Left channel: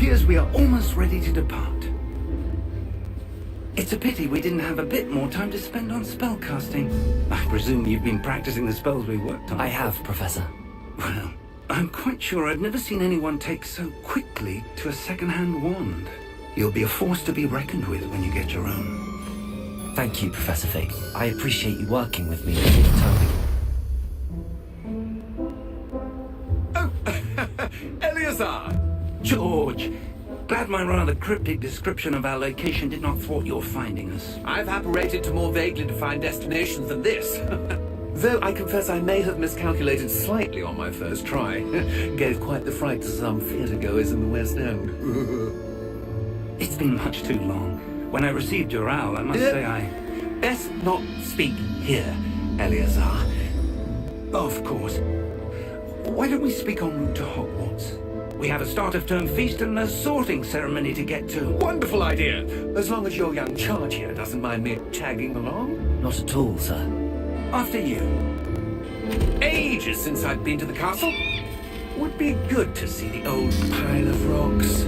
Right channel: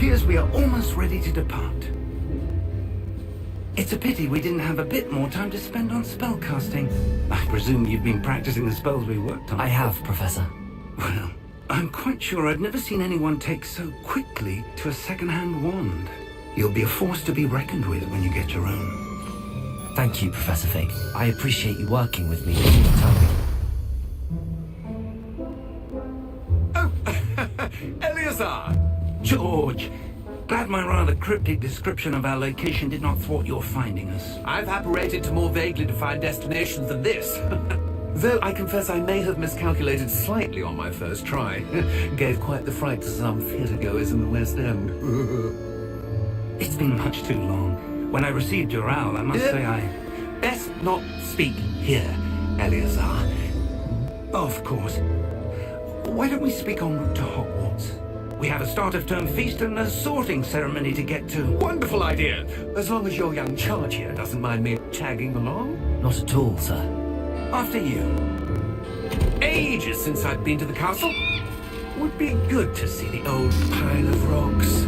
appears we are almost ready to depart. It's a pity we didn't have a bit more time to spend on spellcasting. I presume you've been practicing the spells we worked on. I have, Professor. Well, I'm quite sure I've never seen anyone take so quickly to a second-hand wand. You'll be a force to be reckoned with when you get your own. Thank you, Professor Fig. I appreciate you working with me all the time. Oh, Eleazar! George! Glad my rather cryptic description of our location did not thwart your finding us. I've apparated to more vaguely defined destinations than this. Though I confess I may have miscalculated slightly on my first try. Gave quite the fright to some theatregoers in the West End. It's been much too long. When I received your owl, I must say I... Best not speak here, Eleazar. Of course. Why don't we speak en route to Hogwarts? We have a start-of-term feast and a sorting ceremony to get to. Wonderful idea! As long as your young charge here doesn't mind me tagging along. Not at all, sir. After you. Ages since I've been to the castle. Would be good to see the old pile of rocks.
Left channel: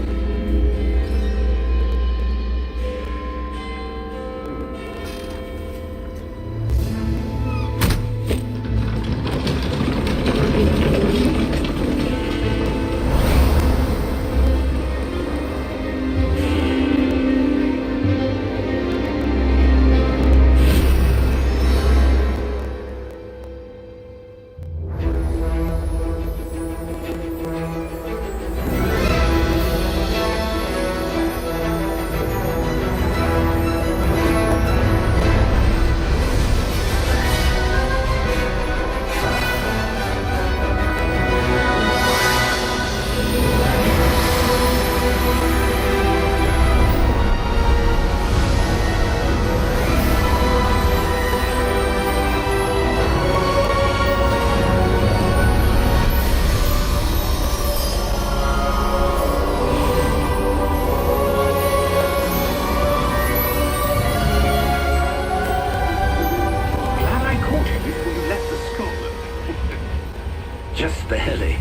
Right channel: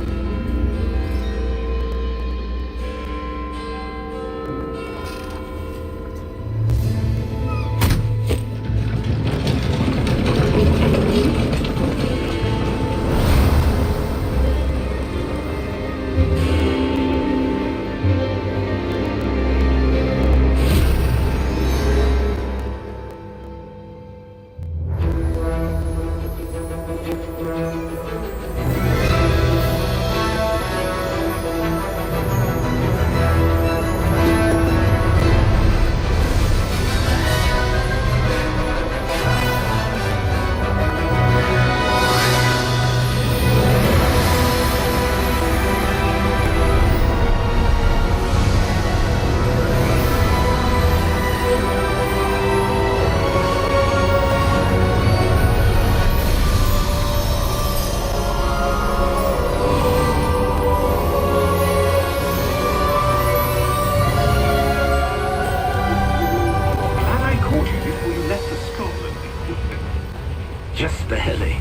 Just barely.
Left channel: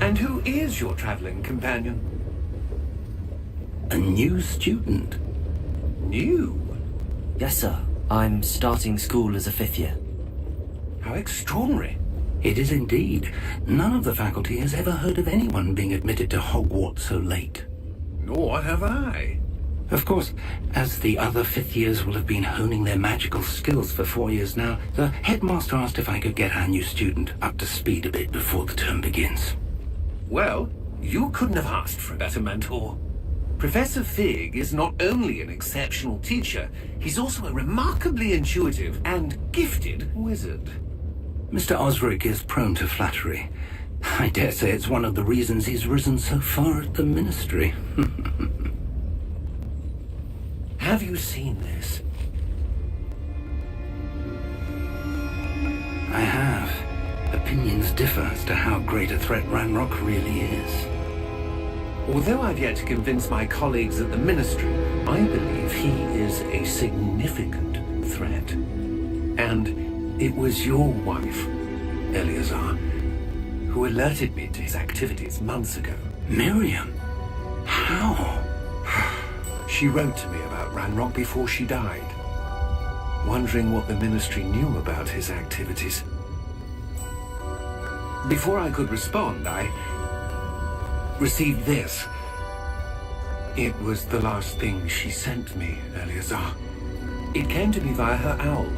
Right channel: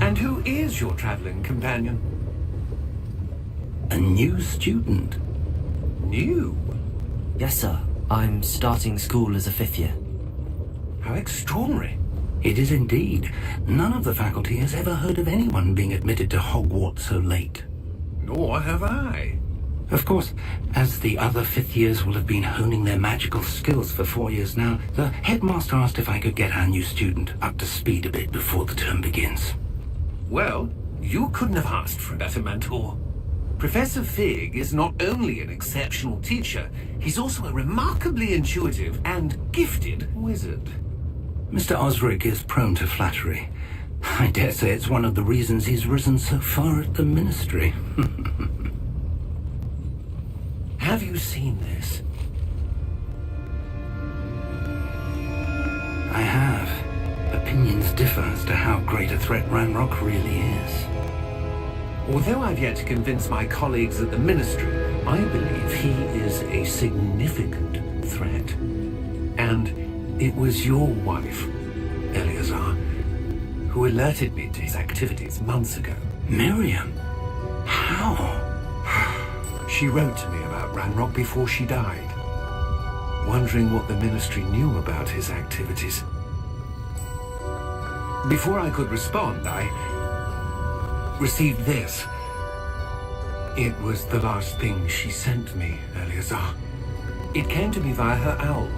And who is your traveling companion? A new student. New? Yes, sir. I'm starting school as a 5th year. How extraordinary. It is indeed. None of the faculty has ever heard of anyone being admitted to Hogwarts so late. Nor have I. Of course, as the other 5th years will have been honing their magical skills for 4 years now, the headmaster asked if I could get our new student up to speed a bit before the term begins. Well, you couldn't have asked for a better mentor. Professor Fig is not only an exceptional teacher, he's also a remarkably intuitive and gifted wizard. Mr. Osric is prone to flattery. I dare say it's one of the reasons he's risen so far at the ministry. Have you seen this? I have. Opinions differ as to how great a threat Ranrock really is. Although I've yet to convince my colleagues at the ministry, I believe he is a significant threat. And it was your wife, Eleazar, who alerted me to his activities months ago. Miriam? How? She wrote to me about Ranrock before she died, wondering what the ministry knew about his activities. Before I could respond, I received this. It was the last thing she sent me, Eleazar. It came to me via her owl,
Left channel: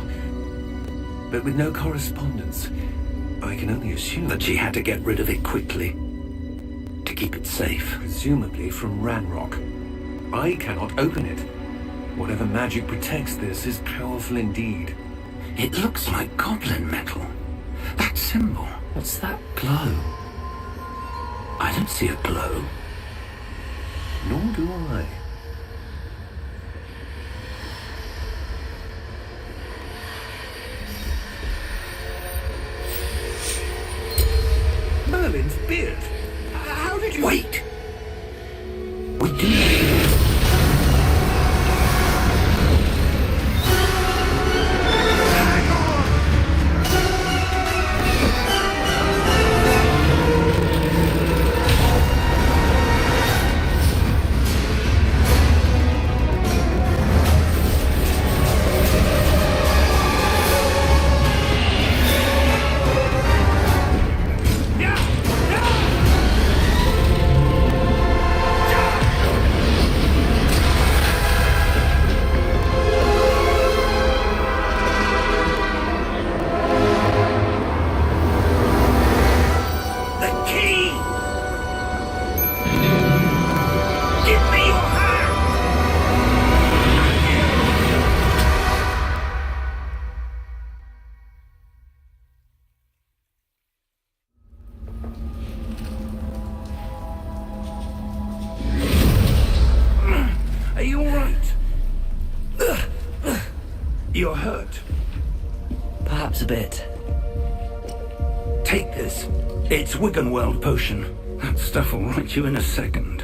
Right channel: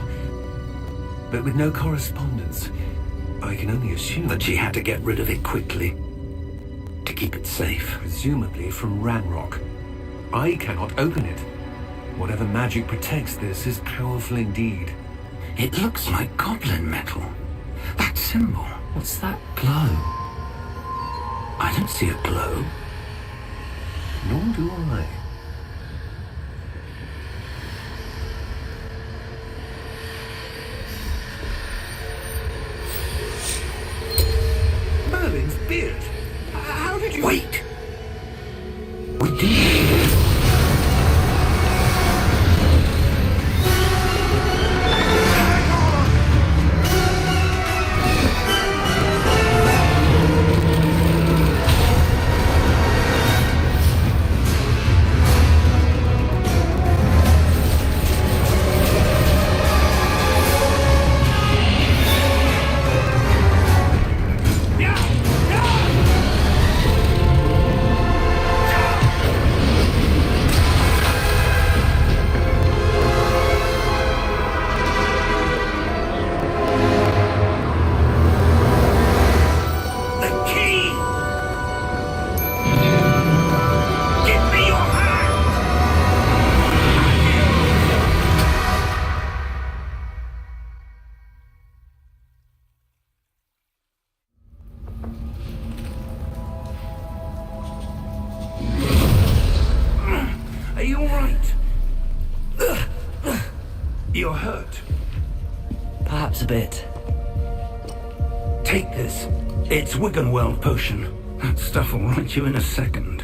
but with no correspondence. I can only assume that she had to get rid of it quickly, to keep it safe. Presumably from Ranrock. I cannot open it. Whatever magic protects this is powerful indeed. It looks like goblin metal. That symbol. What's that glow? I don't see a glow. Nor do I. Merlin's beard. How did you... Wait! We do... You're hurt. Perhaps a bit. Take this. It's Wiggenweld potion. That stuff will right you in a second.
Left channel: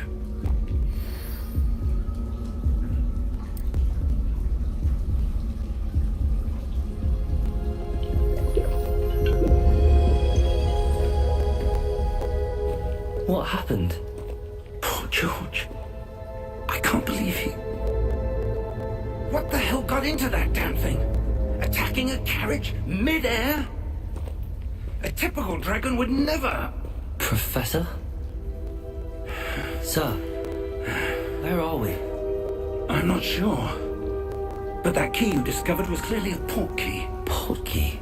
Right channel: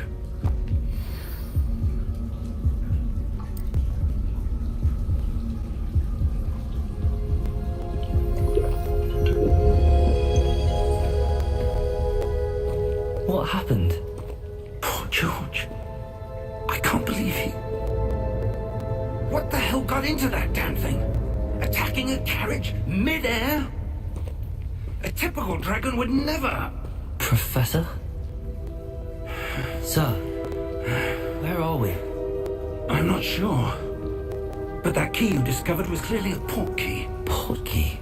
What happened? Poor George. I can't believe he... What the hell got into that damn thing? Attacking a carriage mid-air? A typical dragon would never... Professor? Sir, where are we? I'm not sure. But that key you discovered was clearly a port key. Port key?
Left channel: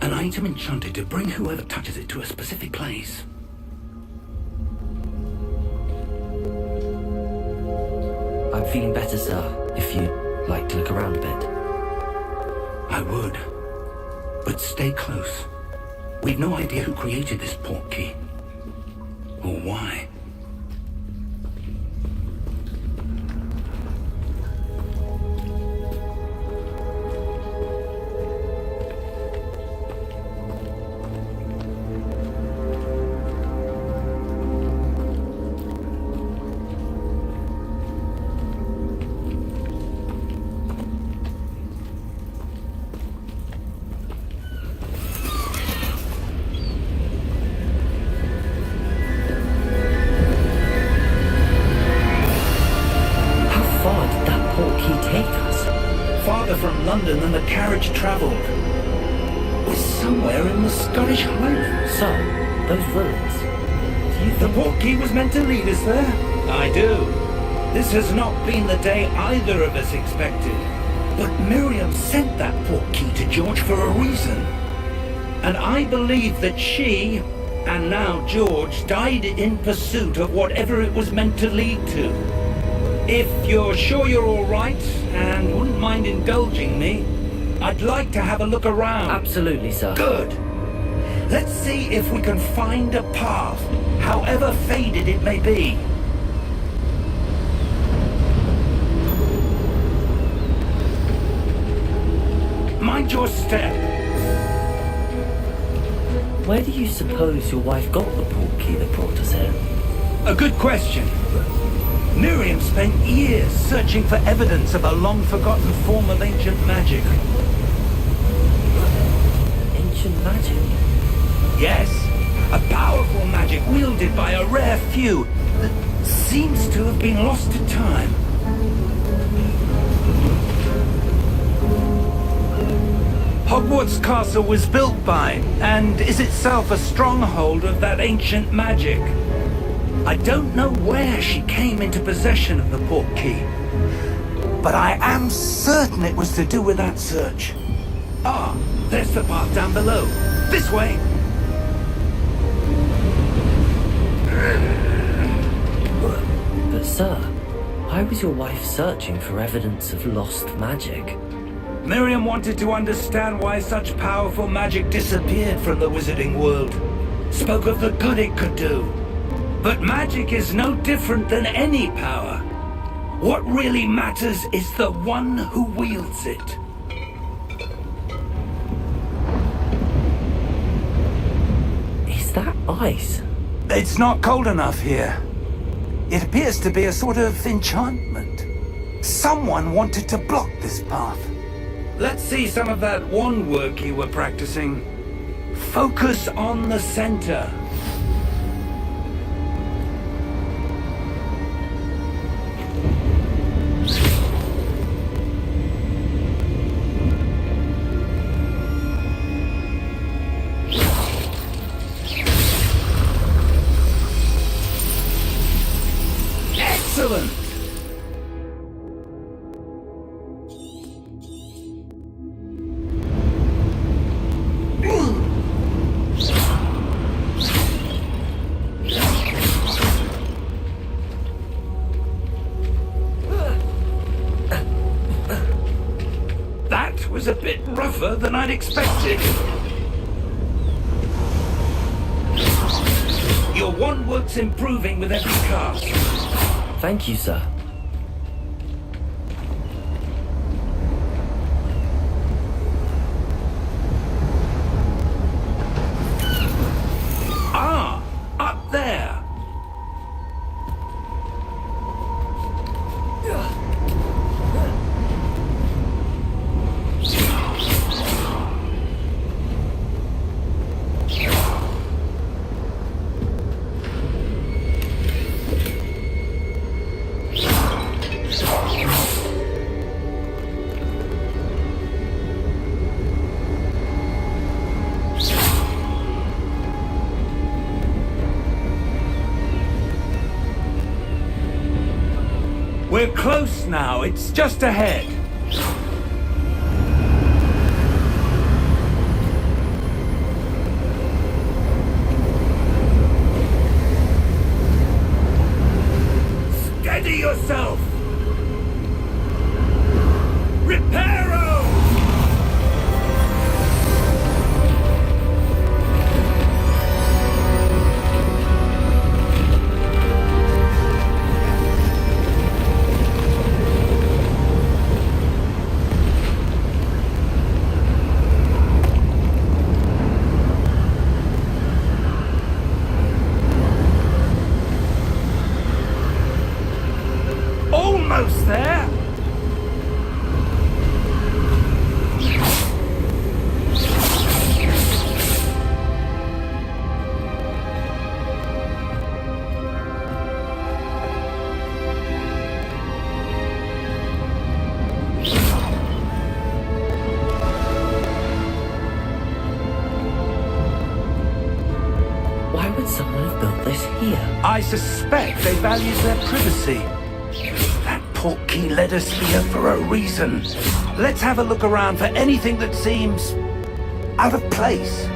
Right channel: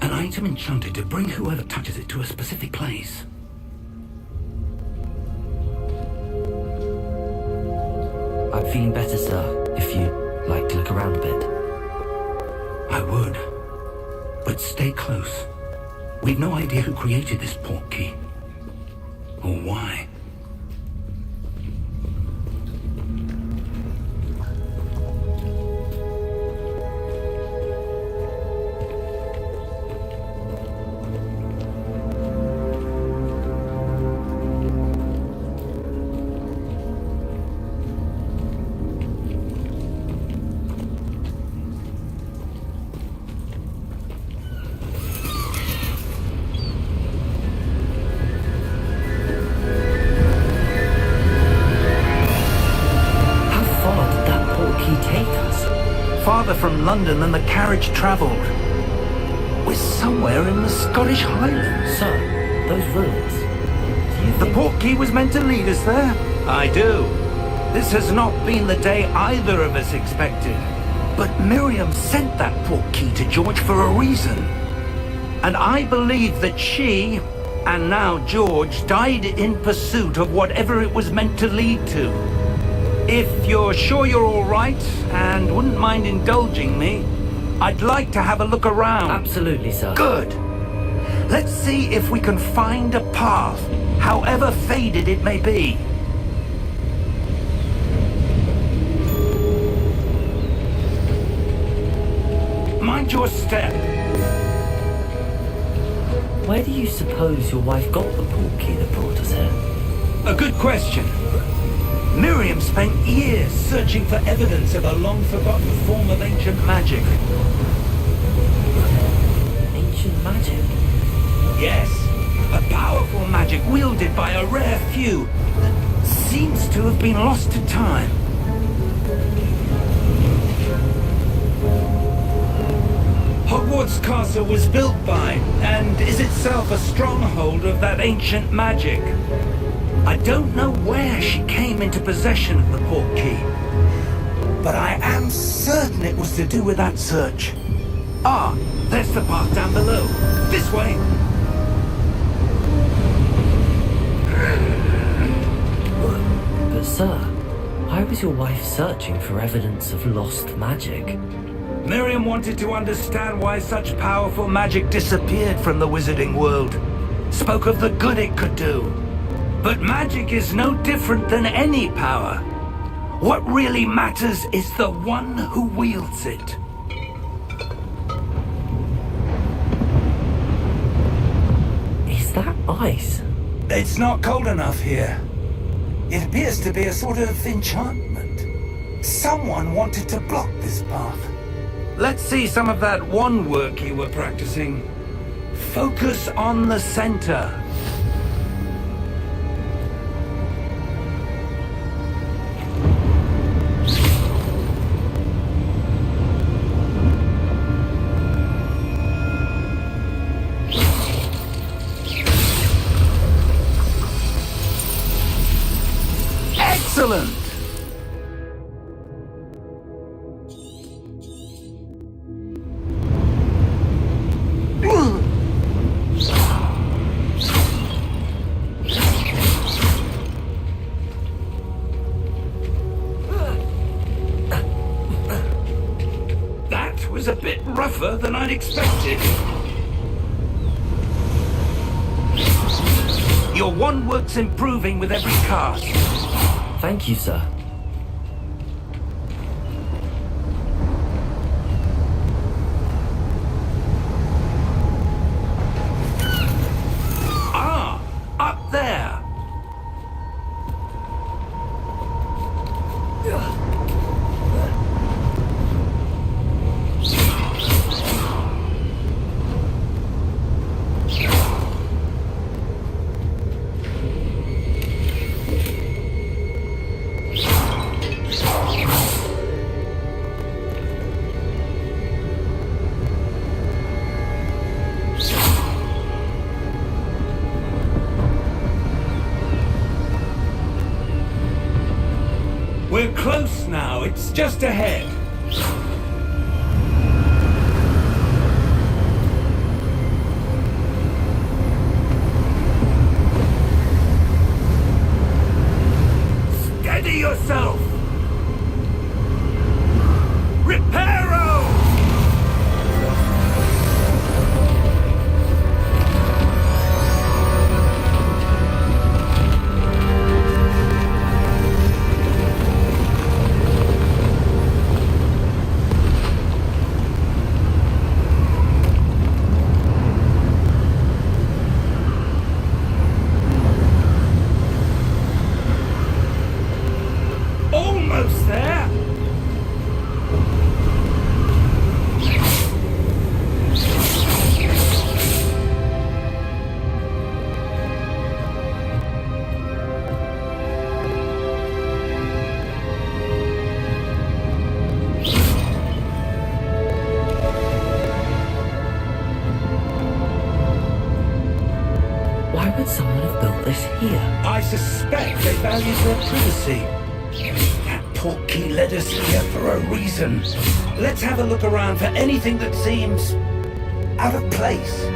An item enchanted to bring whoever touches it to a specific place. I'm feeling better, sir, if you'd like to look around a bit. I would. But stay close. We've no idea who created this port key. Or why. From London than the carriage travelled. We're somewhere in the Scottish Highlands. Sir, those ruins. Do you The think... port key was meant to lead us there? I do. This has not been the day either of us expected. But Miriam sent that port key to George for a reason. And I believe that she, and now George, died in pursuit of whatever it was meant to lead to. If you're sure you're all right, and wouldn't mind indulging me, I'd like to have a look around. Absolutely, sir. Good. Let's see if we can find a path, however faded it may be. Mind your step. Where do you suppose your wife got the port key that brought us here? A good question. Miriam spent years searching for evidence of a long-forgotten form of ancient magic. Ancient magic? Yes, a powerful magic wielded by a rare few that seems to have been lost to time. Hogwarts Castle was built by, and is itself a stronghold of that ancient magic. I don't know where she came into possession of the port key, but I am certain it was to do with that search. Ah, there's the path down below. This way. But sir, why was your wife searching for evidence of lost magic? Miriam wanted to understand why such powerful magic disappeared from the wizarding world. Spoke of the good it could do. But magic is no different than any power. What really matters is the one who wields it. Is that ice? It's not cold enough here. It appears to be a sort of enchantment. Someone wanted to block this path. Let's see some of that wand work you were practicing. Focus on the center. Excellent! That was a bit rougher than I'd expected. Your wand work's improving with every cast. Thank you, sir. just ahead. Steady yourself! Reparo! Almost there! Why would someone have built this here? I suspect they value their privacy. That portkey led us here for a reason. Let's have a look around for anything that seems out of place.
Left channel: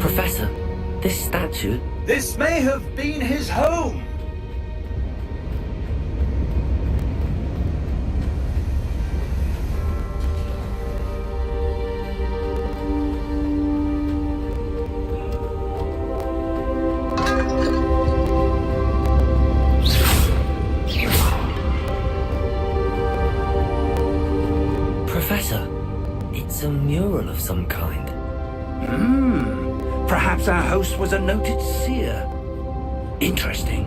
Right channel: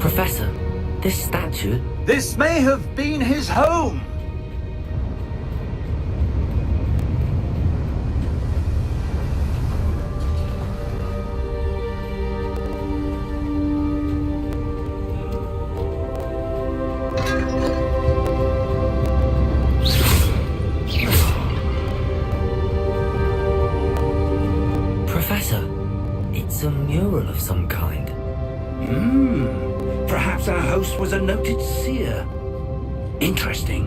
Professor, this statue... This may have been his home. Professor, it's a mural of some kind. Perhaps our host was a noted seer. Interesting.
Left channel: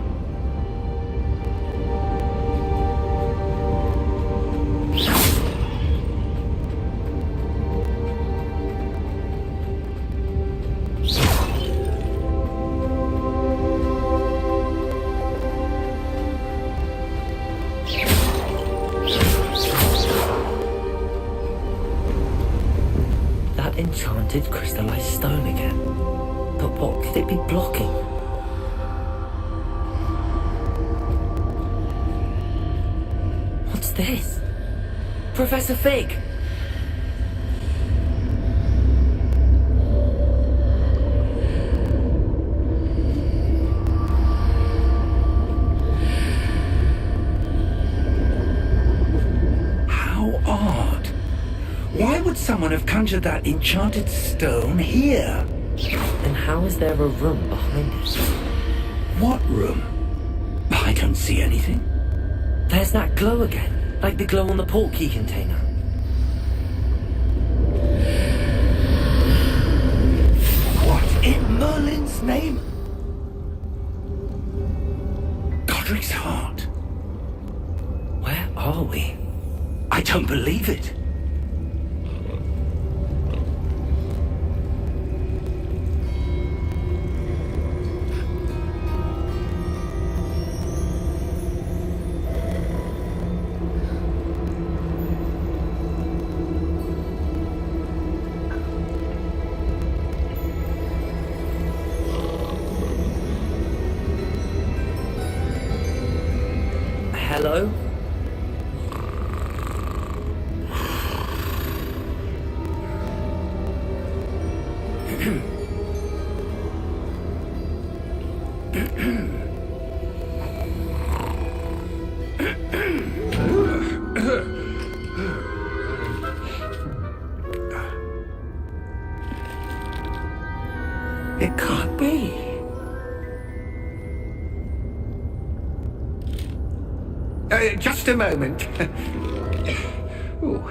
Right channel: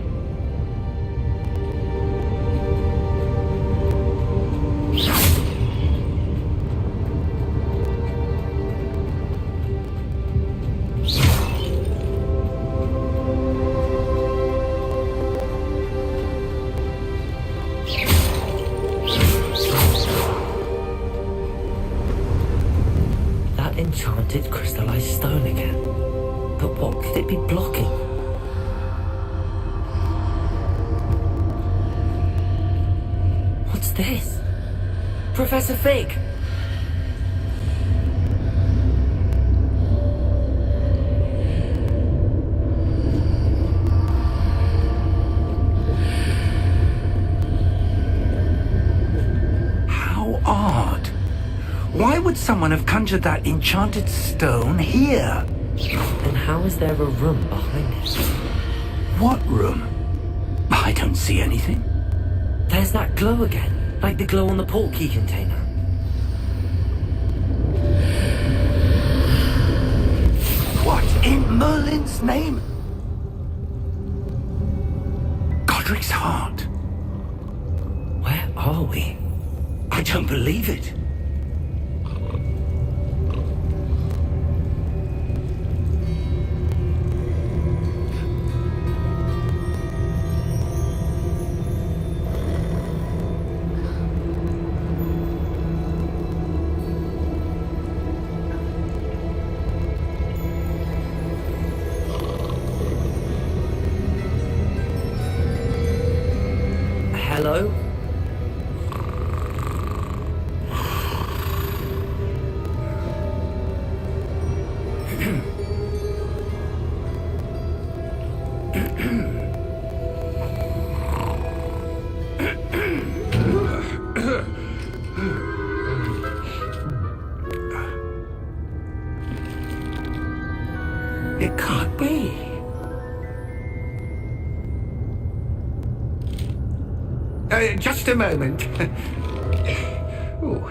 That enchanted crystallized stone again. But what could it be blocking? What's this? Professor Fig! How odd. Why would someone have conjured that enchanted stone here? And how is there a room behind it? What room? I don't see anything. There's that glow again, like the glow on the portkey container. What in Merlin's name? Godric's heart. Where are we? I don't believe it. Hello? It can't be. Just a moment. Ooh.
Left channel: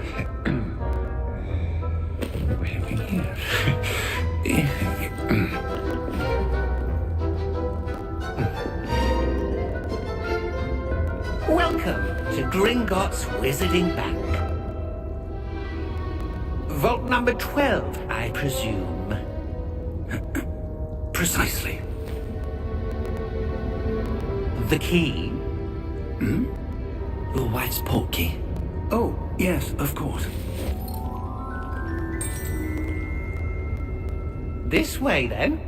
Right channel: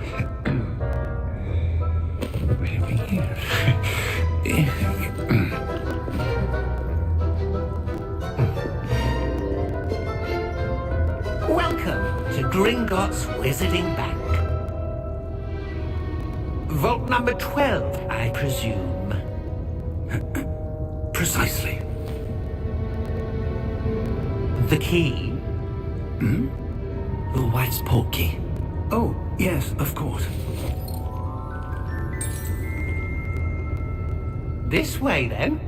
Welcome to Gringotts Wizarding Bank. Vault number 12, I presume. Precisely. The key? Your wife's portkey. Oh, yes, of course. This way, then.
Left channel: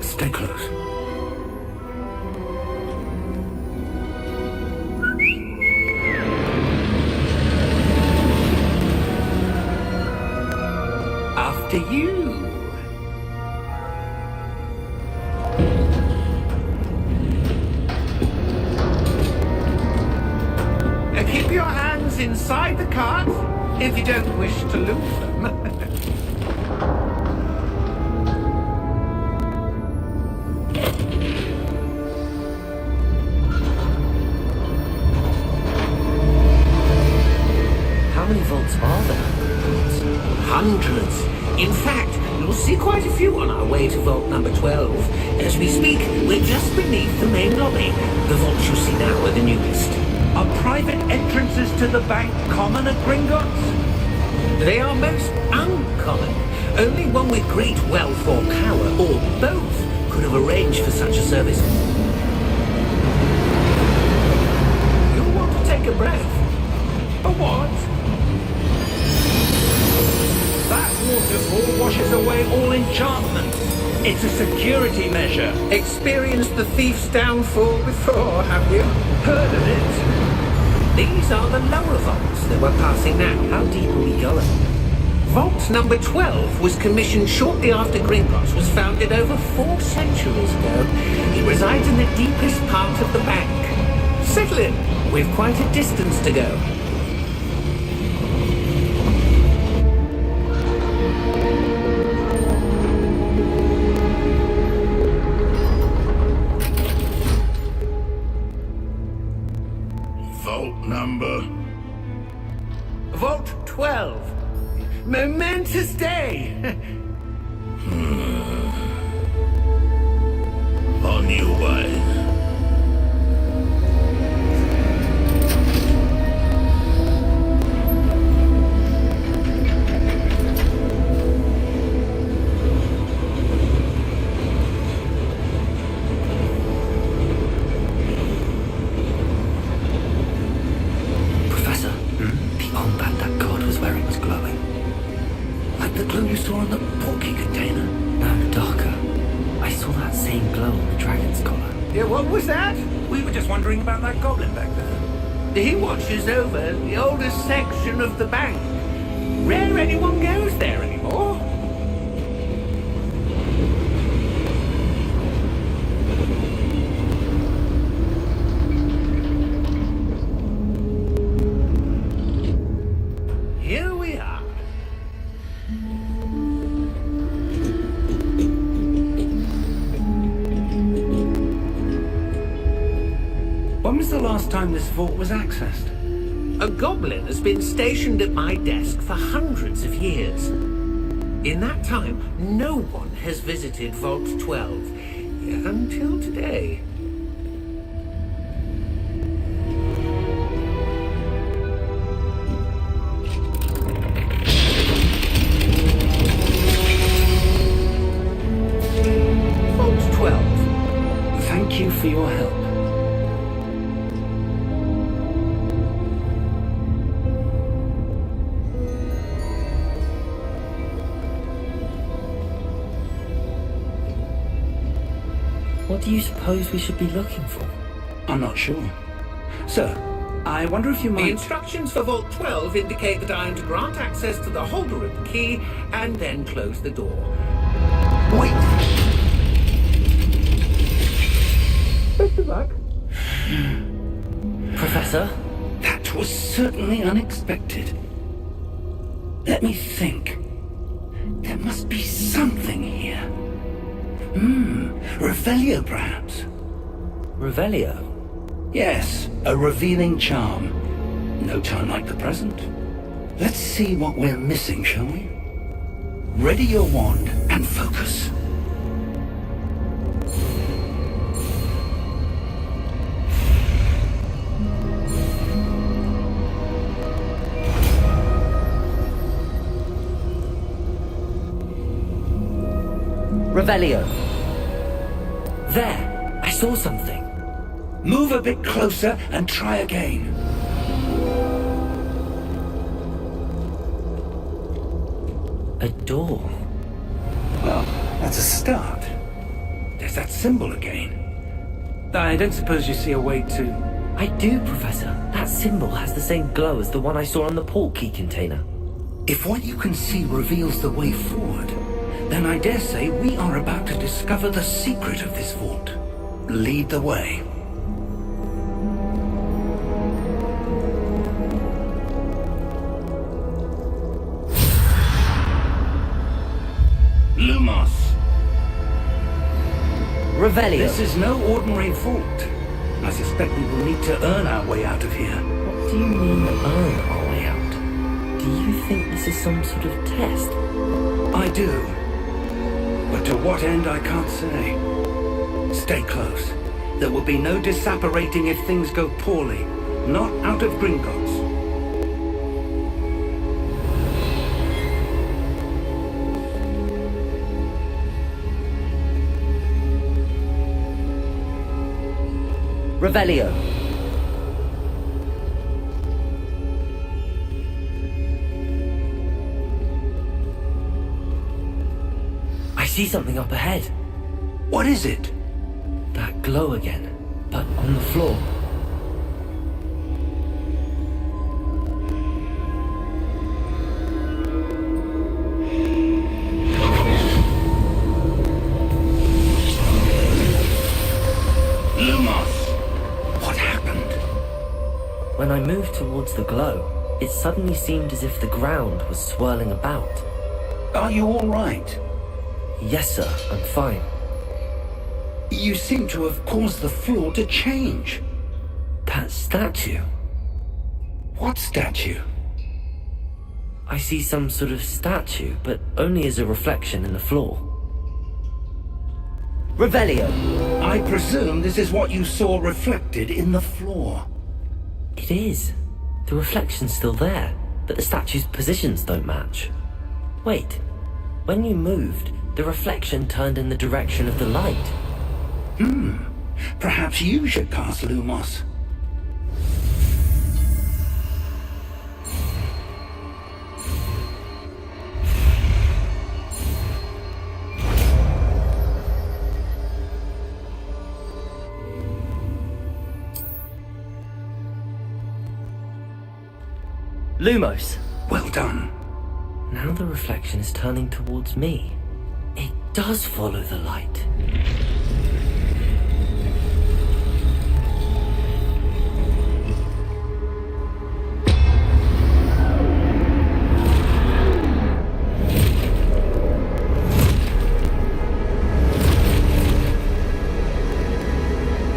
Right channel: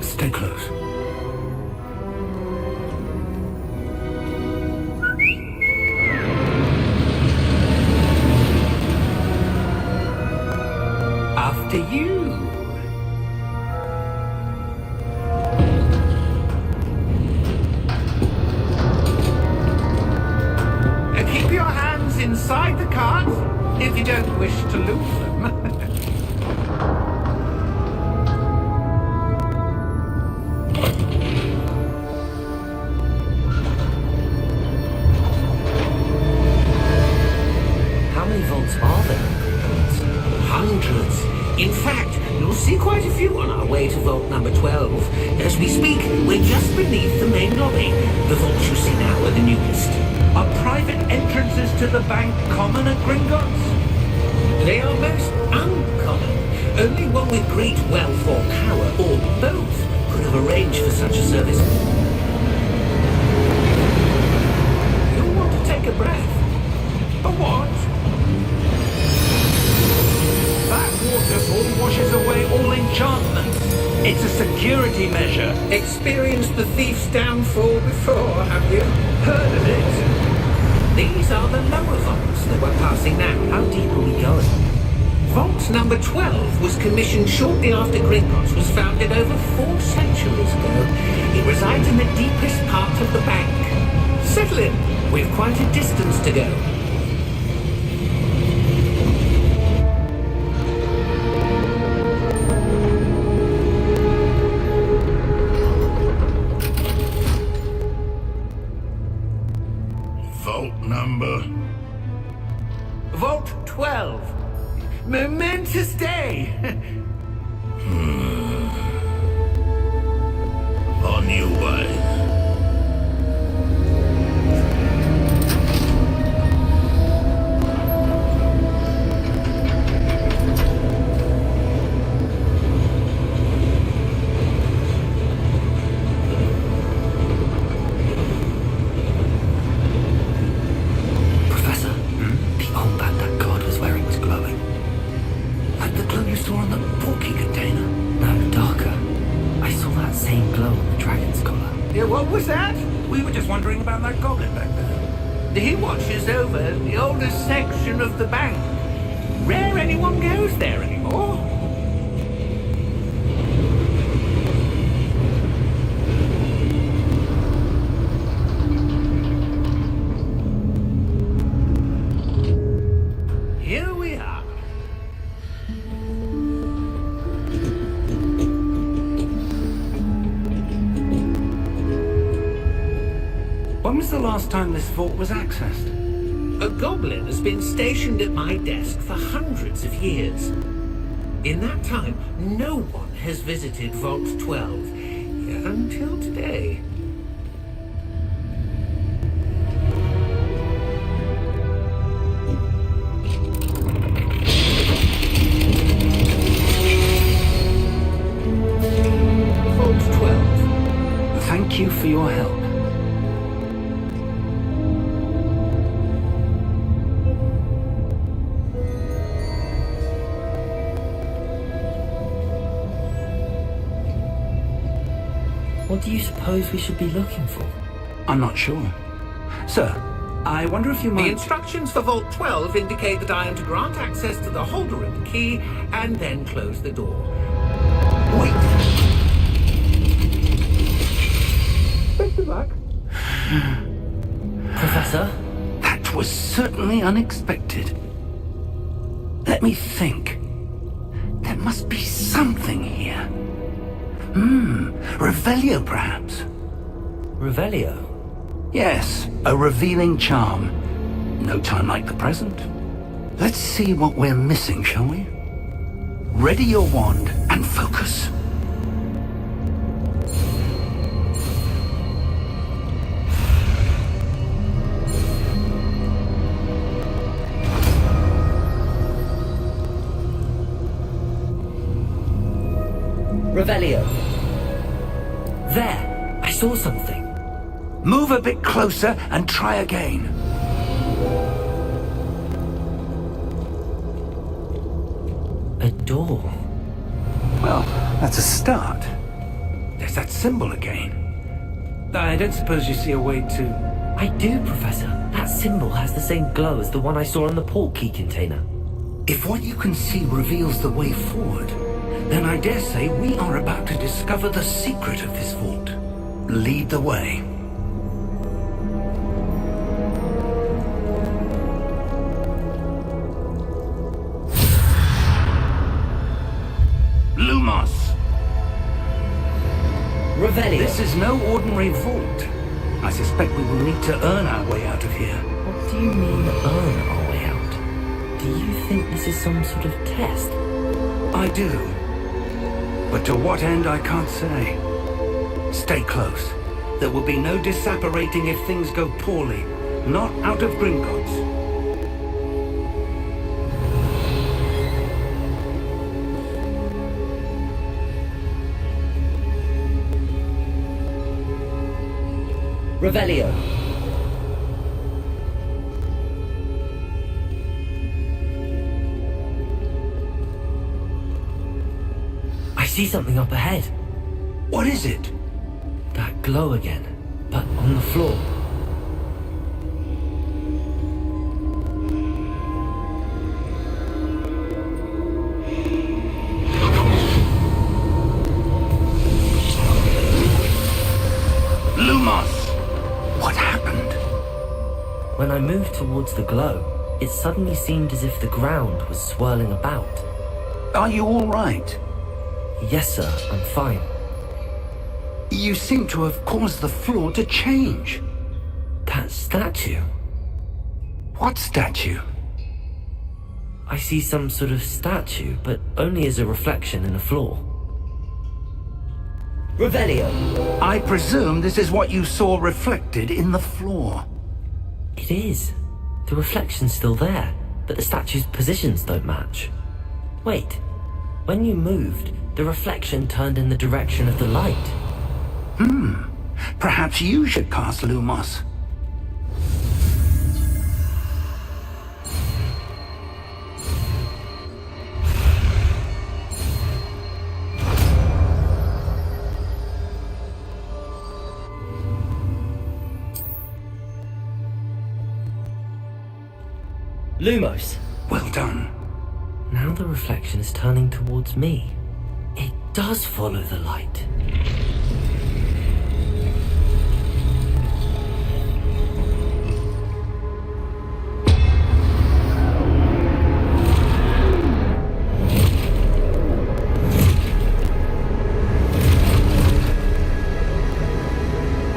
Stay close. After you. Keep your hands inside the cart if you don't wish to lose them. How many vaults are there? Hundreds. In fact, you'll see quite a few on our way to vault number 12. As we speak, we're just beneath the main lobby. The vaults you see now are the newest. Are private entrances to the bank common at Gringotts? They are most uncommon. Only one with great wealth or power, or both, could have arranged for such a service. You'll want to take a breath. A what? That waterfall washes away all enchantments. It's a security measure. Experienced the thief's downfall before, have you? Heard of it? These are the lower vaults that we're passing now. How deep are we going? Vault number 12 was commissioned shortly after Gringotts was founded over 4 centuries ago. It resides in the deepest part of the bank. Settle in. We've quite a distance to go. Vault number? Vault 12. Momentous day. On your way. Professor, the arm band that guard was wearing was glowing. Like the glue you saw on the porky container. No, darker. I saw that same glow on the dragon's collar. Yeah, what was that? We were just wondering about that goblin back there. He watches over the oldest section of the bank. Rare anyone goes there anymore. Here we are. When was the last time this vault was accessed? A goblin has been stationed at my desk for hundreds of years. In that time, no one has visited Vault 12 until today. Vault 12. Thank you for your help. What do you suppose we should be looking for? I'm not sure. Sir, I wonder if you The might... instructions for Vault 12 indicate that I am to grant access to the holder of the key and then close the door. Wait! Best of luck. Professor? That was certainly unexpected. Let me think. There must be something here. Revelio, perhaps? Revelio? Yes, a revealing charm. No time like the present. Let's see what we're missing, shall we? Ready your wand and focus. Revelio. There! I saw something. Move a bit closer and try again. A door. Well, that's a start. There's that symbol again. I don't suppose you see a way to... I do, Professor. That symbol has the same glow as the one I saw on the port key container. If what you can see reveals the way forward, then I dare say we are about to discover the secret of this vault. Lead the way. Lumos! Revelio. This is no ordinary vault. I suspect we will need to earn our way out of here. What do you mean, earn our way out? Do you think this is some sort of test? I do. But to what end, I can't say. Stay close. There will be no disapparating if things go poorly. Not out of Gringotts. Revelio. I see something up ahead. What is it? That glow again, but on the floor. Lumos! What happened? When I moved towards the glow, it suddenly seemed as if the ground was swirling about. Are you all right? Yes, sir, I'm fine. You seem to have caused the floor to change. That statue. What statue? I see some sort of statue, but only as a reflection in the floor. Revelio. I presume this is what you saw reflected in the floor. It is. The reflection's still there, but the statue's positions don't match. Wait. When you moved, the reflection turned in the direction of the light. Perhaps you should cast Lumos. Lumos. Well done. Now the reflection is turning towards me. It does follow the light.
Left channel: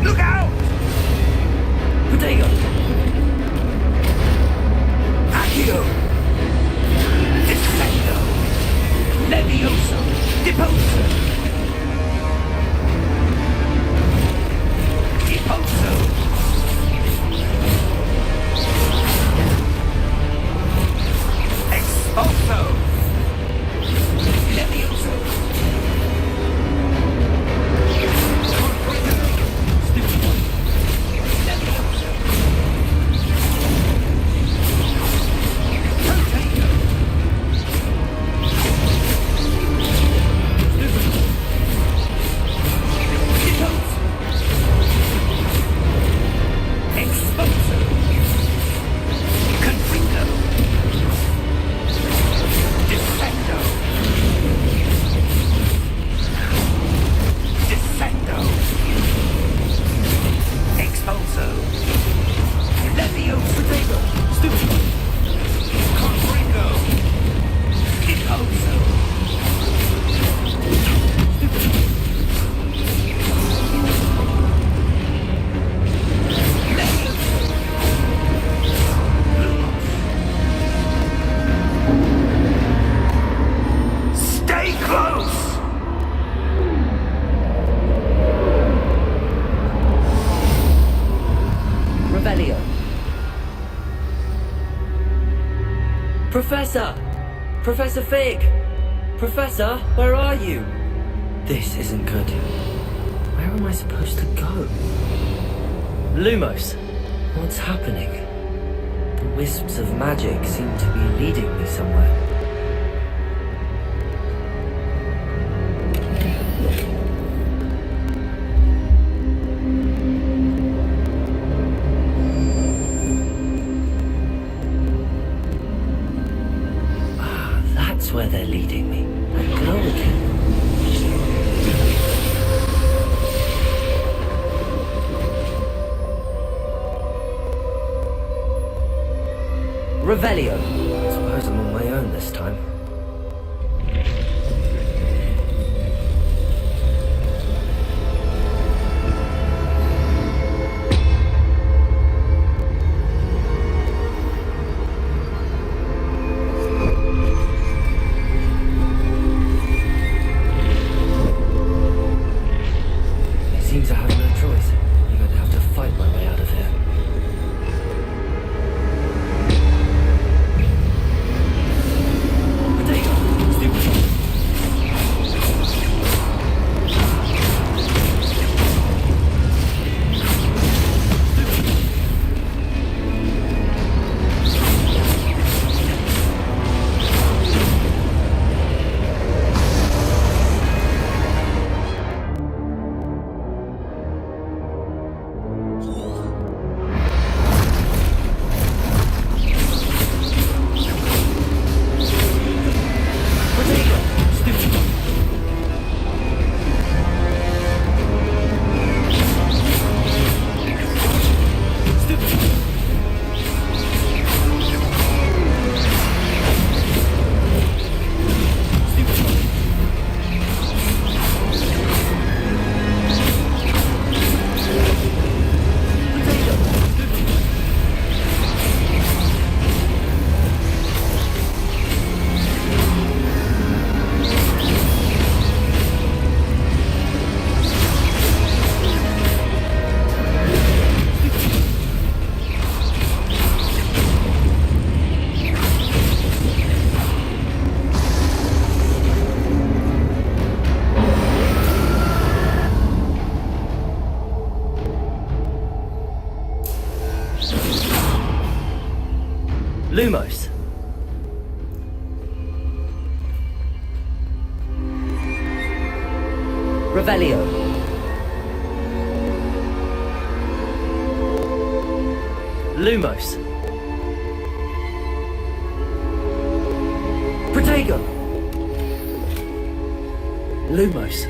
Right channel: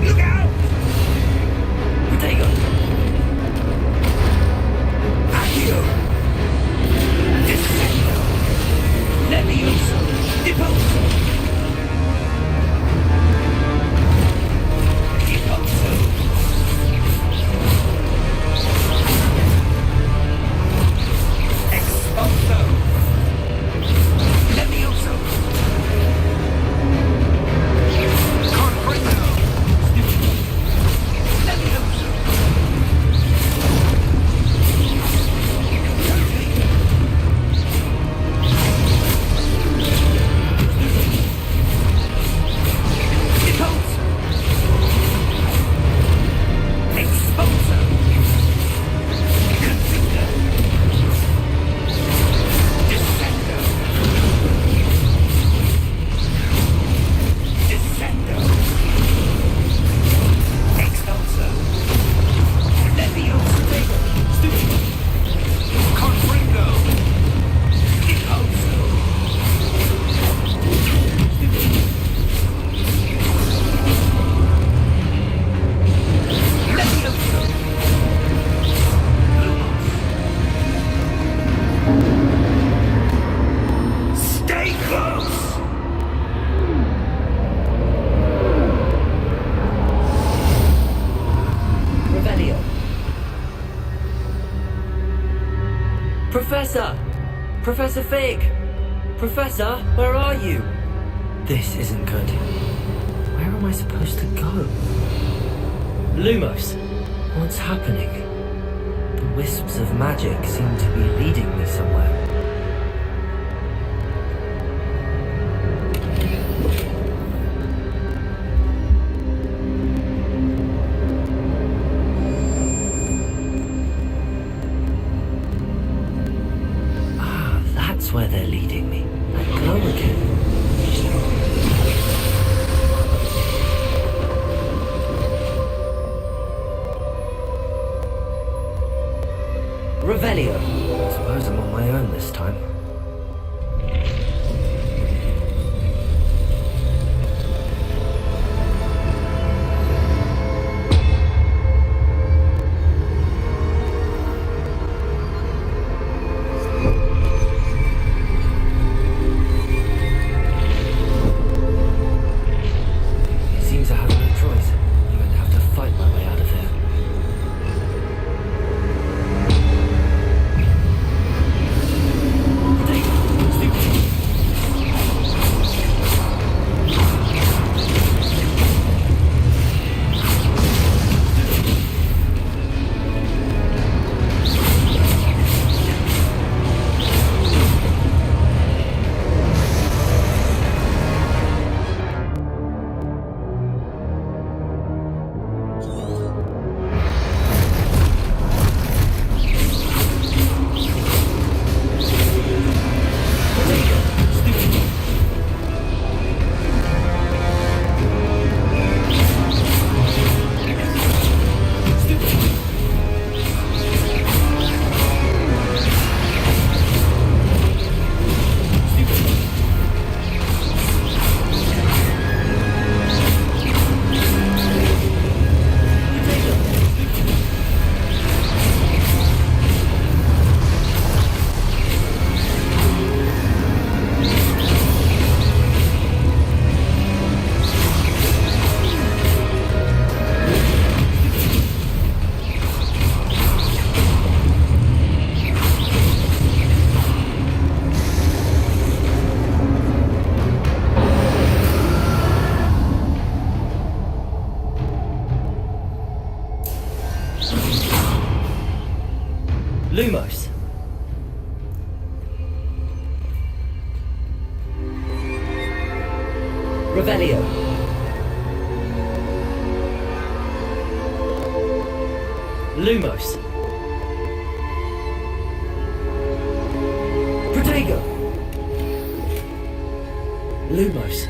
Look out! Protego. Accio! Descendo! Levioso! Deposo! Deposo! Exposo! Levioso! Confronto! Levioso! Professor! Professor Fig! Professor, where are you? This isn't good. Where am am I supposed to go? Lumos, what's happening? The wisps of magic seem to be leading me somewhere. Where they're leading me. That glow again. Revelio. I suppose I'm on my own this time. Lumos. Revelio. Lumos. Protego. Lumos.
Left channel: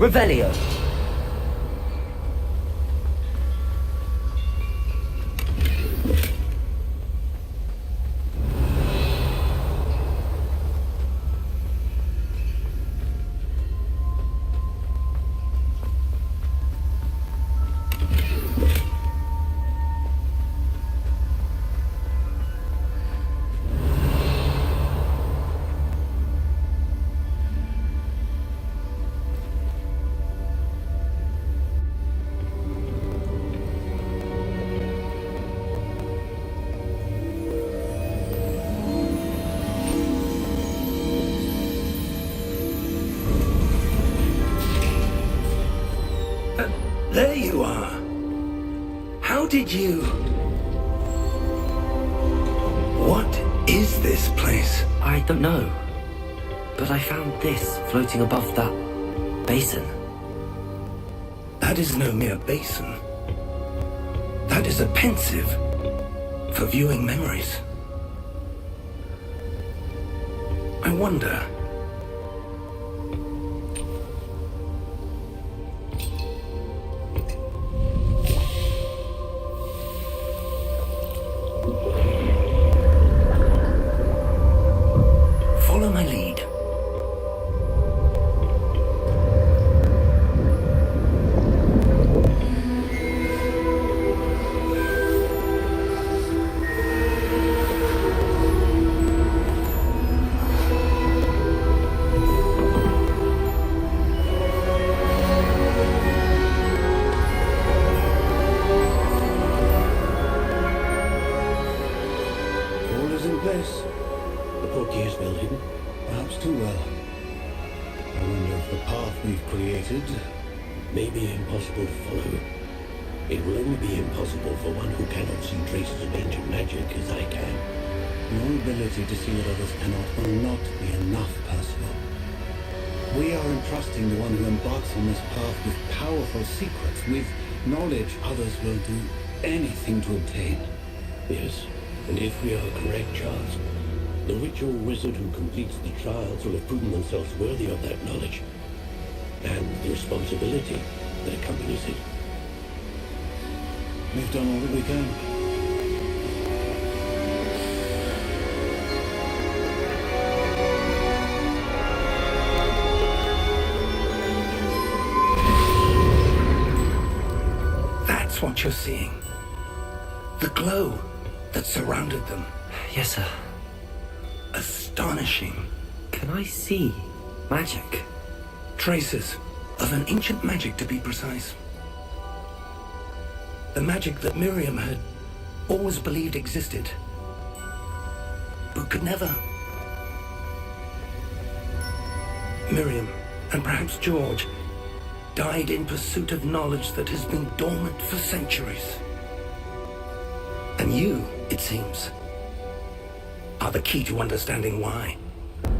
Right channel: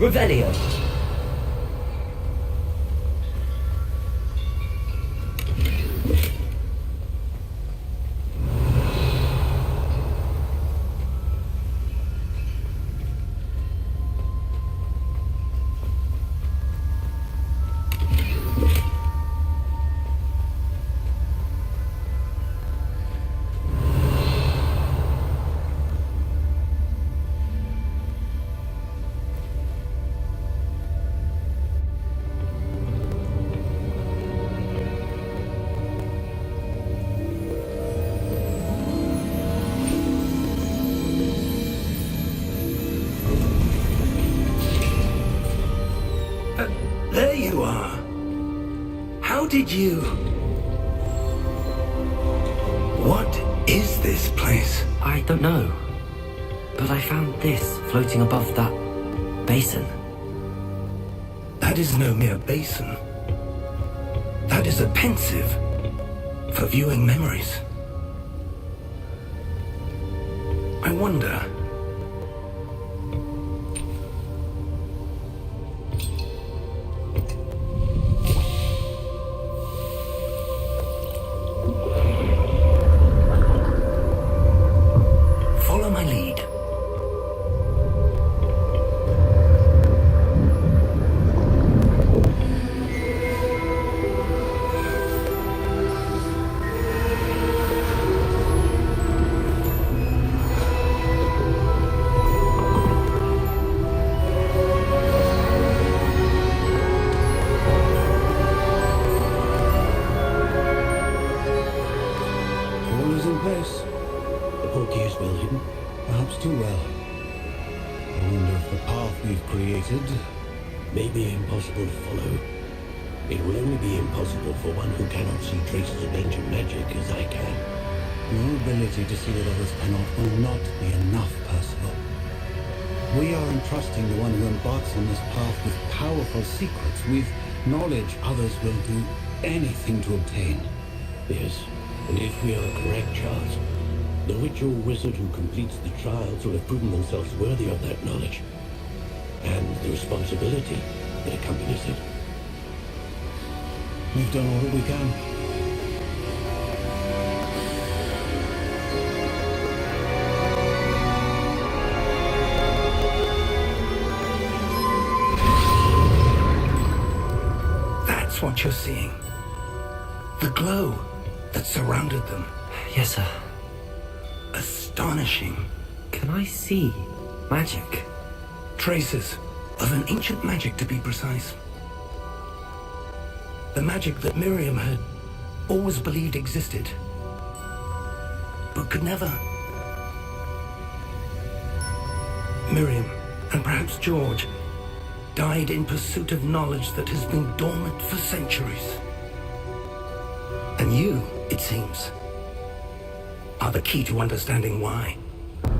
Revelio. There you are. How did you... What is this place? I don't know. But I found this floating above that basin. That is no mere basin. That is a pensive for viewing memories. I wonder... may be impossible to follow. It will only be impossible for one who cannot see traces of ancient magic as I can. Your ability to see what others cannot will not be enough, Percival. We are entrusting the one who embarks on this path with powerful secrets, with knowledge others will do anything to obtain. Yes, and if we are correct, Charles, the witch or wizard who completes the trials will have proven themselves worthy of that knowledge, and the responsibility that accompanies it. We've done all that we can. That's what you're seeing. The glow that surrounded them. Yes, sir. Astonishing. Can I see magic? Traces of an ancient magic, to be precise. The magic that Miriam had always believed existed, but could never. Miriam, and perhaps George, died in pursuit of knowledge that has been dormant for centuries. And you, it seems, are the key to understanding why.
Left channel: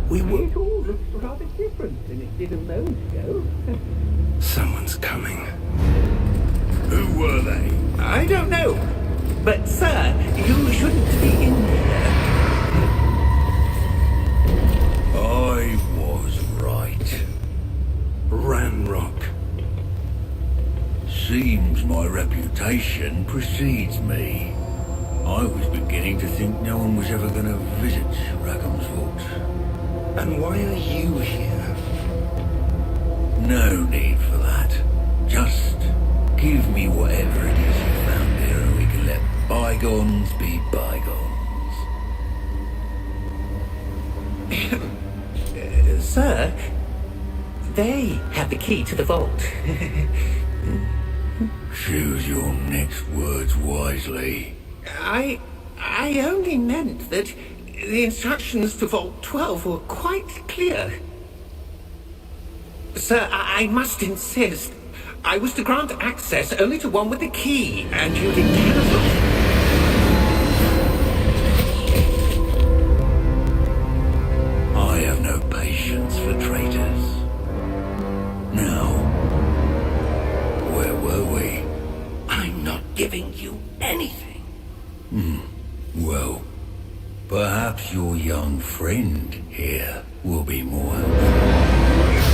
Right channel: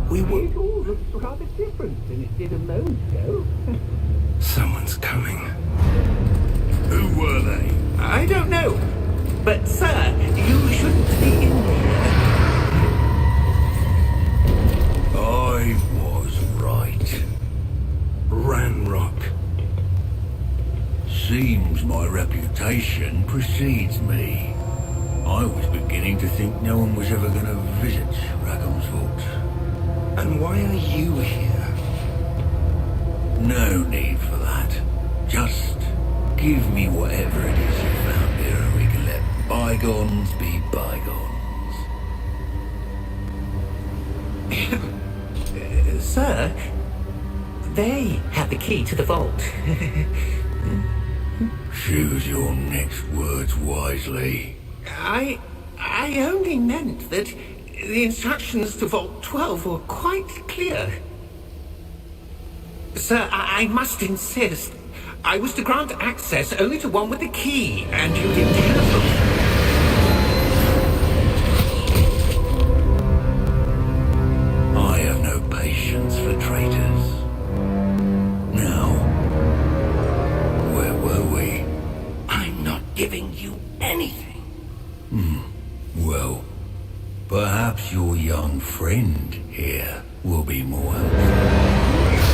We were... It all looks rather different than it did a moment ago. Someone's coming. Who were they? I don't know. But, sir, you shouldn't be in here. I was right. Ranrock. Seems my reputation precedes me. I was beginning to think no one was ever going to visit Rackham's Vault. And why are you here? No need for that. Just give me whatever it is you found here and we can let bygones be bygones. Sir, they have the key to the vault. Choose your next words wisely. I only meant that the instructions to Vault 12 were quite clear. Sir, I must insist. I was to grant access only to one with the key, and you didn't cancel. I have no patience for traitors. Now, where were we? I'm not giving you anything. Well, perhaps your young friend here will be more helpful.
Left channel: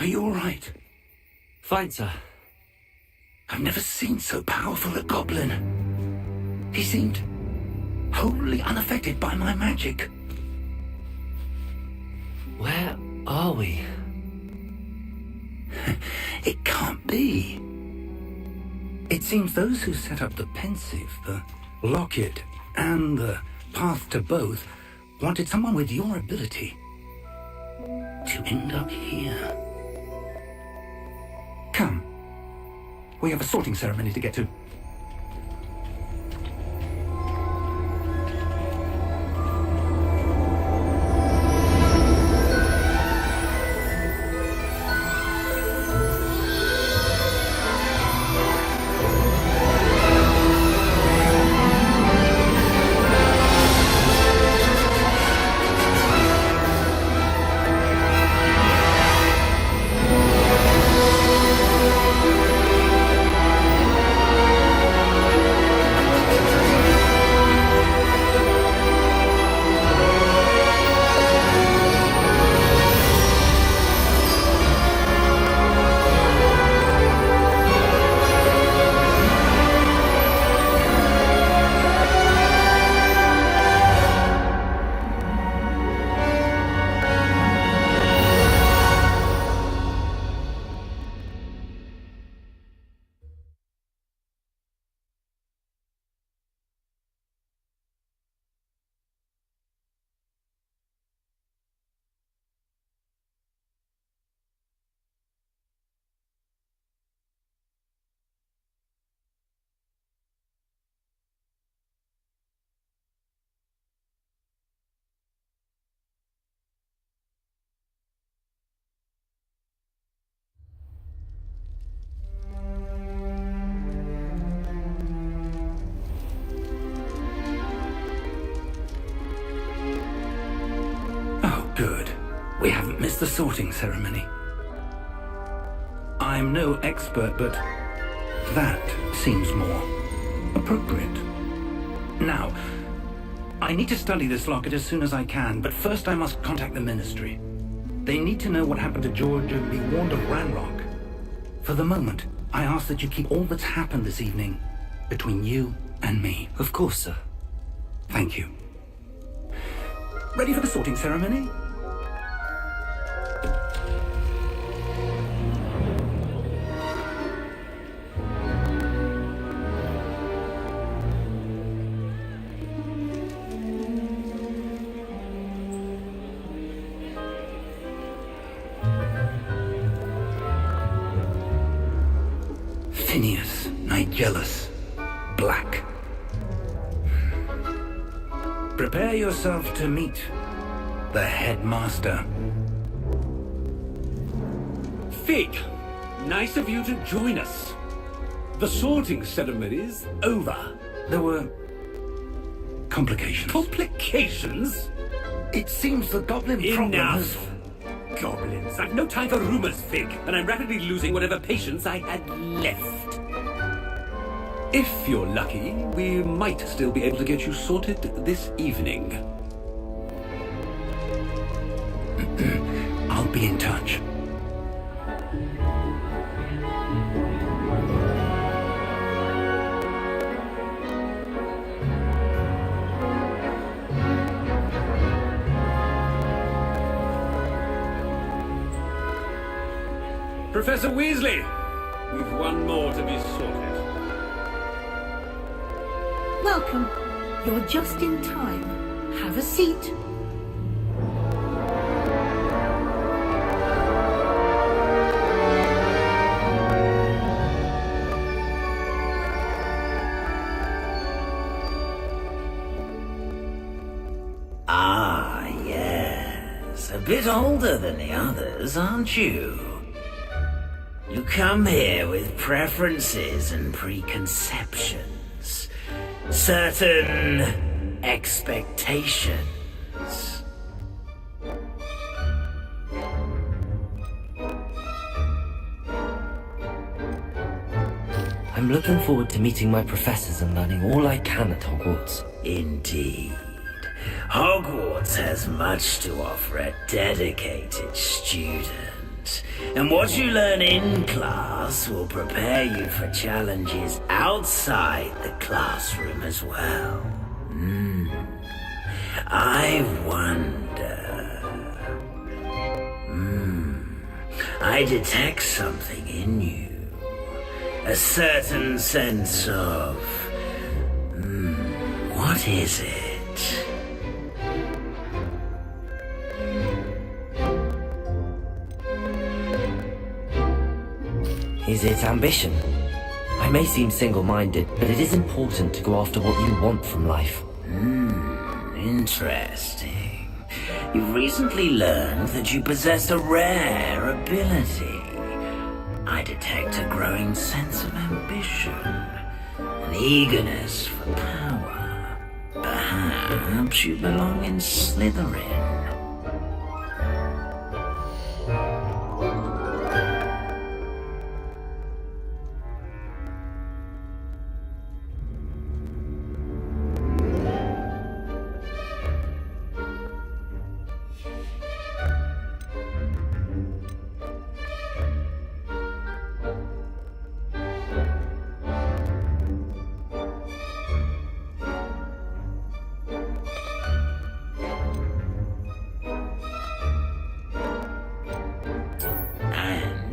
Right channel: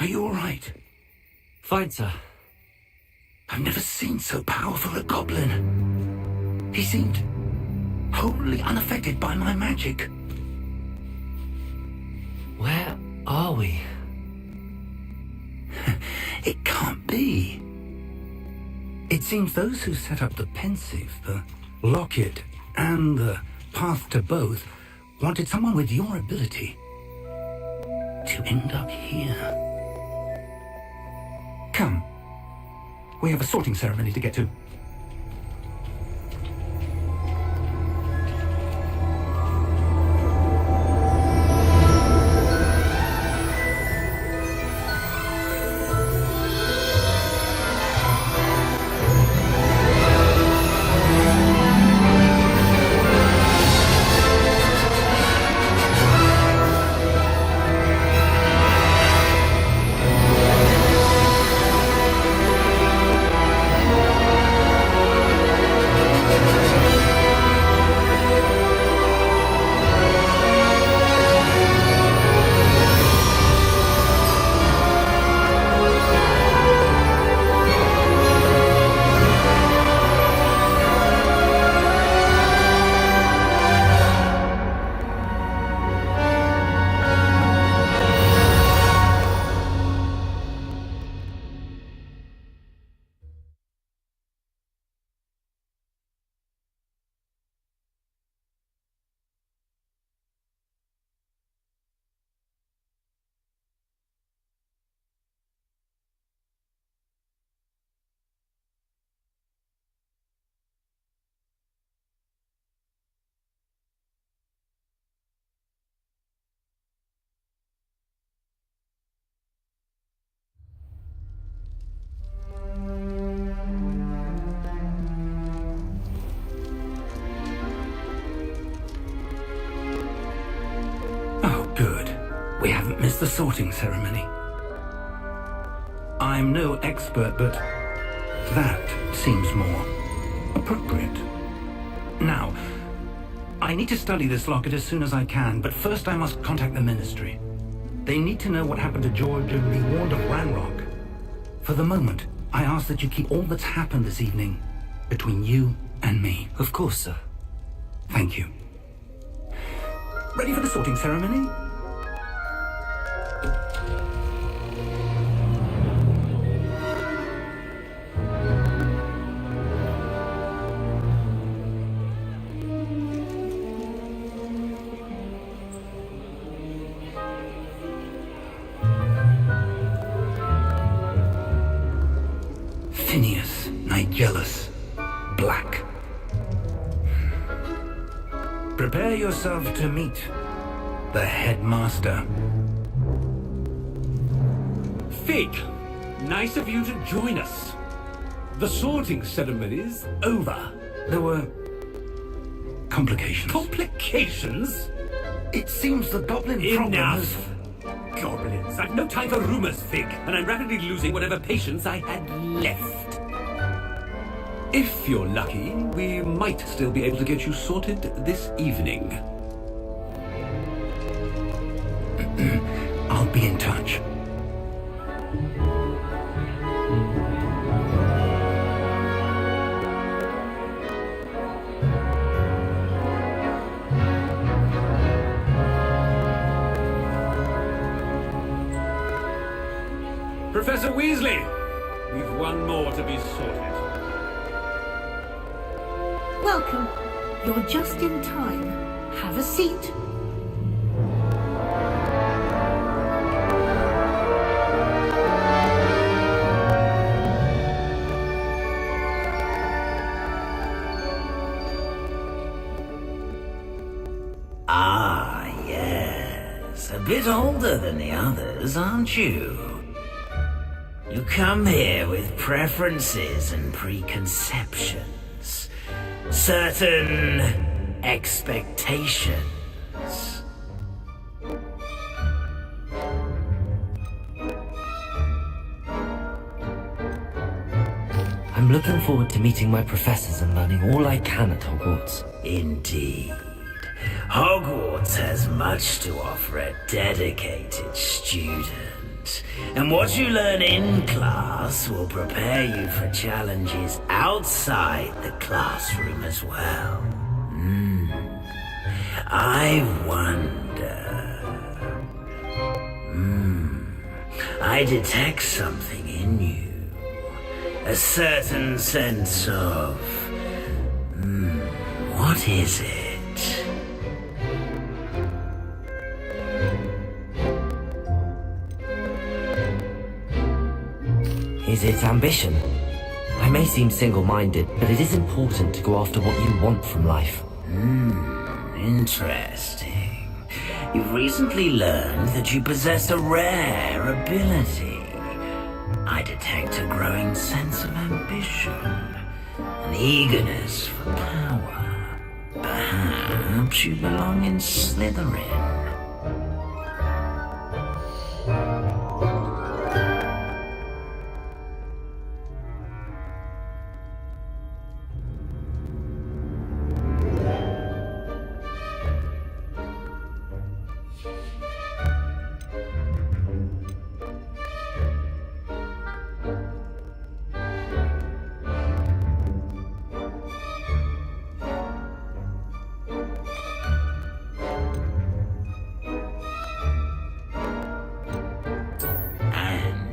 Are you all right? Fine, sir. I've never seen so powerful a goblin. He seemed wholly unaffected by my magic. Where are we? It can't be. It seems those who set up the pensive, the locket, and the path to both wanted someone with your ability to end up here. Come. We have a sorting ceremony to get to. It's the sorting ceremony. I'm no expert, but that seems more appropriate. Now, I need to study this locket as soon as I can, but first I must contact the Ministry. They need to know what happened to George and be warned of Ranrock. For the moment, I ask that you keep all that's happened this evening between you and me. Of course, sir. Thank you. Ready for the sorting ceremony? Phineas, Nigellus, Black. Prepare yourself to meet the headmaster. Fig, nice of you to join us. The sorting ceremony's over. There were complications. Complications? It seems the goblin problem has... Enough! Goblins. I've no time for rumors, Fig, and I'm rapidly losing whatever patience I had left. If you're lucky, we might still be able to get you sorted this evening. I'll be in touch. Professor Weasley, we've one more to be sorted. Welcome. You're just in time. Have a seat. Ah, yes. A bit older than the others, aren't you? You come here with preferences and preconceptions. Certain expectations. I'm looking forward to meeting my professors and learning all I can at Hogwarts. Indeed. Hogwarts has much to offer a dedicated student. And what you learn in class will prepare you for challenges outside the classroom as well. I wonder... I detect something in you. A certain sense of... what is it? Is it ambition? I may seem single-minded, but it is important to go after what you want from life. Interesting. You've recently learned that you possess a rare ability. I detect a growing sense of ambition, an eagerness for power. Perhaps you belong in Slytherin.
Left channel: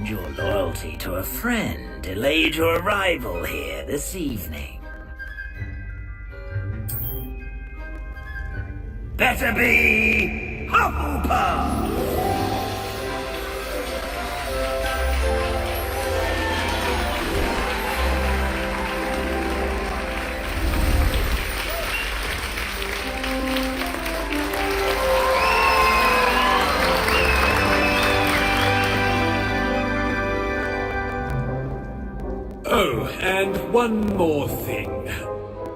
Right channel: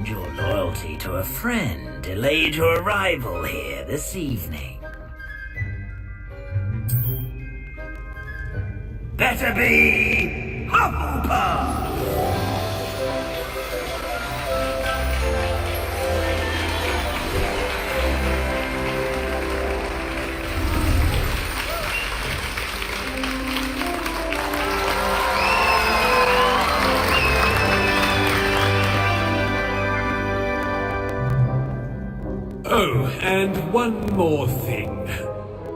Your loyalty to a friend delayed your arrival here this evening. Better be Hufflepuff! Oh, and one more thing.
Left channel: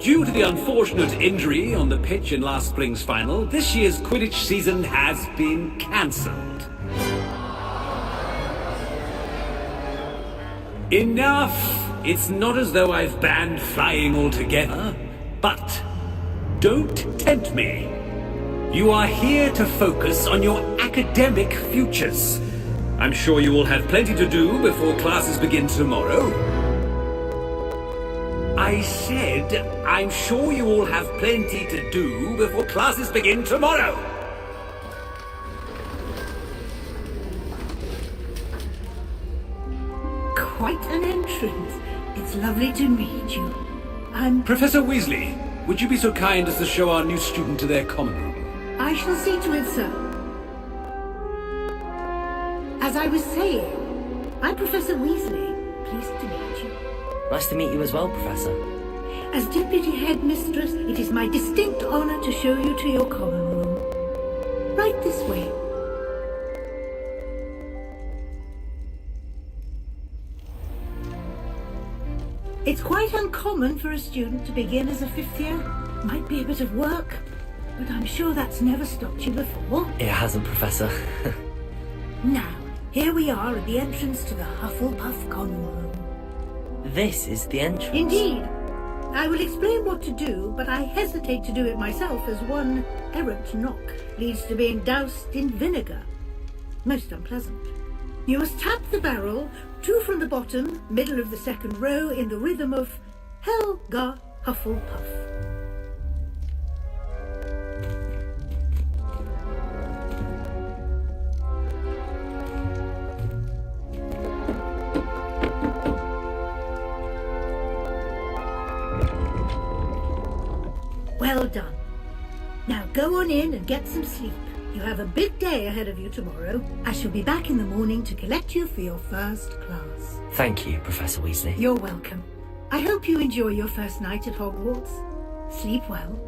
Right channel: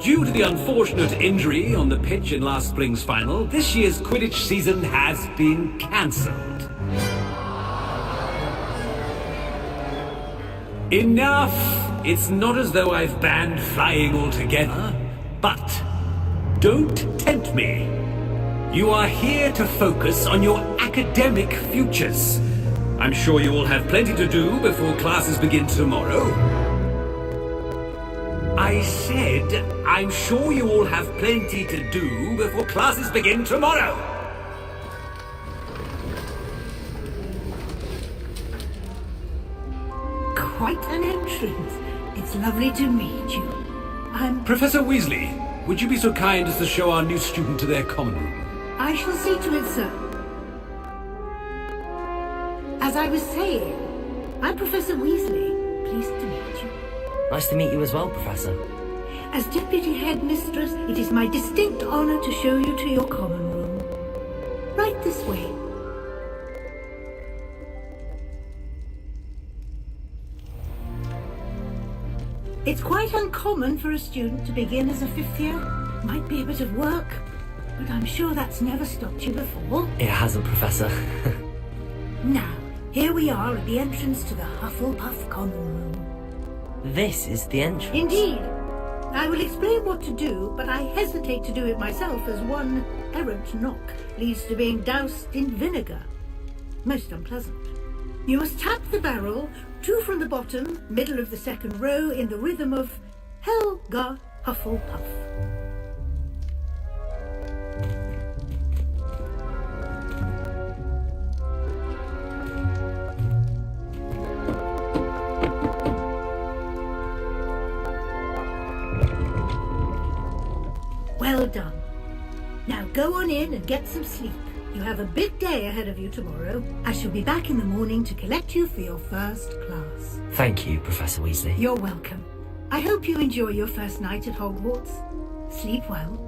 Due to the unfortunate injury on the pitch in last spring's final, this year's Quidditch season has been cancelled. Enough! It's not as though I've banned flying altogether, but don't tempt me. You are here to focus on your academic futures. I'm sure you will have plenty to do before classes begin tomorrow. I said, I'm sure you all have plenty to do before classes begin tomorrow. Quite an entrance. It's lovely to meet you. I'm... Professor Weasley, would you be so kind as to show our new student to their common room? I shall see to it, sir. As I was saying, I'm Professor Weasley. Pleased to meet you. Nice to meet you as well, Professor. As Deputy Headmistress, it is my distinct honor to show you to your common room. Right this way. It's quite uncommon for a student to begin as a fifth year. Might be a bit of work, but I'm sure that's never stopped you before. It hasn't, Professor. Now, here we are at the entrance to the Hufflepuff common room. This is the entrance. Indeed. I will explain what to do, but I hesitate to do it myself as one errant knock leads to being doused in vinegar. Most unpleasant. You must tap the barrel, 2 from the bottom, middle of the second row, in the rhythm of Helga Hufflepuff. Well done. Now go on in and get some sleep. You have a big day ahead of you tomorrow. I shall be back in the morning to collect you for your first class. Thank you, Professor Weasley. You're welcome. I hope you enjoy your first night at Hogwarts. Sleep well.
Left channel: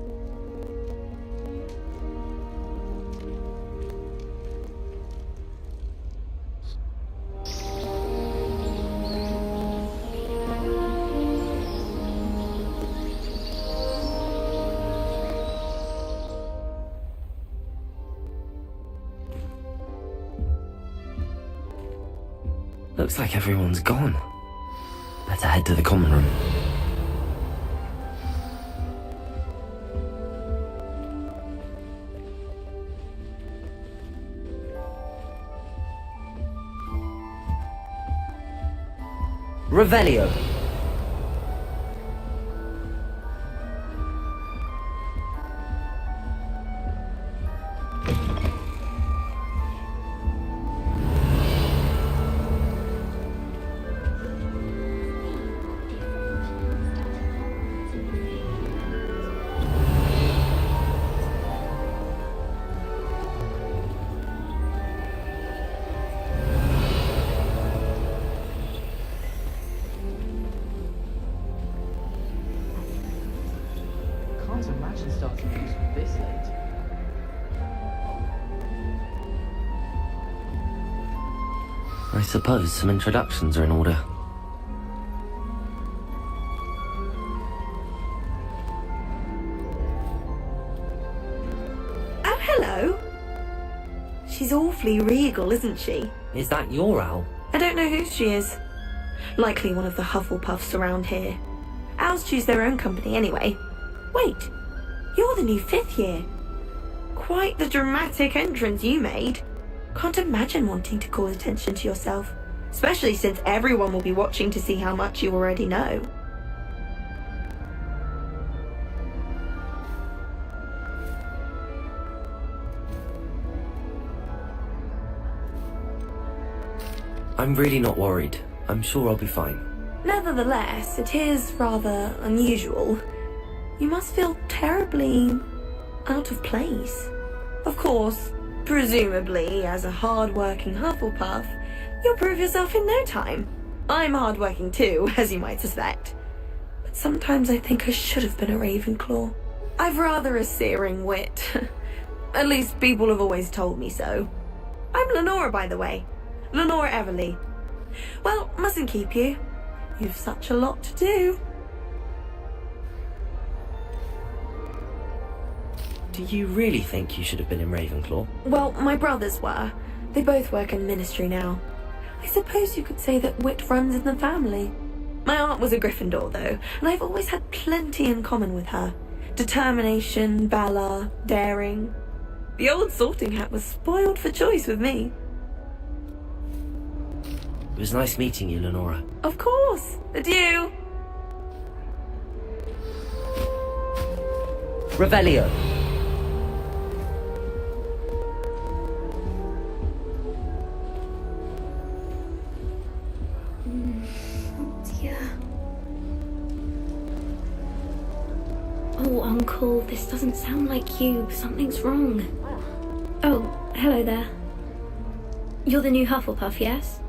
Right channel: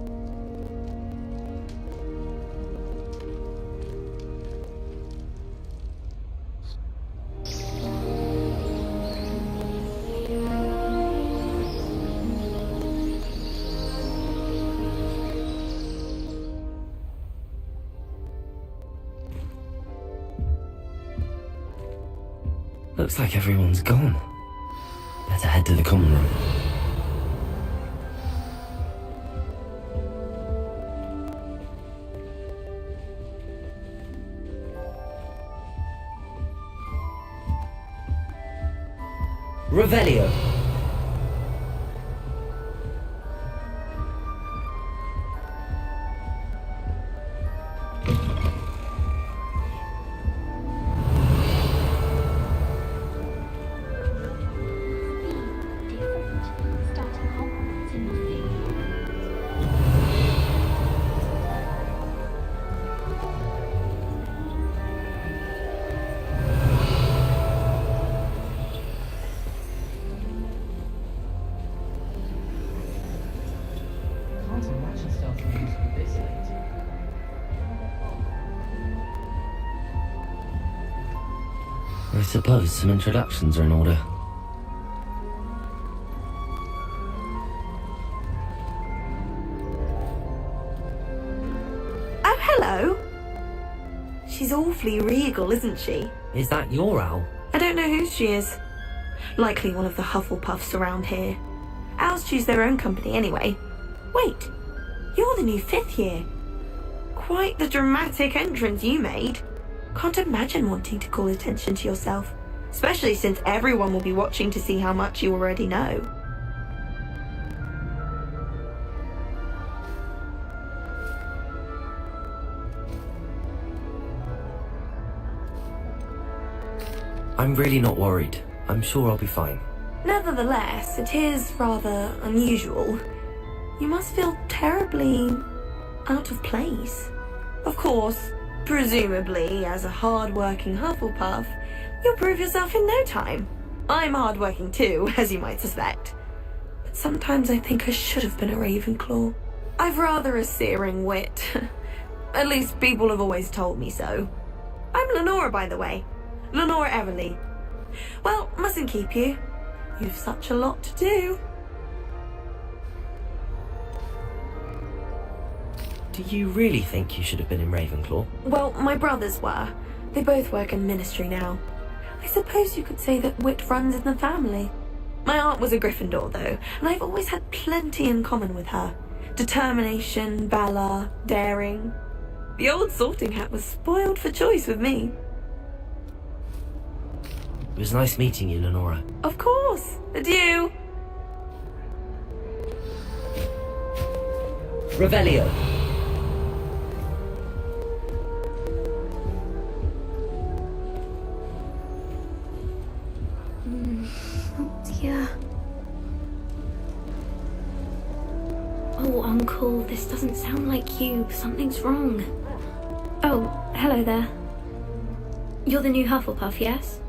Looks like everyone's gone. Better head to the common room. Revelio. I suppose some introductions are in order. Oh, hello. She's awfully regal, isn't she? Is that your owl? I don't know who she is. Likely one of the Hufflepuffs around here. Owls choose their own company anyway. Wait, you're the new 5th year. Quite the dramatic entrance you made. Can't imagine wanting to call attention to yourself, especially since everyone will be watching to see how much you already know. I'm really not worried. I'm sure I'll be fine. Nevertheless, it is rather unusual. You must feel terribly out of place. Of course, presumably, as a hard-working Hufflepuff, you'll prove yourself in no time. I'm hard-working too, as you might suspect. But sometimes I think I should have been a Ravenclaw. I've rather a searing wit. At least people have always told me so. I'm Lenora, by the way. Lenora Everly. Well, mustn't keep you. You've such a lot to do. Do you really think you should have been in Ravenclaw? Well, my brothers were. They both work in the ministry now. I suppose you could say that wit runs in the family. My aunt was a Gryffindor, though, and I've always had plenty in common with her. Determination, valor, daring. The old sorting hat was spoiled for choice with me. It was nice meeting you, Lenora. Of course. Adieu. Revelio. Dear. Oh, Uncle, this doesn't sound like you. Something's wrong. Oh, hello there. You're the new Hufflepuff, yes?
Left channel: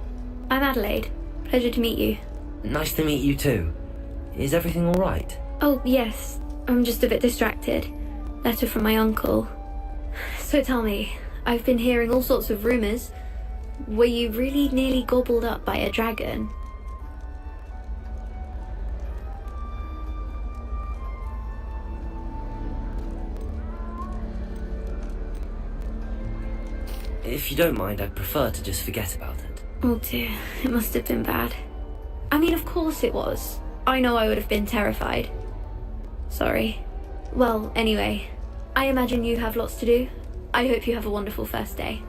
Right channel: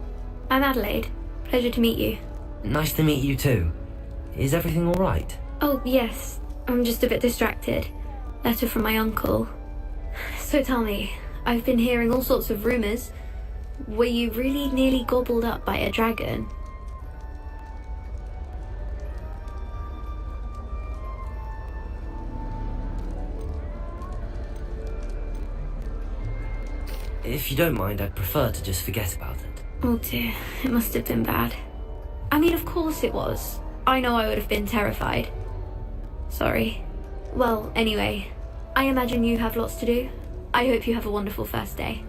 I'm Adelaide. Pleasure to meet you. Nice to meet you too. Is everything all right? Oh, yes. I'm just a bit distracted. Letter from my uncle. So tell me, I've been hearing all sorts of rumours. Were you really nearly gobbled up by a dragon? If you don't mind, I'd prefer to just forget about it. Oh dear, it must have been bad. I mean, of course it was. I know I would have been terrified. Sorry. Well, anyway, I imagine you have lots to do. I hope you have a wonderful first day.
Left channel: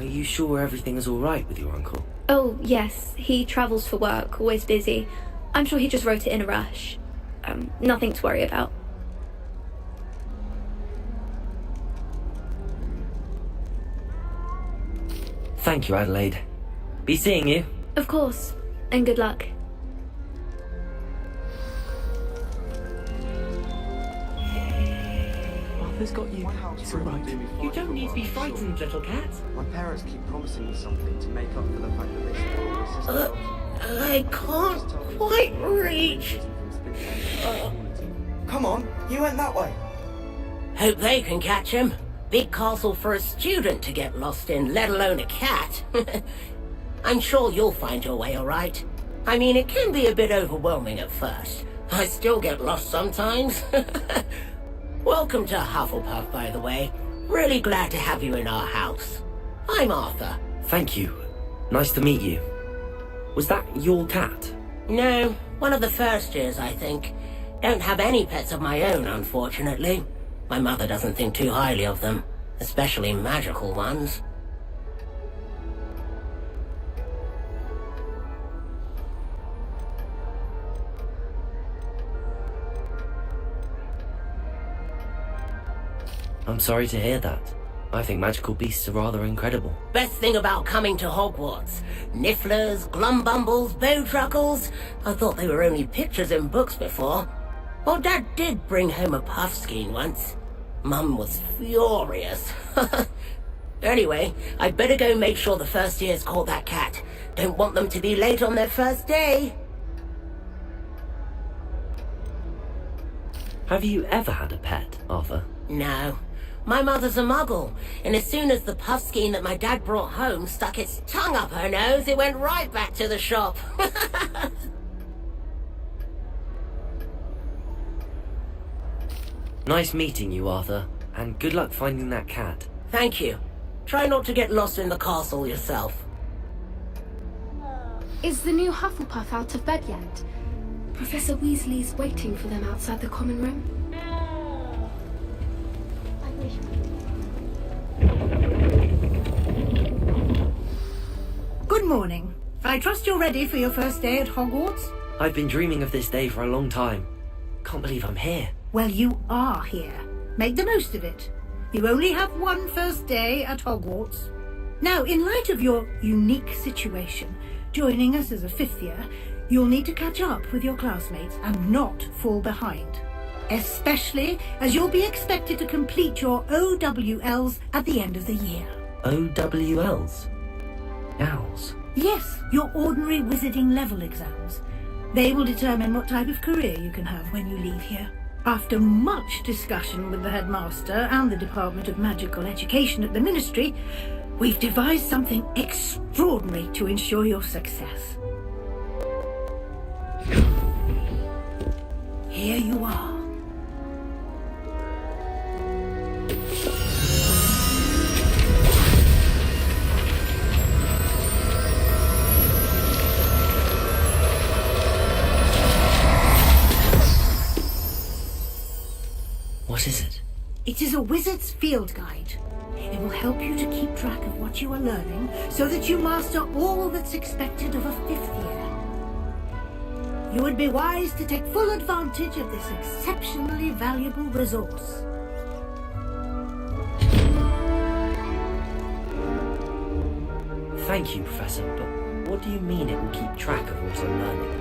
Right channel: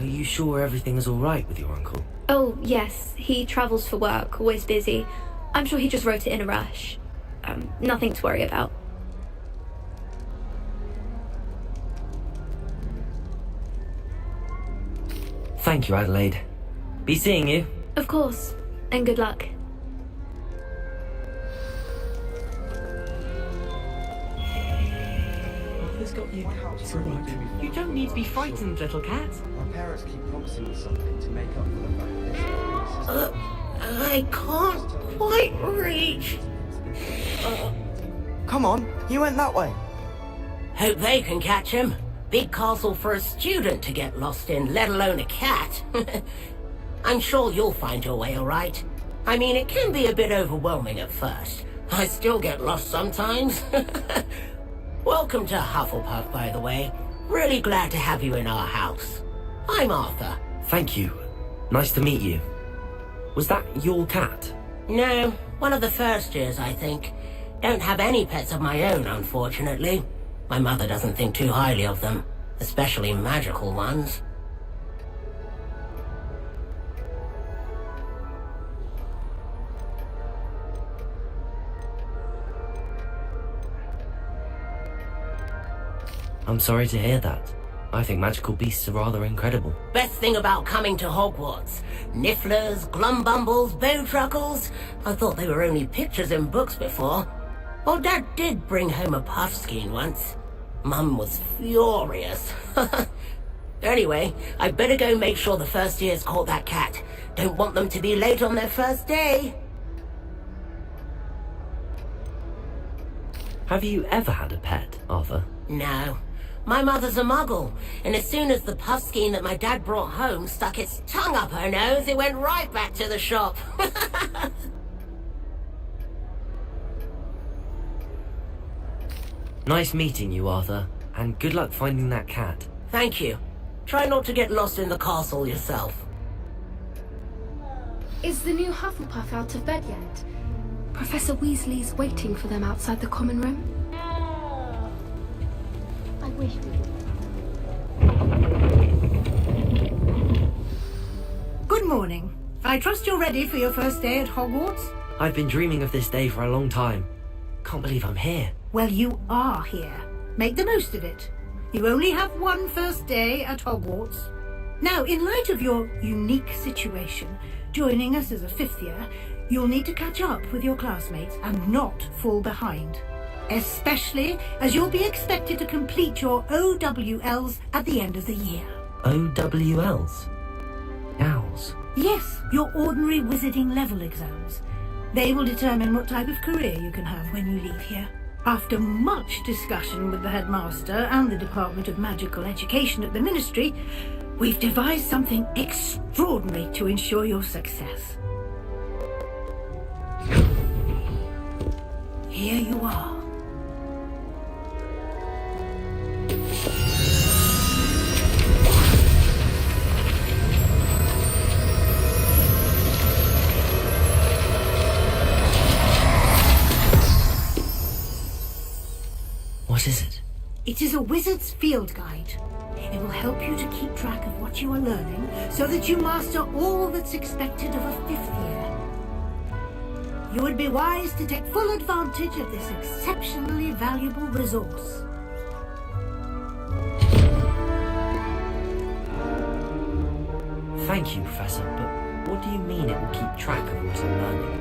Are you sure everything is all right with your uncle? Oh, yes. He travels for work, always busy. I'm sure he just wrote it in a rush. Nothing to worry about. Thank you, Adelaide. Be seeing you. Of course. And good luck. Arthur's got you. It's all right. You don't need to be frightened, little cat. My parents keep promising me something to make up for the I can't quite reach. Come on, you went that way. Hope they can catch him. Big castle for a student to get lost in, let alone a cat. I'm sure you'll find your way all right. I mean, it can be a bit overwhelming at first. I still get lost sometimes. Welcome to Hufflepuff, by the way. Really glad to have you in our house. I'm Arthur. Thank you. Nice to meet you. Was that your cat? No, one of the first years, I think. Don't have any pets of my own, unfortunately. My mother doesn't think too highly of them, especially magical ones. I'm sorry to hear that. I think magical beasts are rather incredible. Best thing about coming to Hogwarts. Nifflers, glumbumbles, bowtruckles. I thought they were only pictures in books before. Well, Dad did bring home a puffskein once. Mum was furious. Anyway, I'd better go make sure the first years caught that cat. Don't want them to be late on their first day. Have you ever had a pet, Arthur? No. My mother's a muggle, and as soon as the puffskein that my dad brought home stuck its tongue up her nose, it went right back to the shop. Nice meeting you, Arthur, and good luck finding that cat. Thank you. Try not to get lost in the castle yourself. Is the new Hufflepuff out of bed yet? Professor Weasley's waiting for them outside the common room. I wish Good morning. I trust you're ready for your first day at Hogwarts? I've been dreaming of this day for a long time. Can't believe I'm here. Well, you are here. Make the most of it. You only have one first day at Hogwarts. Now, in light of your unique situation, joining us as a fifth year, you'll need to catch up with your classmates and not fall behind. Especially as you'll be expected to complete your OWLs at the end of the year. OWLs? Owls? Yes, your ordinary wizarding level exams. They will determine what type of career you can have when you leave here. After much discussion with the headmaster and the Department of Magical Education at the Ministry, we've devised something extraordinary to ensure your success. Here you are. What is it? It is a wizard's field guide. It will help you to keep track of what you are learning so that you master all that's expected of a 5th year. You would be wise to take full advantage of this exceptionally valuable resource. Thank you, Professor, but what do you mean it will keep track of what I'm learning?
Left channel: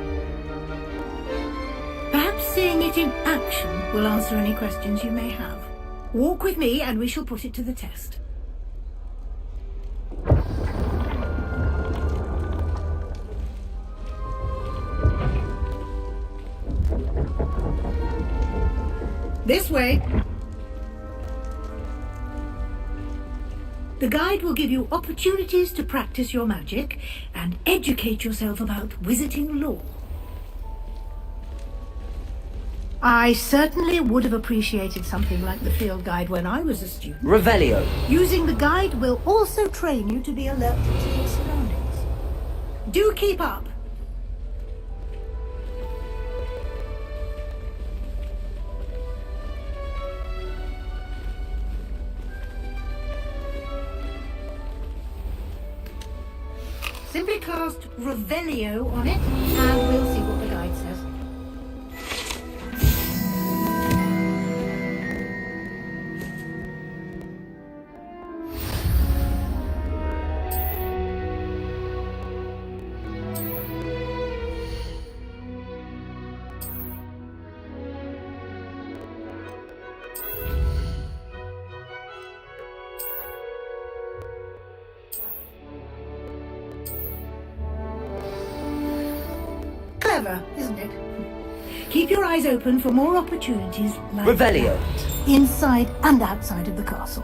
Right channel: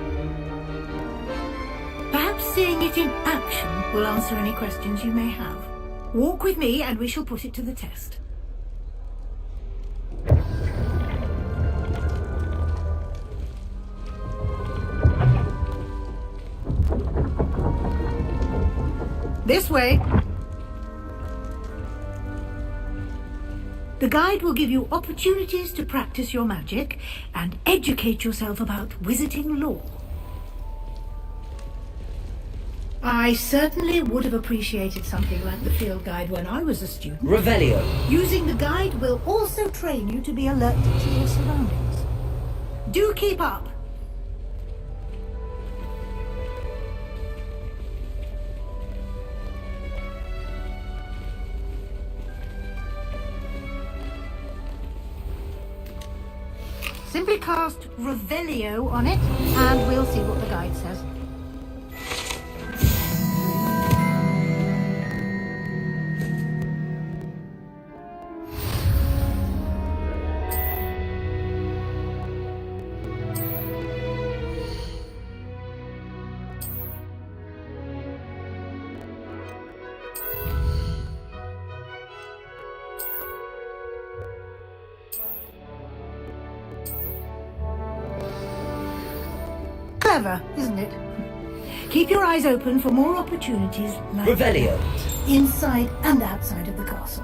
Perhaps seeing it in action will answer any questions you may have. Walk with me and we shall put it to the test. This way. The guide will give you opportunities to practice your magic and educate yourself about wizarding lore. I certainly would have appreciated something like the field guide when I was a student. Revelio. Using the guide will also train you to be alert to your surroundings. Do keep up. Simply cast Revelio on it, and we'll see what the guide says. Clever, isn't it? Keep your eyes open for more opportunities like Revelio. that, inside and outside of the castle.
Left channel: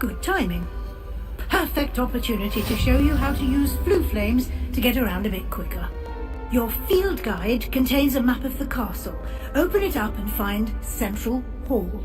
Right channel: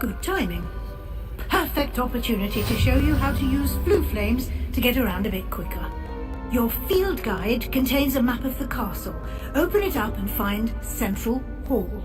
Good timing. Perfect opportunity to show you how to use flue flames to get around a bit quicker. Your field guide contains a map of the castle. Open it up and find Central Hall.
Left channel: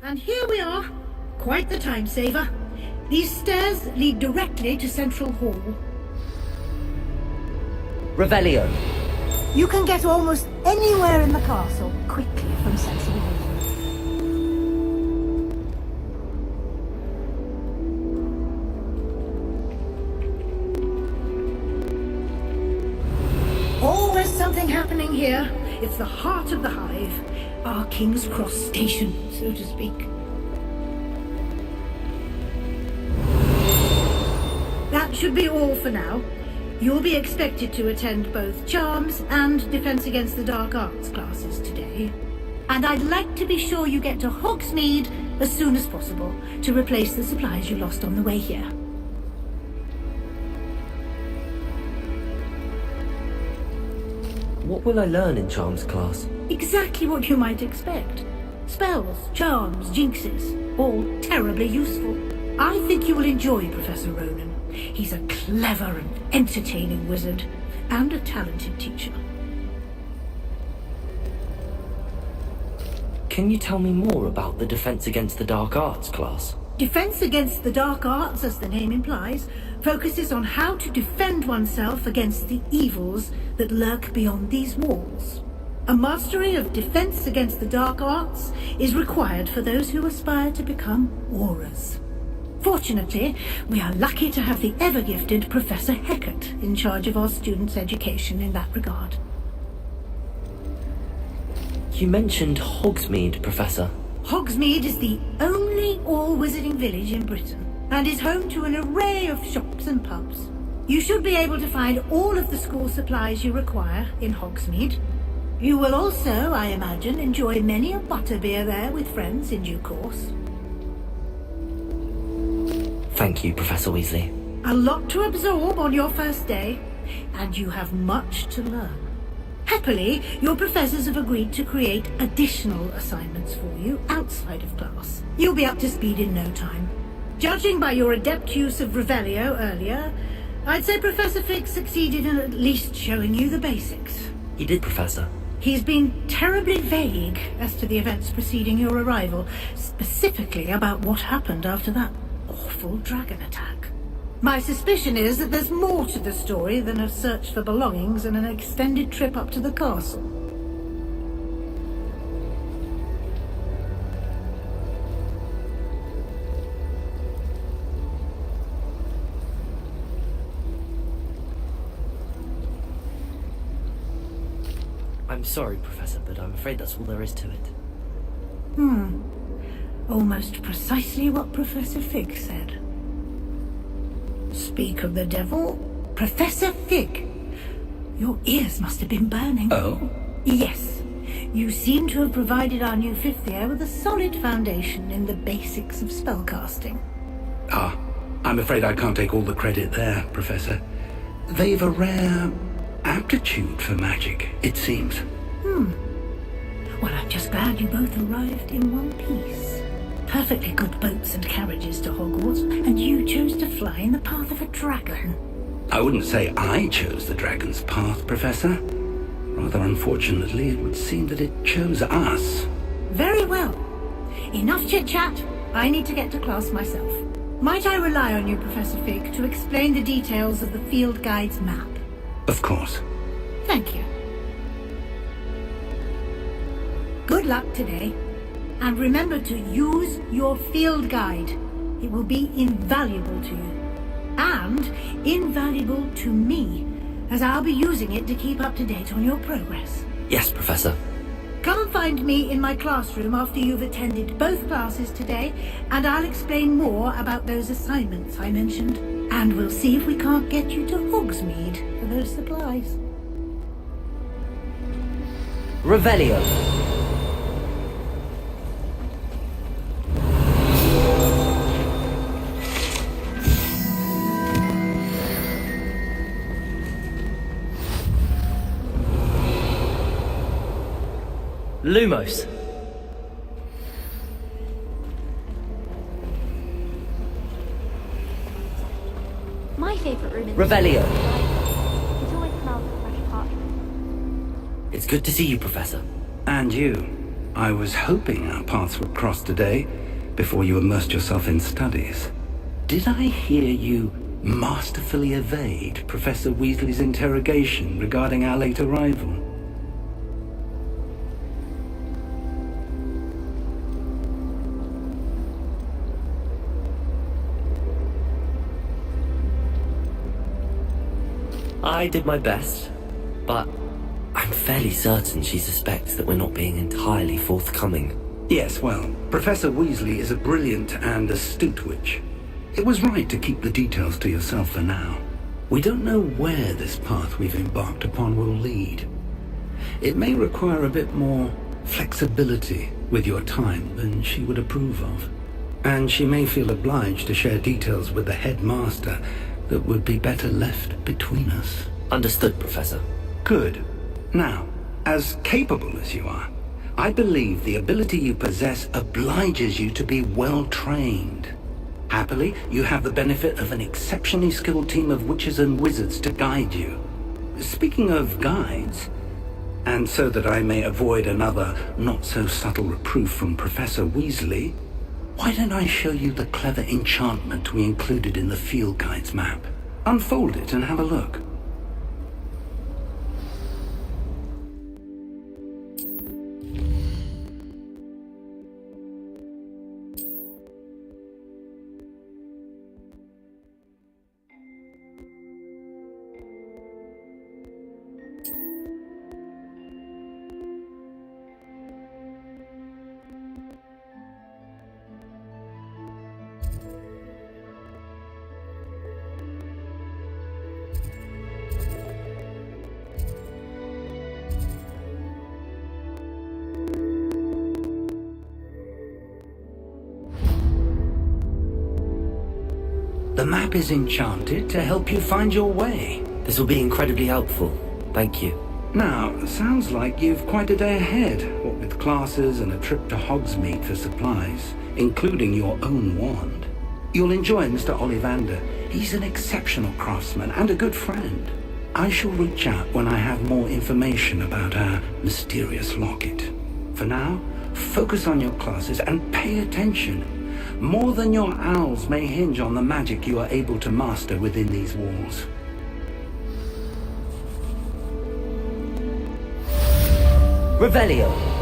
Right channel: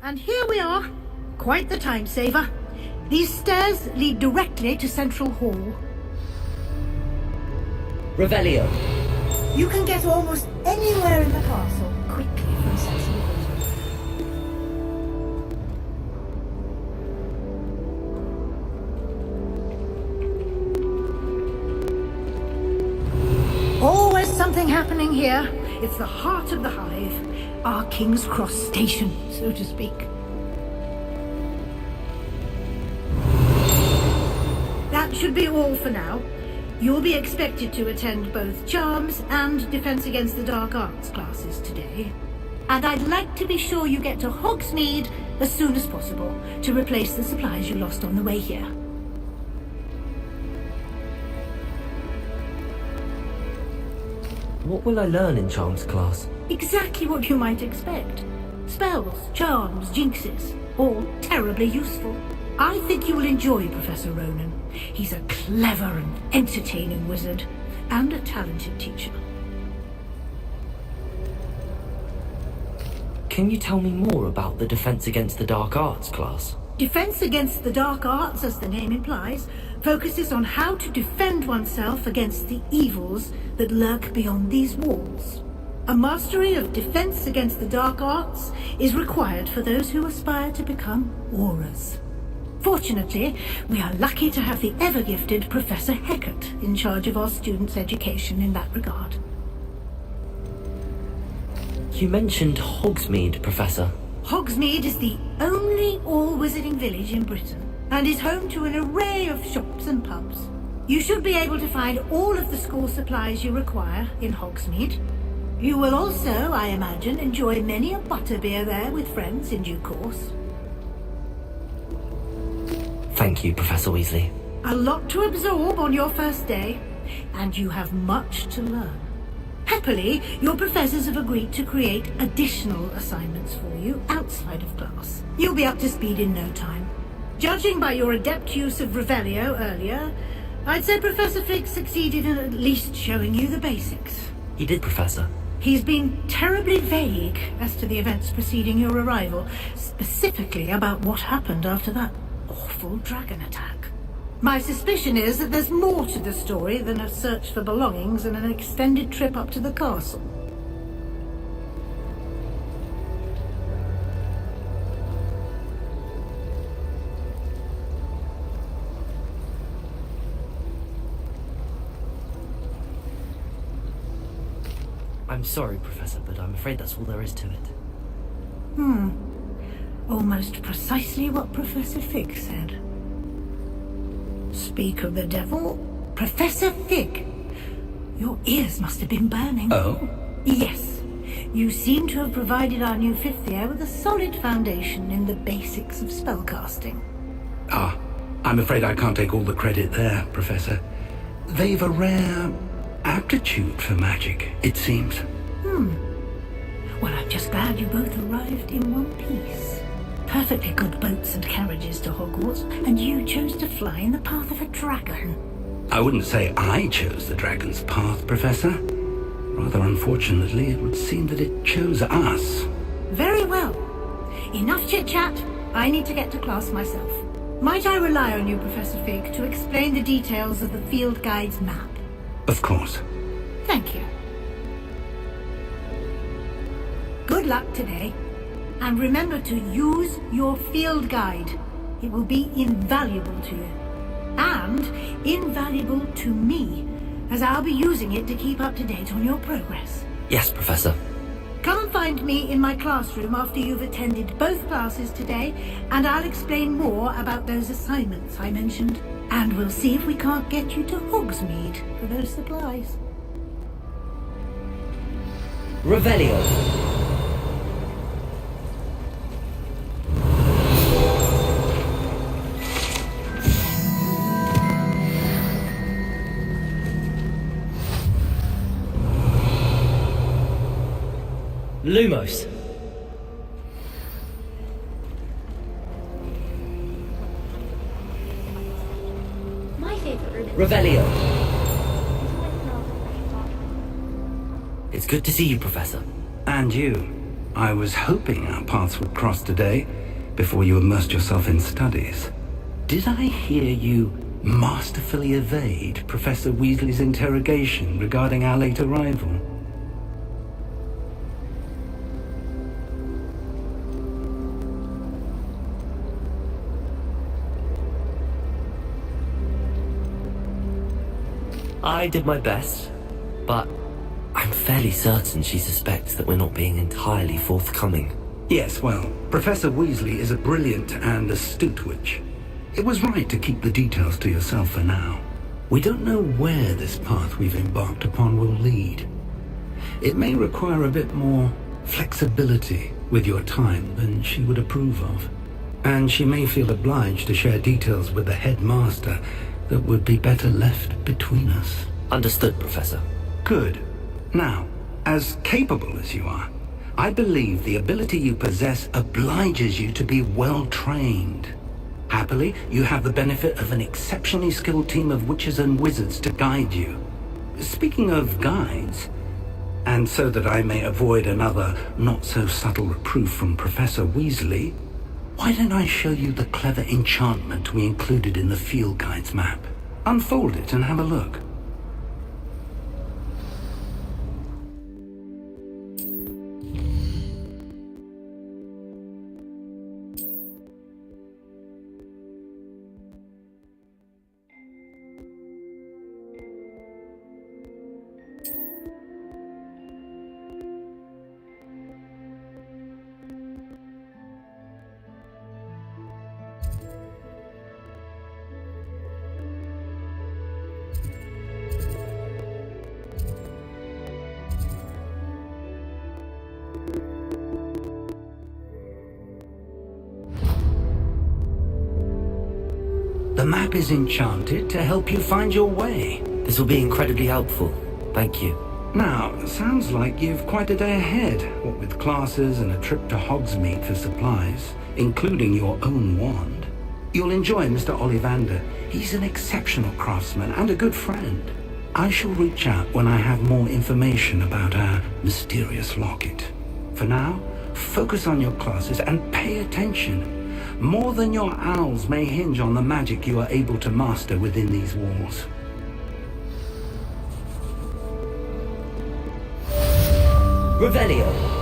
And here we are. Quite the time saver. These stairs lead directly to Central Hall. Revelio. You can get almost anywhere in the castle quickly from Central Hall. Always something happening here. It's the heart of the hive. Our King's Cross station, so to speak. That should be all for now. You'll be expected to attend both Charms and Defense Against the Dark Arts classes today. And I'd like to be sure you get to Hogsmeade as soon as possible to replace the supplies you lost on the way here. What will I learn in Charms class? Exactly what you might expect. Spells, charms, jinxes, all terribly useful. I think you will enjoy Professor Ronan. He's a clever and entertaining wizard, and a talented teacher. Can you tell me more about the Defense Against the Dark Arts class? Defense Against the Dark Arts, as the name implies, focuses on how to defend oneself against the evils that lurk beyond these walls. A mastery of defense against the dark arts is required for those who aspire to become Aurors. Fortunately, we are lucky to have the ever-gifted Professor Heckert in charge of our students' education in that regard. You mentioned Hogsmeade, Professor. Hogsmeade is the only all-wizarding village in Britain, and is home to an array of shops and pubs. You should be able to find all of the school supplies you require in Hogsmeade. You will also, I imagine, enjoy many a butterbeer there with friends in due course. Thank you, Professor Weasley. A lot to absorb on your first day, and you have much to learn. Happily, your professors have agreed to create additional assignments for you outside of class. You'll be up to speed in no time. Judging by your adept use of Revelio earlier, I'd say Professor Fig succeeded in at least showing you the basics. He did, Professor. He's been terribly vague as to the events preceding your arrival, specifically about what happened after that awful dragon attack. My suspicion is that there's more to the story than a search for belongings and an extended trip up to the castle. I'm sorry, Professor, but I'm afraid that's all there is to it. Almost precisely what Professor Fig said. Speak of the devil, Professor Fig. Your ears must have been burning. Oh? Yes. You seem to have provided our new fifth year with a solid foundation in the basics of spellcasting. I'm afraid I can't take all the credit there, Professor. They've a rare aptitude for magic, it seems. Well, I'm just glad you both arrived in one piece. Perfectly good boats and carriages to Hogwarts, and you chose to fly in the path of a dragon. I wouldn't say I chose the dragon's path, Professor. Rather unfortunately, it would seem that it chose us. Very well. Enough chit-chat. I need to get to class myself. Might I rely on you, Professor Fig, to explain the details of the field guide's map? Of course. Thank you. Good luck today. And remember to use your field guide. It will be invaluable to you. And invaluable to me, as I'll be using it to keep up to date on your progress. Yes, Professor. Come and find me in my classroom after you've attended both classes today, and I'll explain more about those assignments I mentioned. And we'll see if we can't get you to Hogsmeade for those supplies. Revelio. Lumos. My favorite room is Revelio. It's always smells of fresh parchment. It's good to see you, Professor. And you. I was hoping our paths would cross today, before you immersed yourself in studies. Did I hear you masterfully evade Professor Weasley's interrogation regarding our late arrival? I did my best, but I'm fairly certain she suspects that we're not being entirely forthcoming. Yes, well, Professor Weasley is a brilliant and astute witch. It was right to keep the details to yourself for now. We don't know where this path we've embarked upon will lead. It may require a bit more flexibility with your time than she would approve of. And she may feel obliged to share details with the headmaster that would be better left between us. Understood, Professor. Good. Now, as capable as you are, I believe the ability you possess obliges you to be well trained. Happily, you have the benefit of an exceptionally skilled team of witches and wizards to guide you. Speaking of guides, and so that I may avoid another not-so-subtle reproof from Professor Weasley, why don't I show you the clever enchantment we included in the field guide's map? Unfold it and have a look. The map is enchanted to help you find your way. This will be incredibly helpful. Thank you. Now, sounds like you've quite a day ahead, what with classes and a trip to Hogsmeade for supplies, including your own wand. You'll enjoy Mr. Ollivander. He's an exceptional craftsman and a good friend. I shall reach out when I have more information about our mysterious locket. For now, focus on your classes and pay attention. More than your owls may hinge on the magic you are able to master within these walls. Revelio.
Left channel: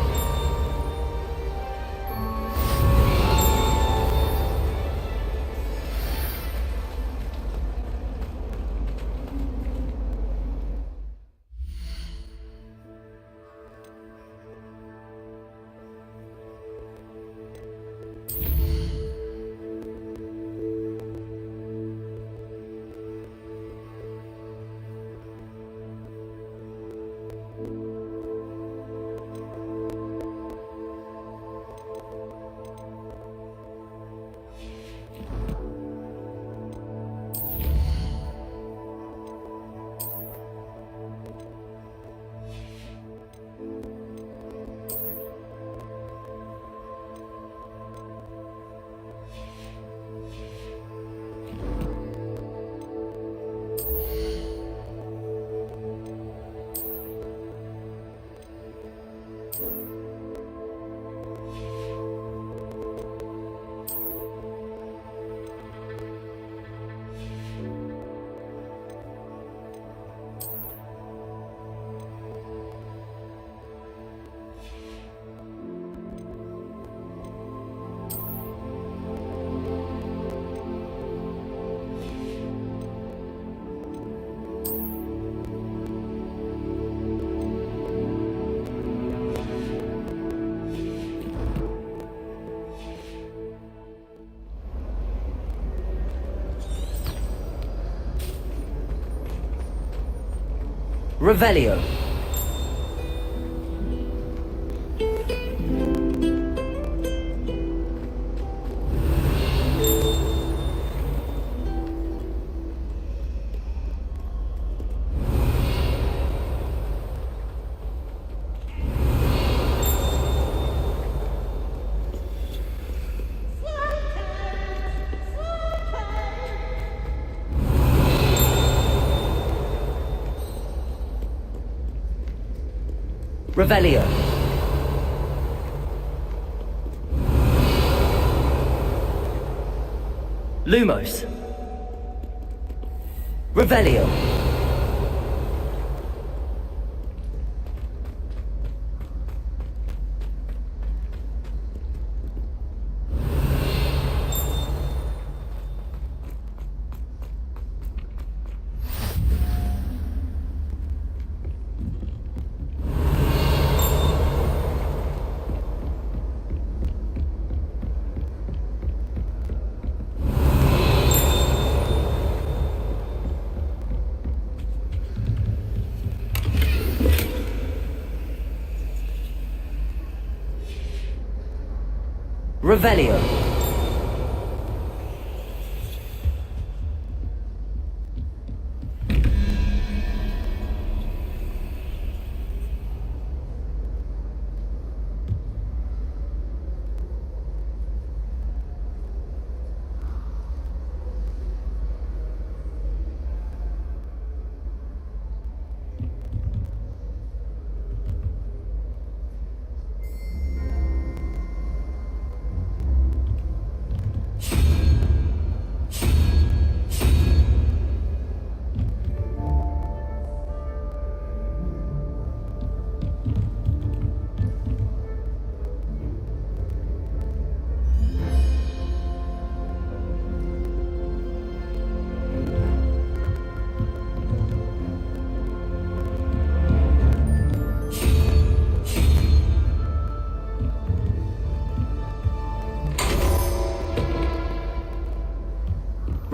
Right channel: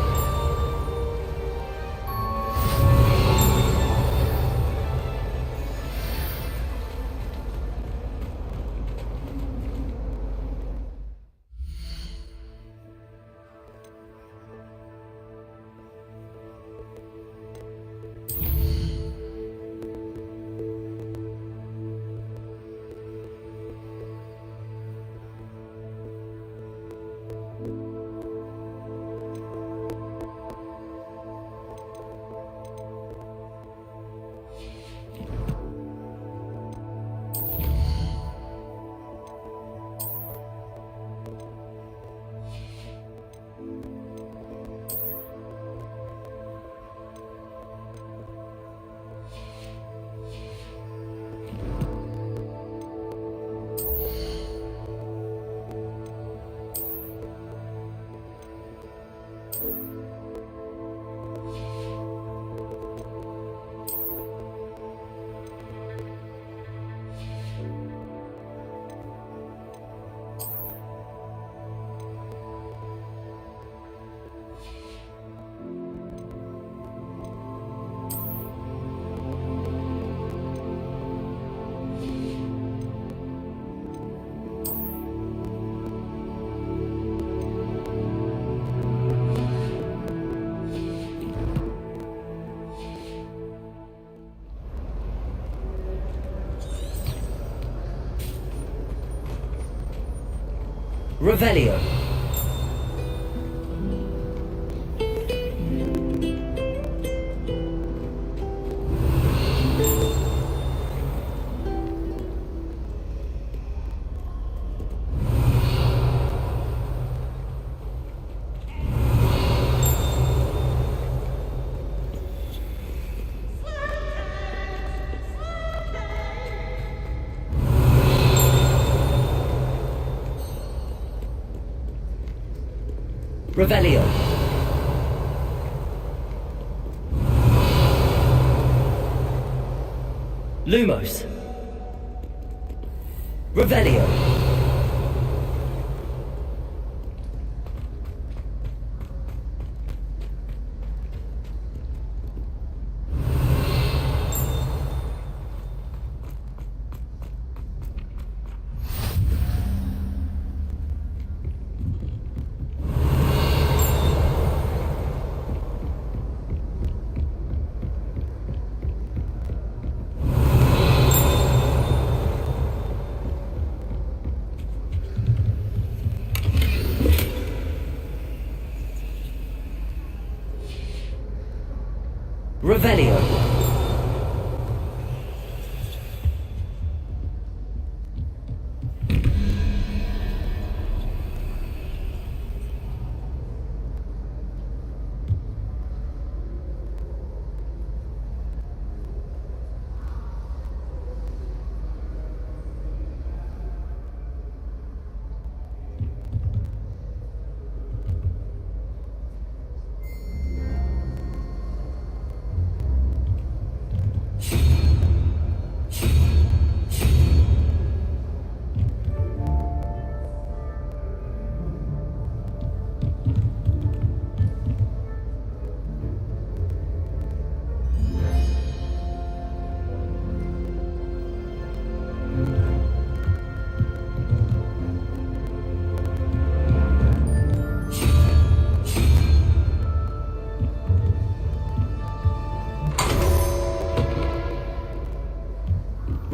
Revelio. Revelio. Lumos. Revelio. Revelio.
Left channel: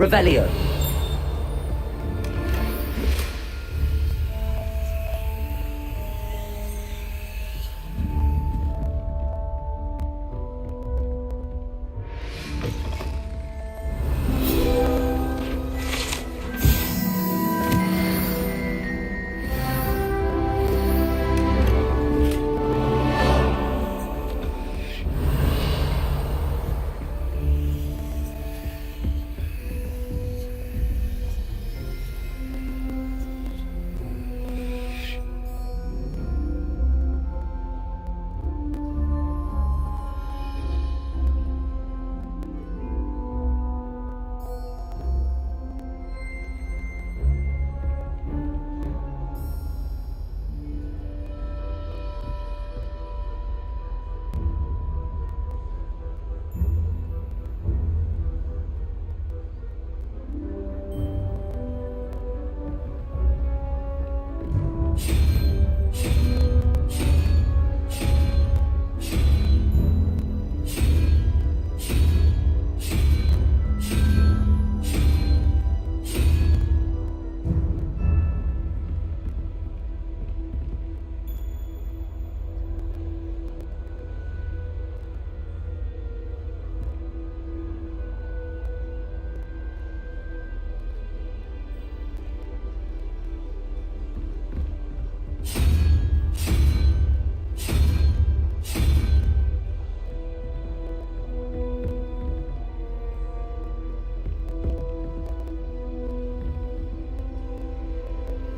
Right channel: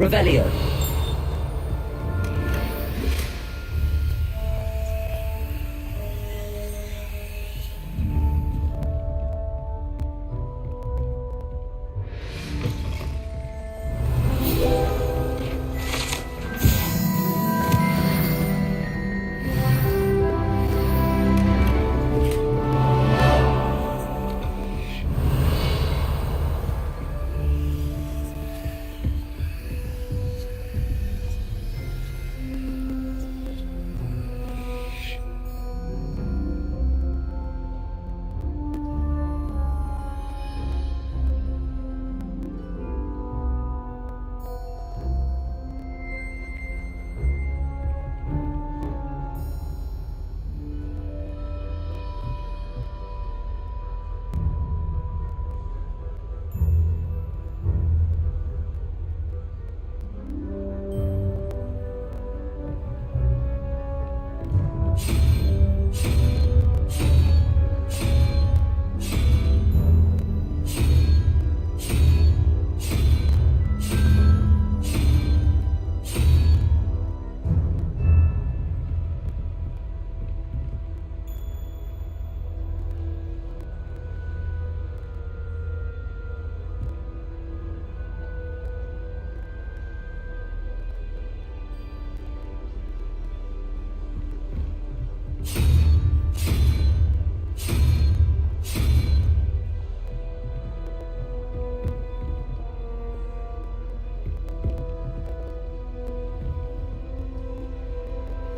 Revelio.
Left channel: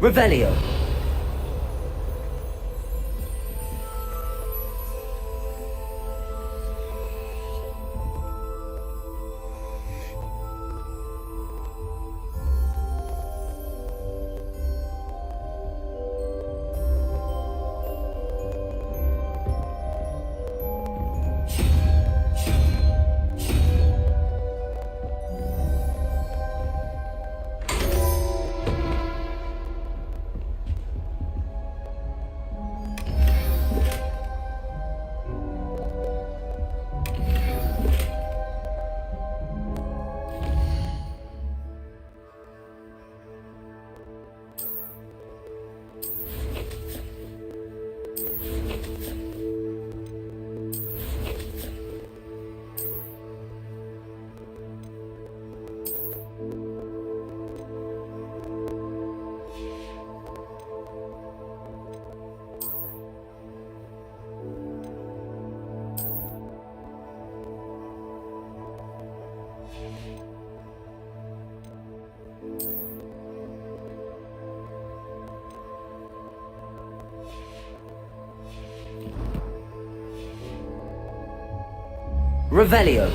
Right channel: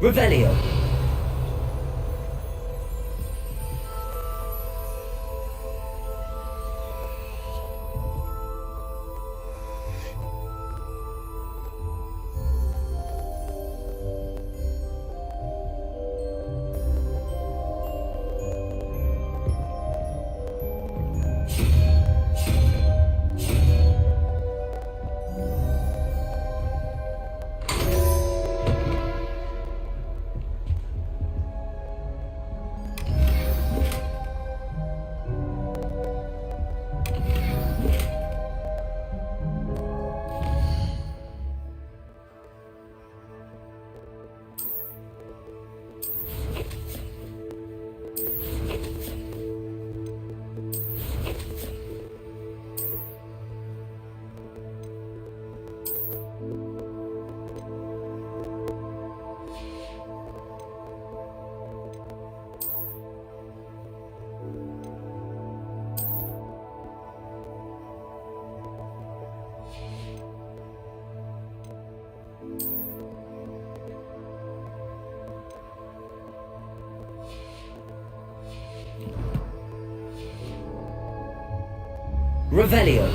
Revelio. Revelio.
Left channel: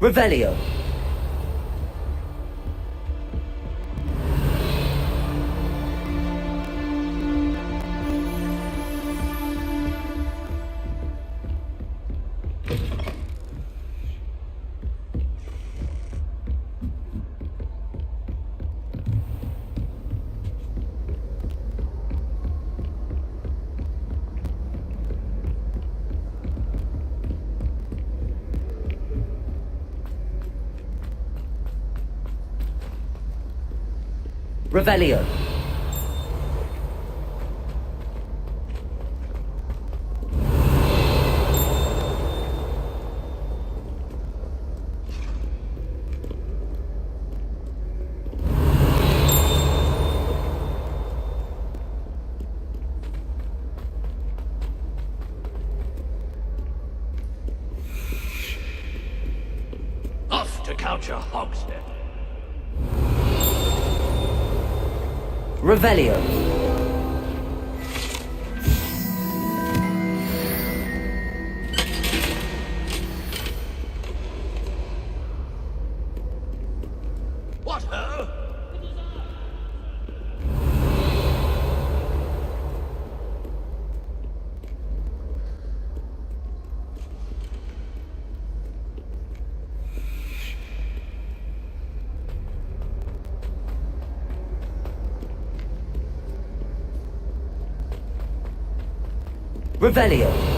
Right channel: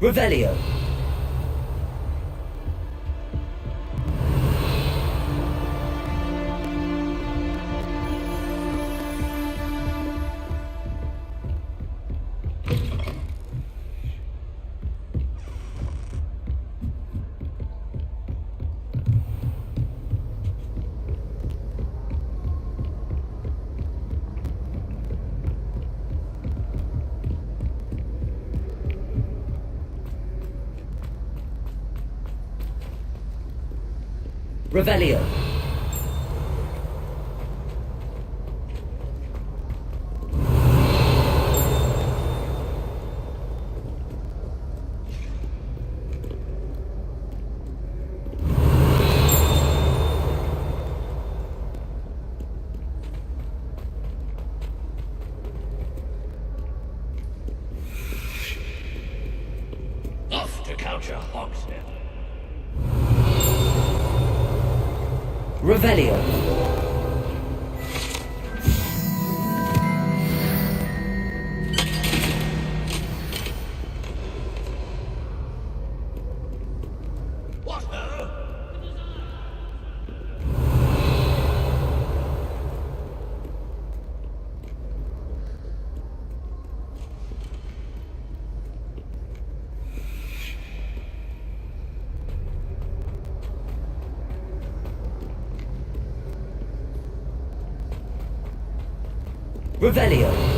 Revelio. Revelio. Off to capture Hogshead. Revelio. Revelio.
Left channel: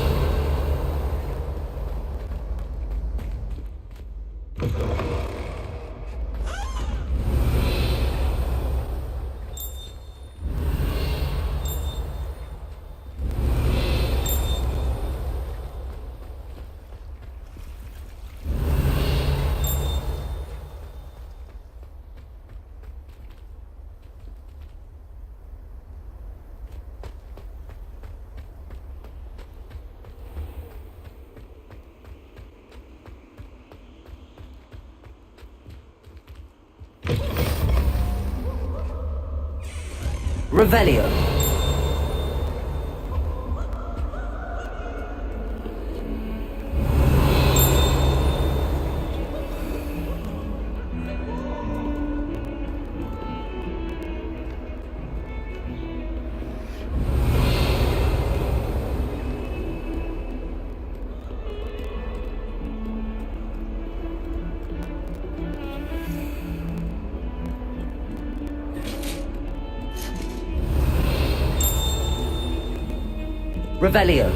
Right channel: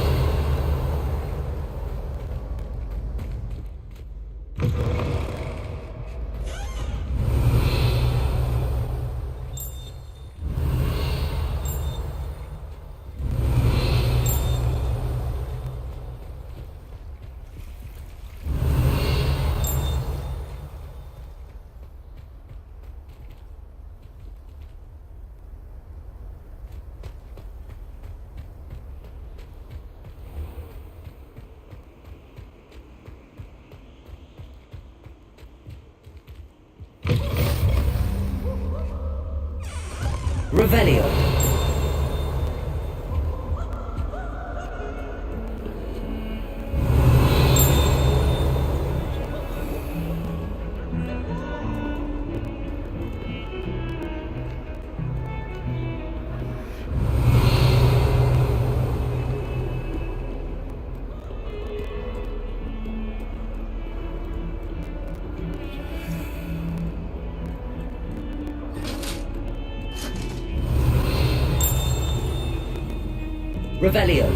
Revelio. Revelio.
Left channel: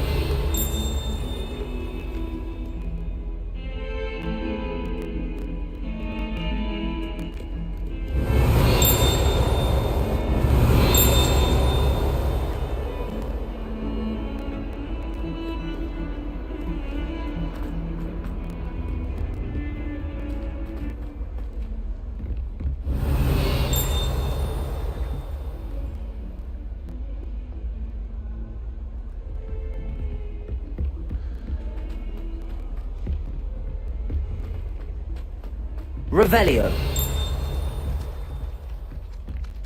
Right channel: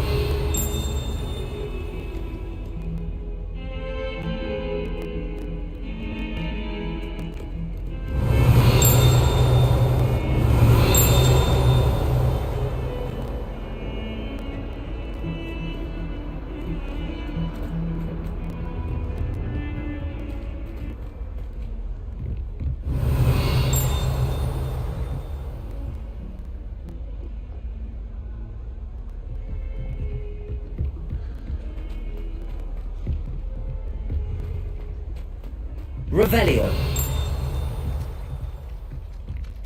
Revelio.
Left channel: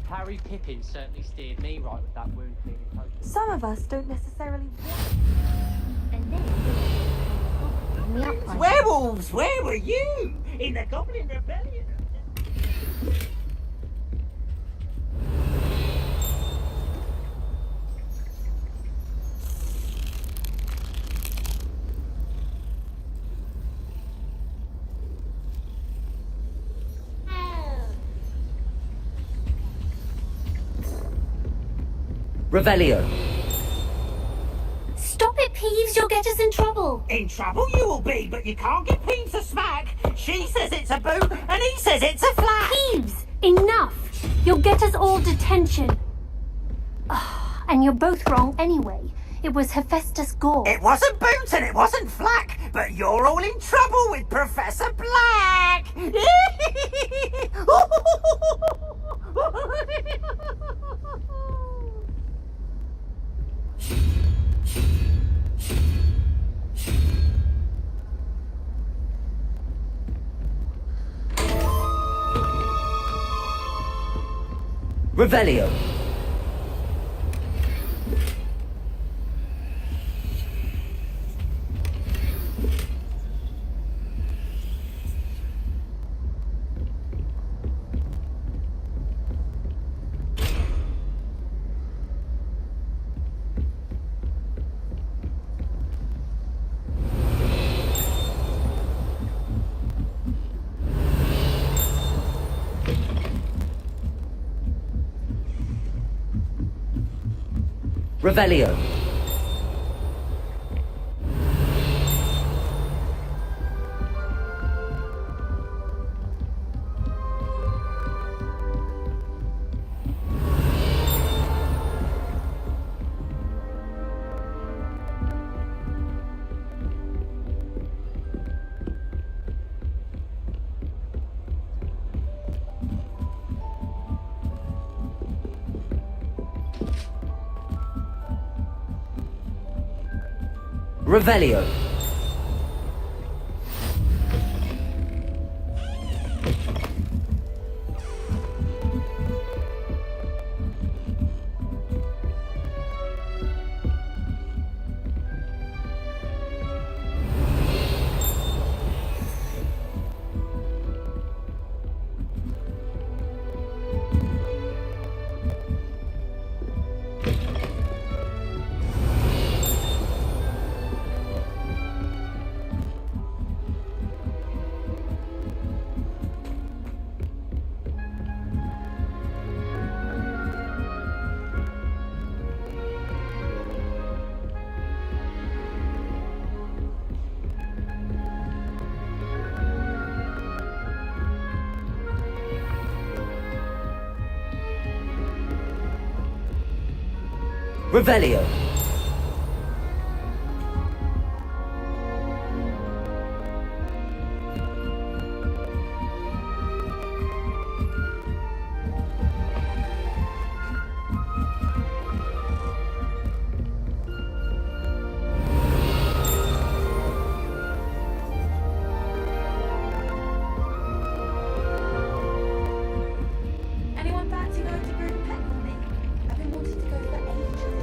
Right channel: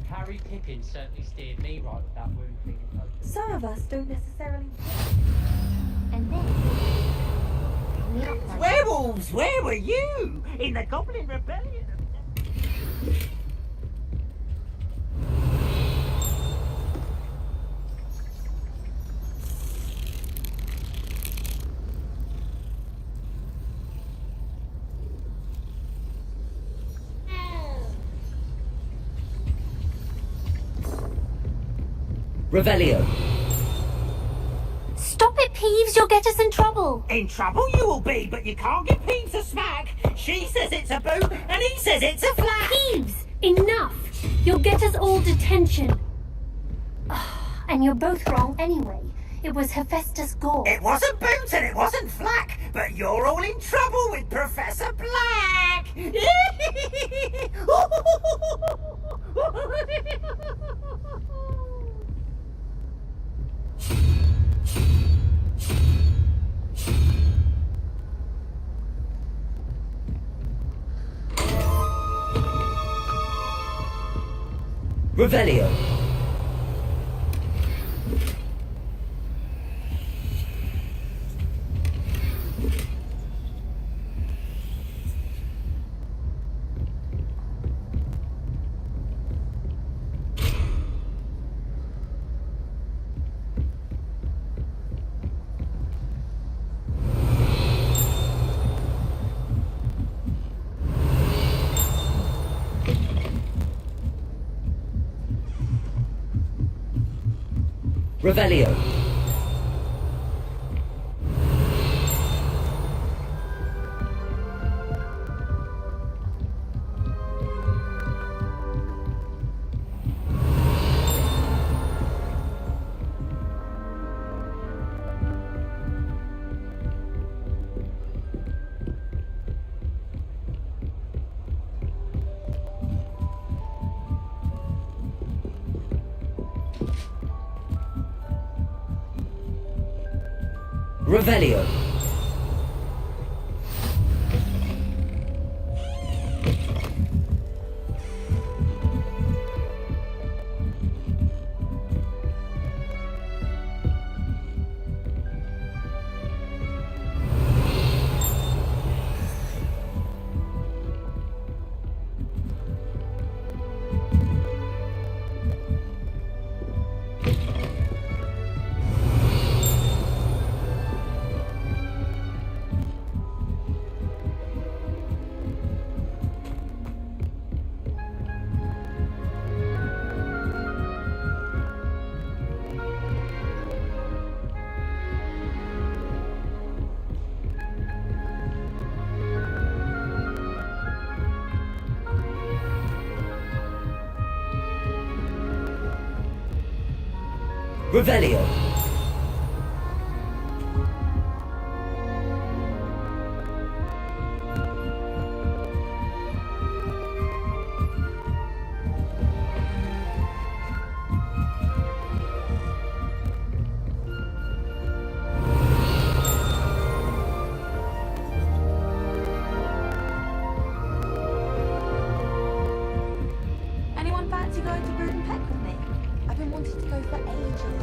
Harry Pippin certainly steered me right with that wound thing. Some of us don't necessarily. And then Werewolves, where were you? In the Goblin Rebellion? Revelio. stop it, Peeves. You'll get us in trouble. In trouble you will be, but you can't get Peeves a smack. She says it's a boot, and he says it's a flat. Peeves, enough. You'll get us all detention. And you're both wrong anyway. It was Hephaestus Gore. It wasn't boot and it wasn't flack, but you're all in trouble with Professor Black. Revelio. Revelio. Revelio. Revelio. Anyone fancy going to Brood and Peck with me? I've been wanting to go for ages.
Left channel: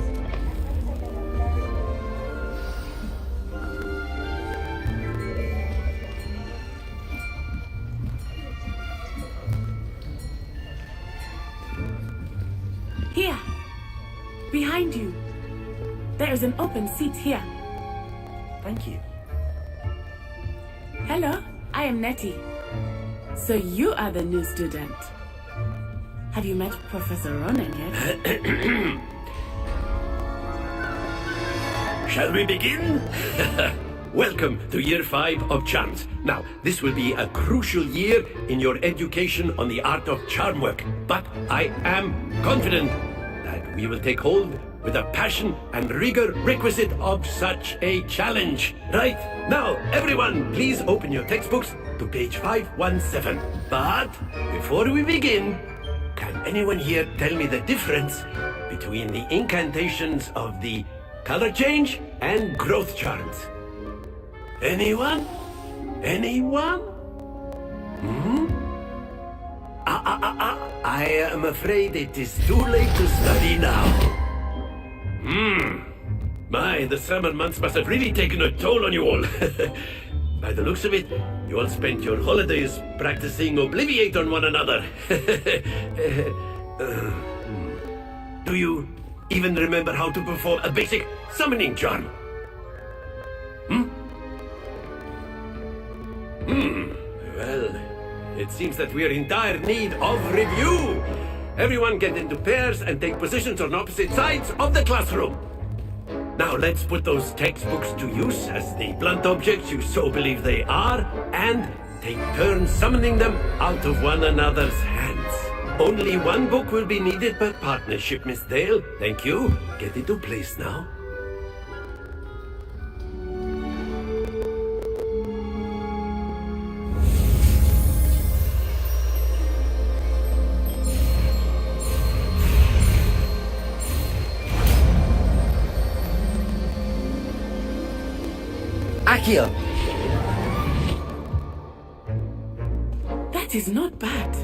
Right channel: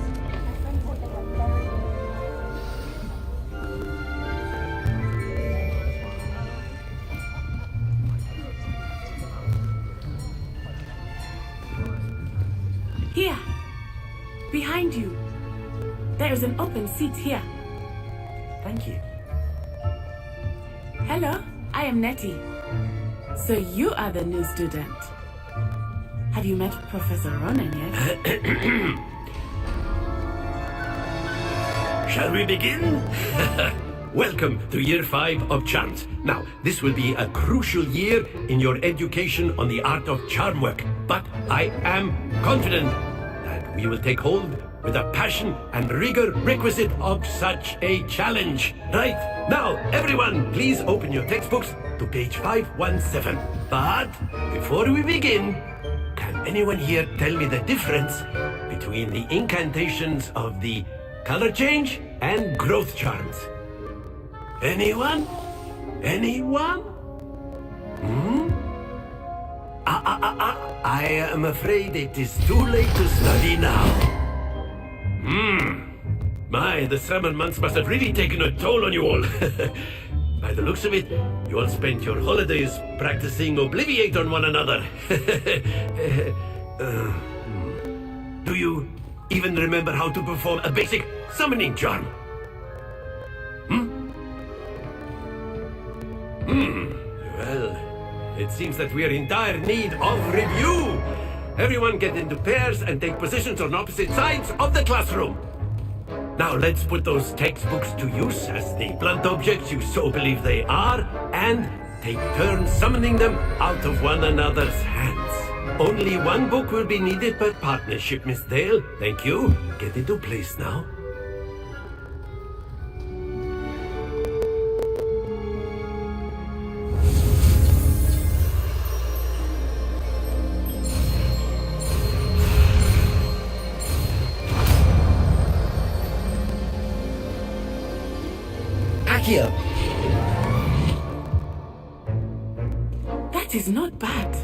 Here, behind you. There is an open seat here. Thank you. Hello, I am Nettie. So you are the new student. Have you met Professor Ronan yet? Shall we begin? Welcome to Year 5 of Charms. Now, this will be a crucial year in your education on the art of charm work, but I am confident that we will take hold with the passion and rigor requisite of such a challenge. Right, now, everyone, please open your textbooks to page 517. But before we begin, can anyone here tell me the difference between the incantations of the color change and growth charms? Anyone? Anyone? I am afraid it is too late to study now. My, the summer months must have really taken a toll on you all. By the looks of it, you all spent your holidays practicing Obliviate on one another. Do you even remember how to perform a basic summoning charm? Well, it seems that we are in dire need of review. Everyone get into pairs and take positions on opposite sides of the classroom. Now let's put those textbooks to use as the blunt objects you so believe they are, and take turns summoning them out of one another's hands. Only one book will be needed per partnership, Miss Dale. Thank you. Get into place now. Here. That is not bad.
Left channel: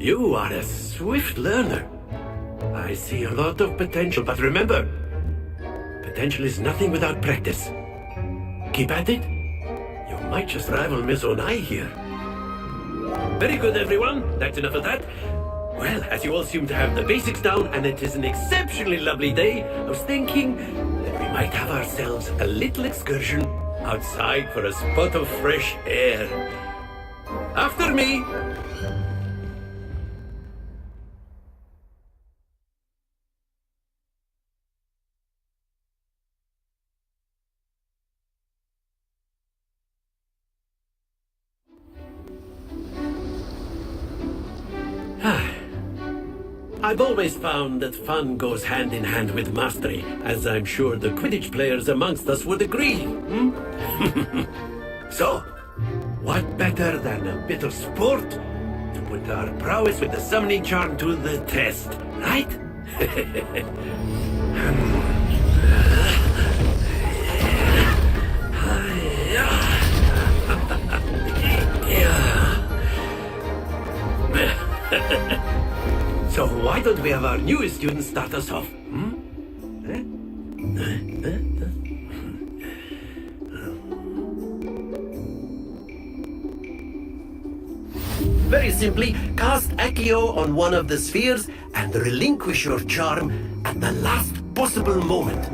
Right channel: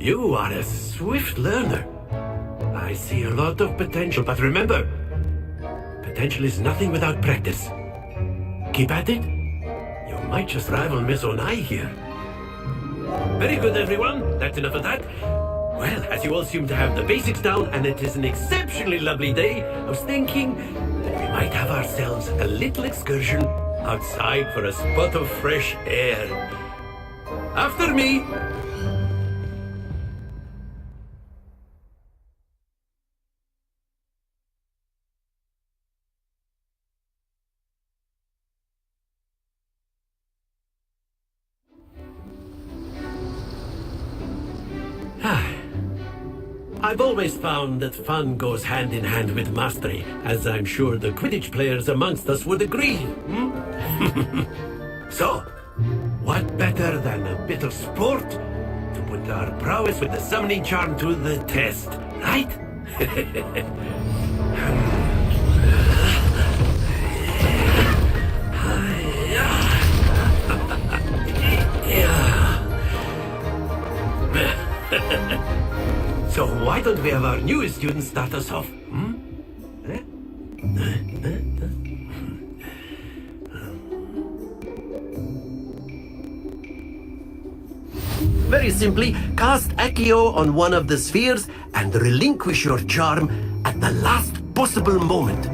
You are a swift learner. I see a lot of potential, but remember, potential is nothing without practice. Keep at it. You might just rival Miss Onai here. Very good, everyone. That's enough of that. Well, as you all seem to have the basics down, and it is an exceptionally lovely day, I was thinking that we might have ourselves a little excursion outside for a spot of fresh air. After me! I've always found that fun goes hand in hand with mastery, as I'm sure the Quidditch players amongst us would agree. So, what better than a bit of sport to put our prowess with the summoning charm to the test, right? So why don't we have our newest student start us off? Very simply, cast Accio on one of the spheres and relinquish your charm at the last possible moment.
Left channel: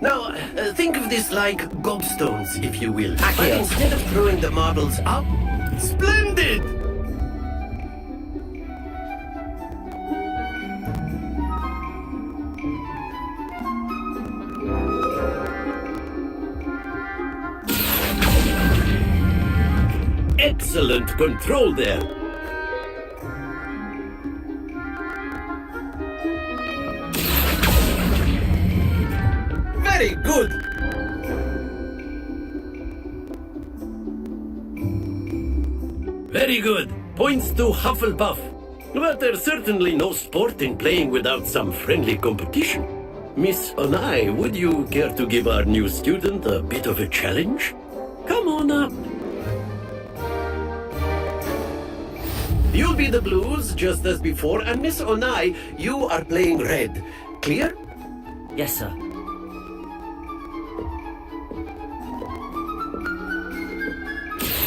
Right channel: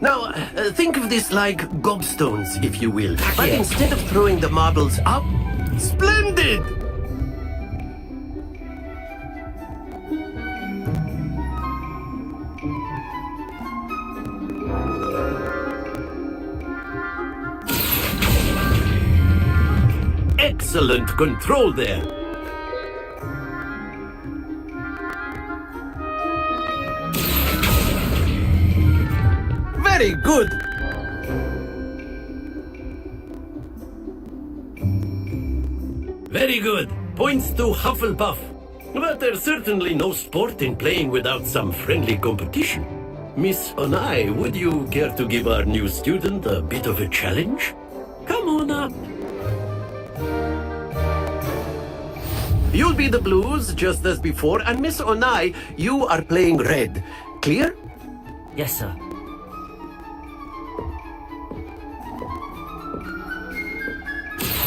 Now, think of this like gobstones, if you will. But instead of throwing the marbles up, splendid! Excellent control there. Very good. Very good. Points to Hufflepuff. But there's certainly no sport in playing without some friendly competition. Miss Onai, would you care to give our new student a bit of a challenge? Come on up. You'll be the blues, just as before, and Miss Onai, you are playing red. Clear? Yes, sir.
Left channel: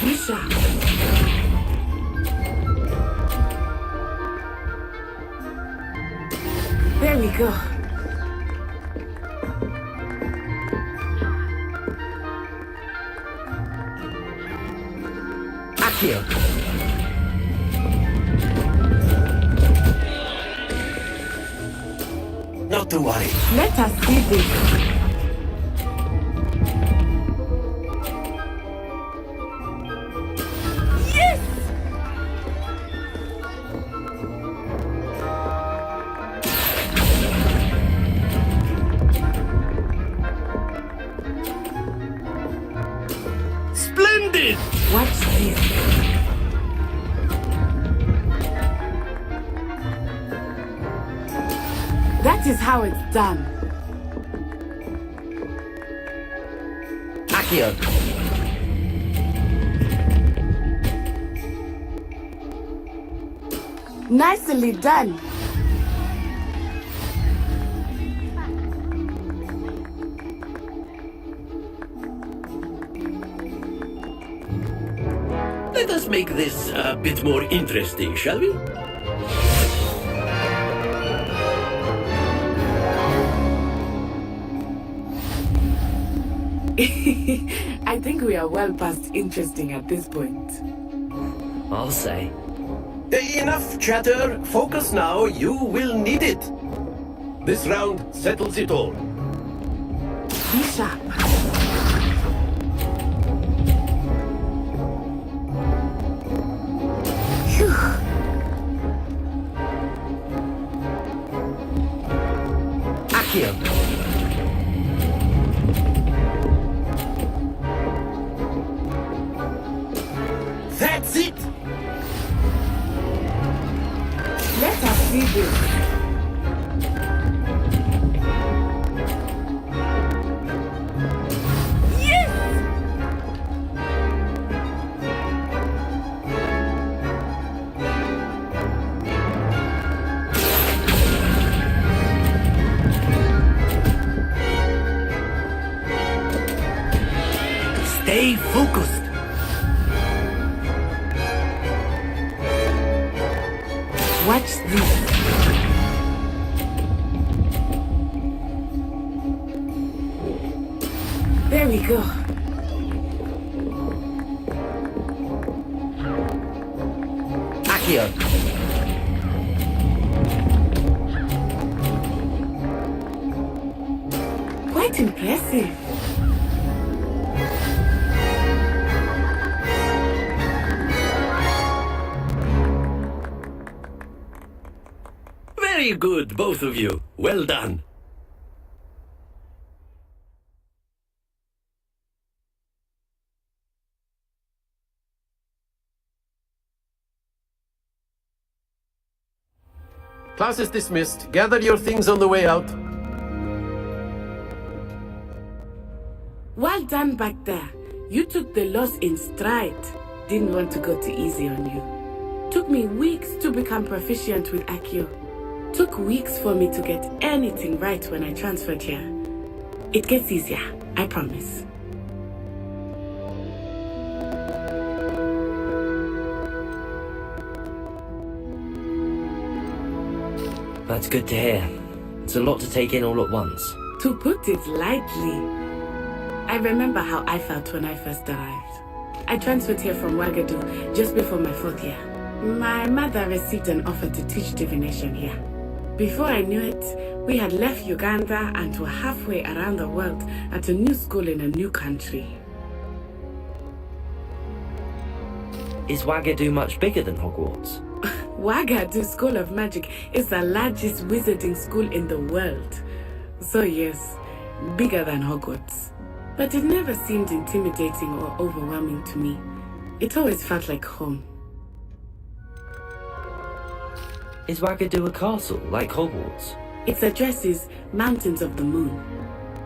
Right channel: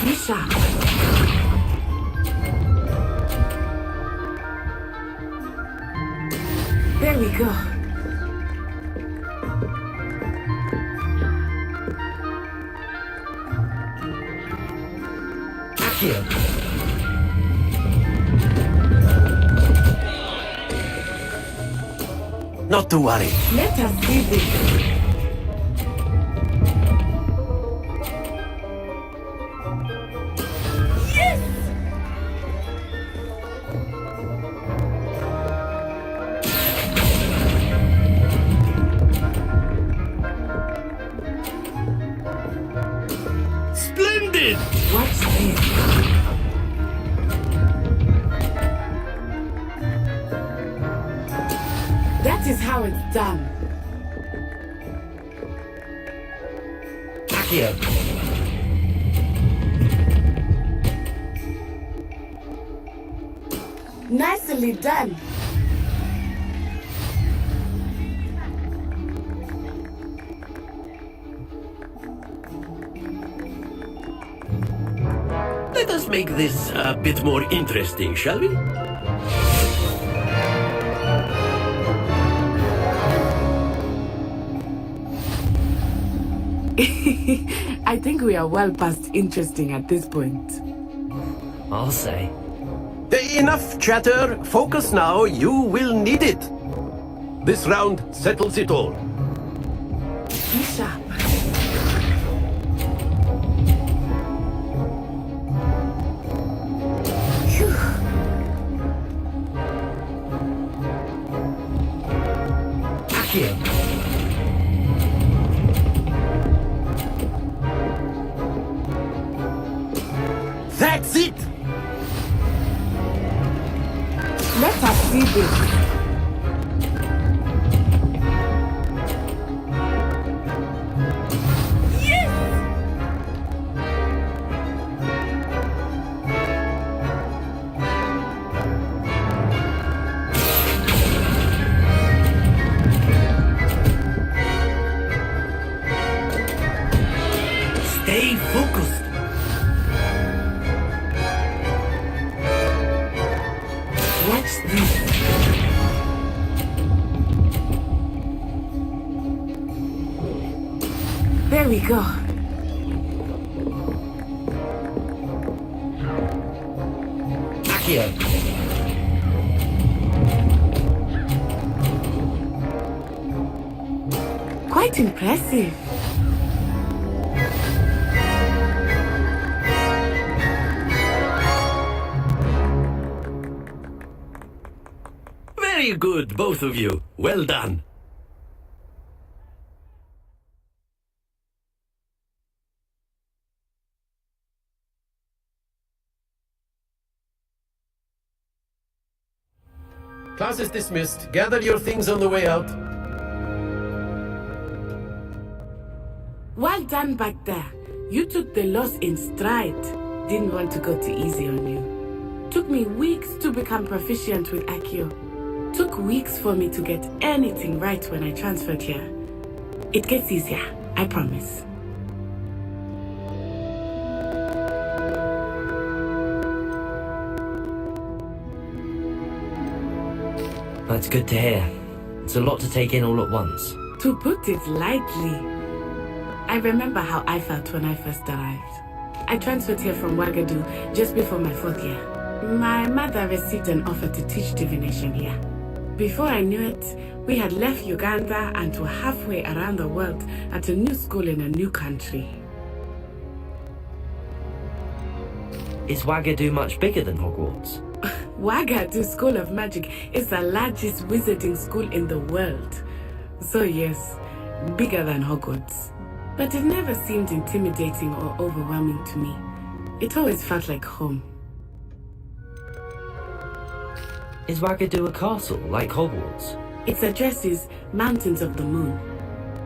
Misha. There we go. Accio. Not to worry. Let us see this. Nicely done. Let us make this a bit more interesting, shall we? I think we are well past interesting at this point. I'll say. Enough chatter. Focus now. You will need it. This round settles it all. That's it! Let us see this. Stay focused. Watch this. There we go. Accio. Quite impressive. Very good, both of you. Well done. Class is dismissed. Gather your things on the way out. Well done back there. You took the loss in stride. Didn't want to go too easy on you. Took me weeks to become proficient with Accio. Took weeks for me to get anything right when I transferred here. It gets easier, I promise. That's good to hear. It's a lot to take in all at once. To put it lightly, I remember how I felt when I first arrived. I transferred here from Ouagadougou just before my 4th year. My mother received an offer to teach divination here. Before I knew it, we had left Uganda and were halfway around the world at a new school in a new country. Is Ouagadougou much bigger than Hogwarts? Ouagadougou School of Magic is the largest wizarding school in the world. So yes, bigger than Hogwarts. But it never seemed intimidating or overwhelming to me. It always felt like home. Is Ouagadougou a castle, like Hogwarts? Its address is Mountains of the Moon.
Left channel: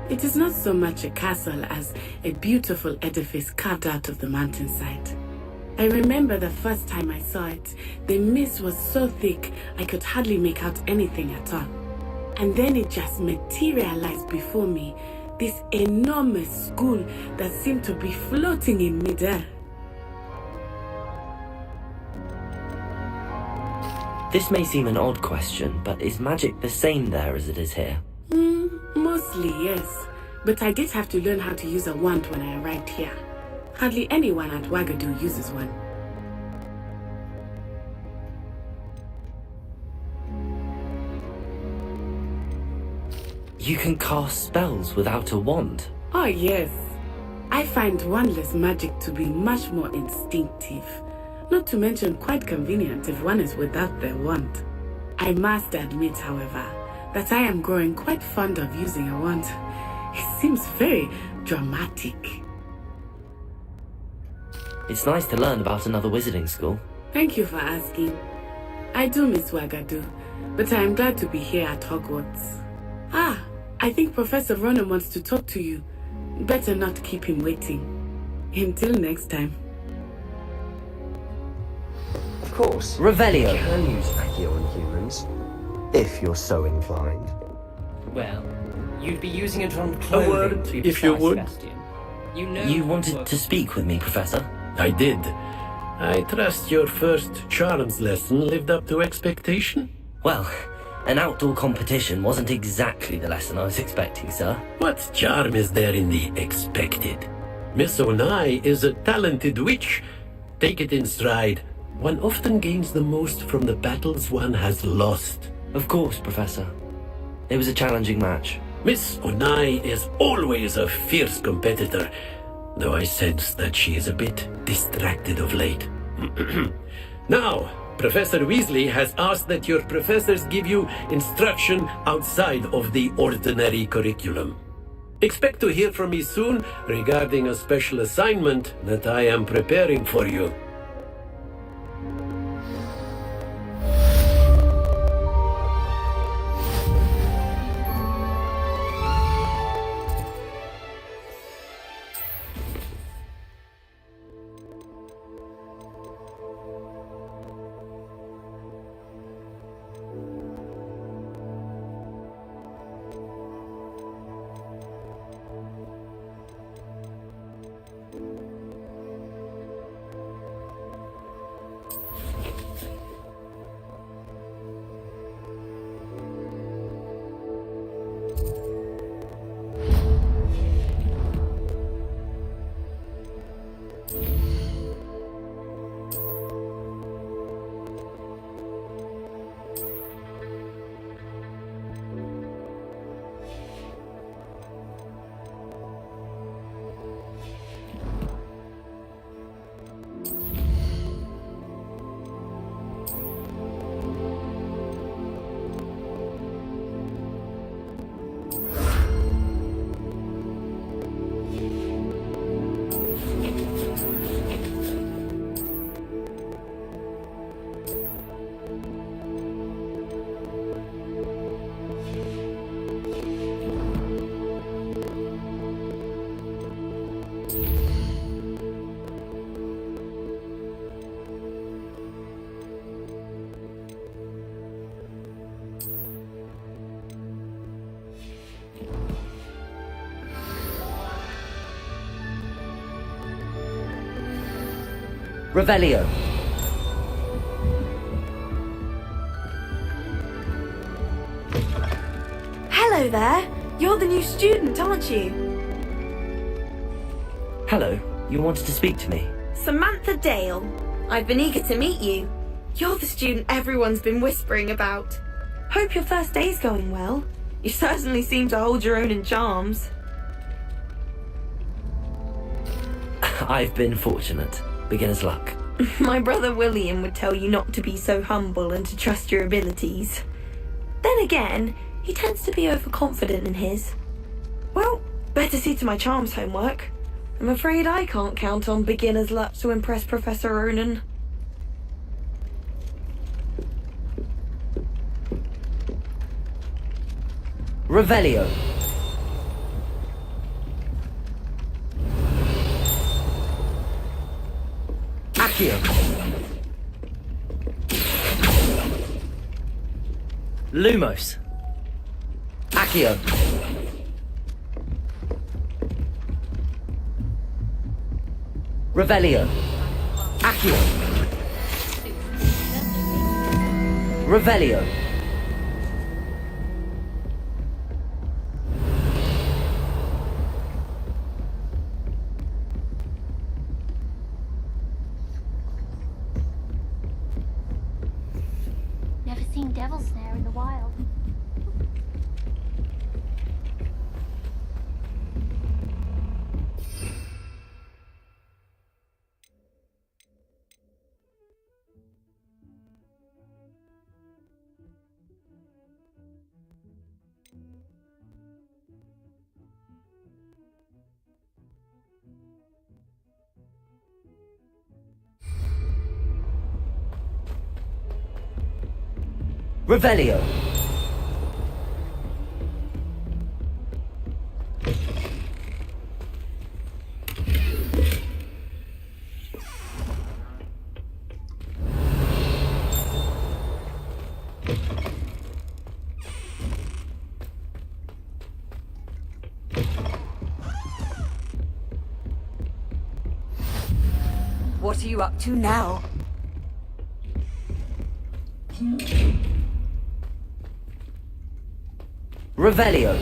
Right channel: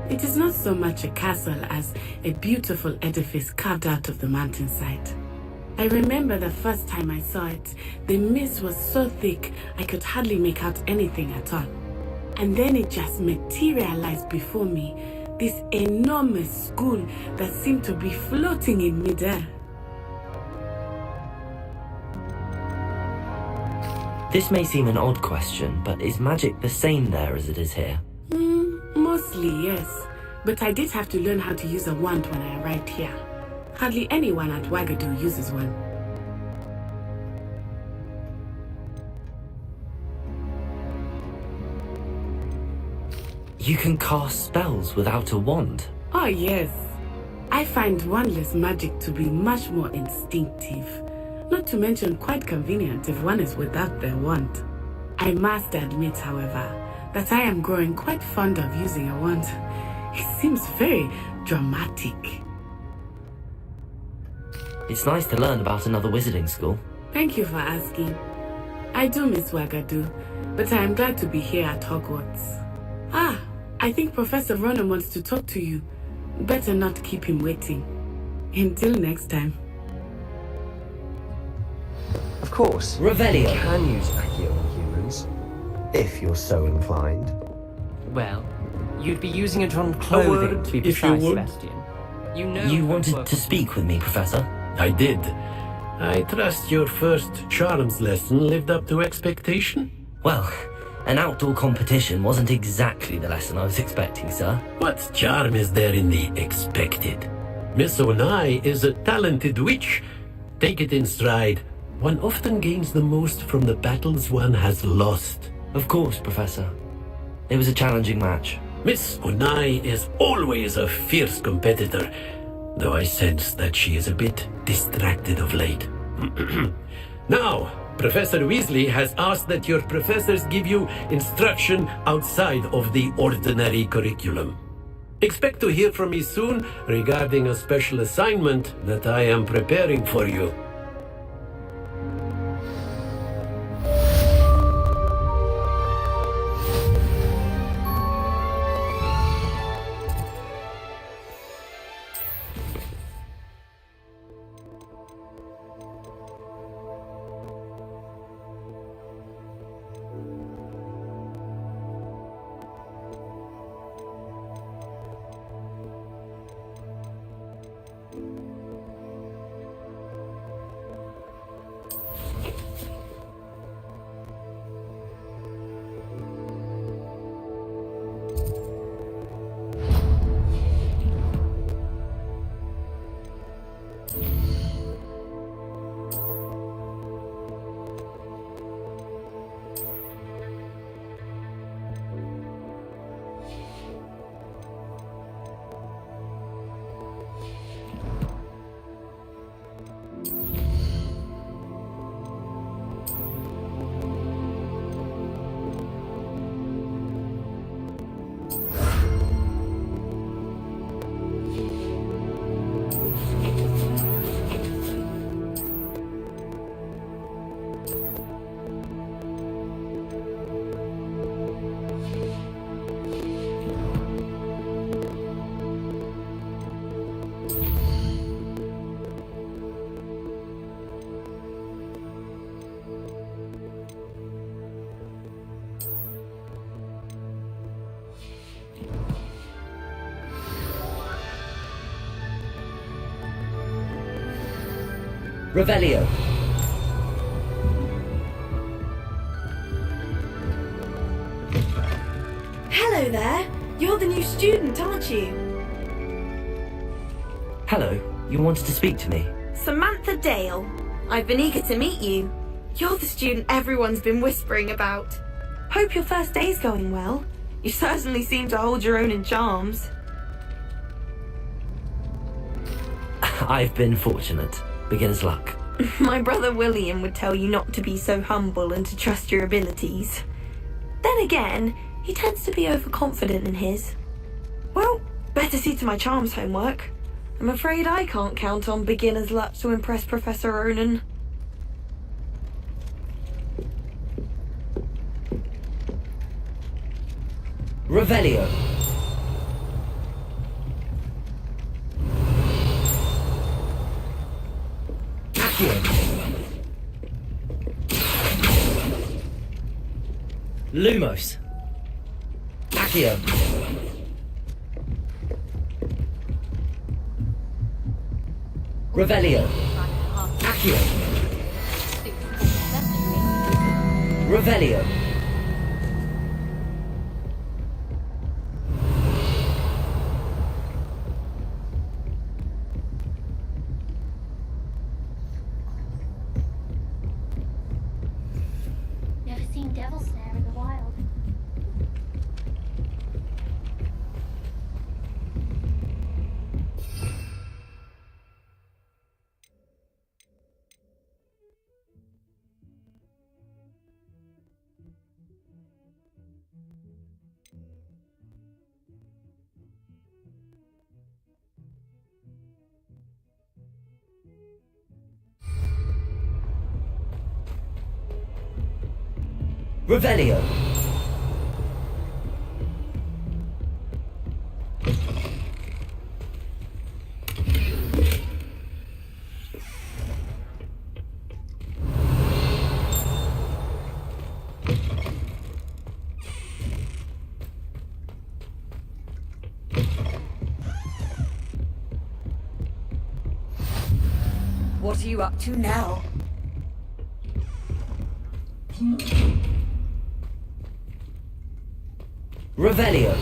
It is not so much a castle as a beautiful edifice carved out of the mountainside. I remember the first time I saw it, the mist was so thick I could hardly make out anything at all. And then it just materialized before me, this enormous school that seemed to be floating in midair. This may seem an odd question, but is magic the same there as it is here? Mostly, yes. But I did have to learn how to use a wand when I arrived here. Hardly anyone at Ouagadougou uses one. You can cast spells without a wand? Oh yes. I find wandless magic to be much more instinctive. Not to mention quite convenient if one is without their wand. I must admit, however, that I am growing quite fond of using a wand. It seems very dramatic. It's nice to learn about another wizarding school. Thank you for asking. I do miss Ouagadougou, but I am glad to be here at Hogwarts. I think Professor Ronan wants to talk to you. Better not keep him waiting. Until next time. course. Revelio. You can use Accio on humans, if you're so inclined. Well, you'd be using it on clothing, to be precise, Sebastian. You know You wanted to speak with me, Professor? I did. I trust your first charms lesson lived up to expectation? Well, an outdoor competition wasn't exactly the lesson I was expecting, sir. What charm is there in the expected? Miss Onai is a talented witch. Take it in stride. One often gains the most from the battles one has lost. Of course, Professor. It was a challenging match. Miss Onai is always a fierce competitor, though I sense that she is a bit distracted of late. Now, Professor Weasley has asked that your professors give you instruction outside of the ordinary curriculum. Expect to hear from me soon regarding a special assignment that I am preparing for you. Revelio. Hello there. You're the new student, aren't you? Hello. You wanted to speak to me? Samantha Dale. I've been eager to meet you. You're the student everyone's been whispering about. Hope your first day's going well. You certainly seem to hold your own in charms. I've been fortunate. Beginner's luck. My brother William would tell you not to be so humble and to trust your abilities. Then again, he tends to be overconfident in his. Well, better see to my charms homework. I'm afraid I can't count on beginner's luck to impress Professor Ronan. Revelio. Accio. Lumos. Accio. Revelio. Accio. Revelio. Never seen devils there in the wild. Revelio. up to now? Revelio.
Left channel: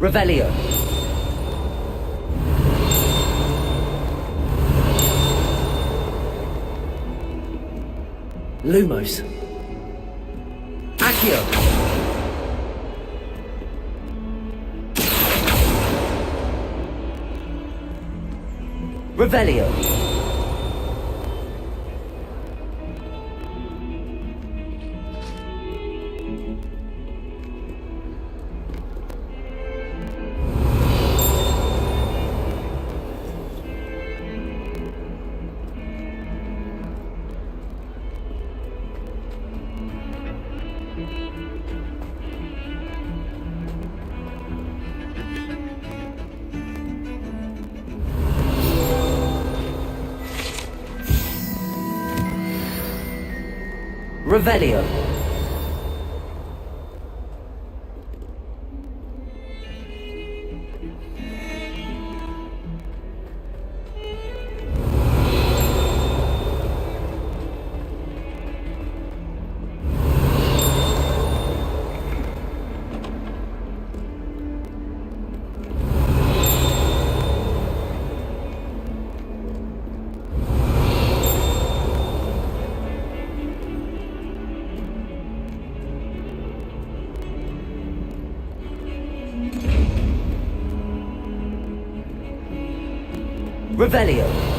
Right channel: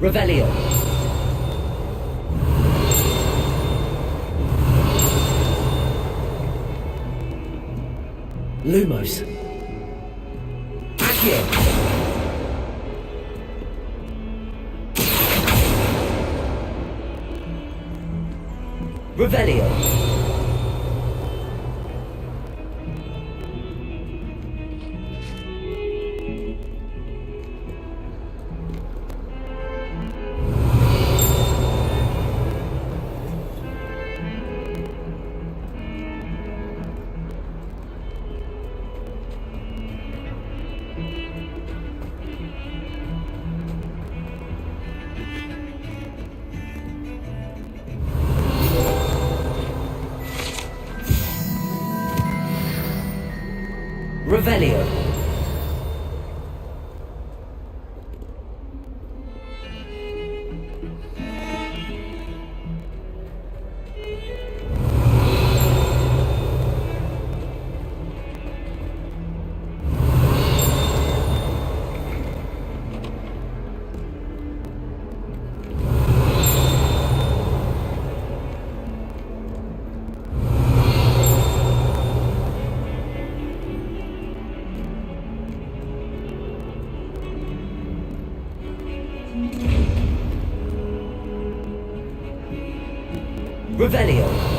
Revelio. Lumos. Accio. Revelio. Revelio. Revelio.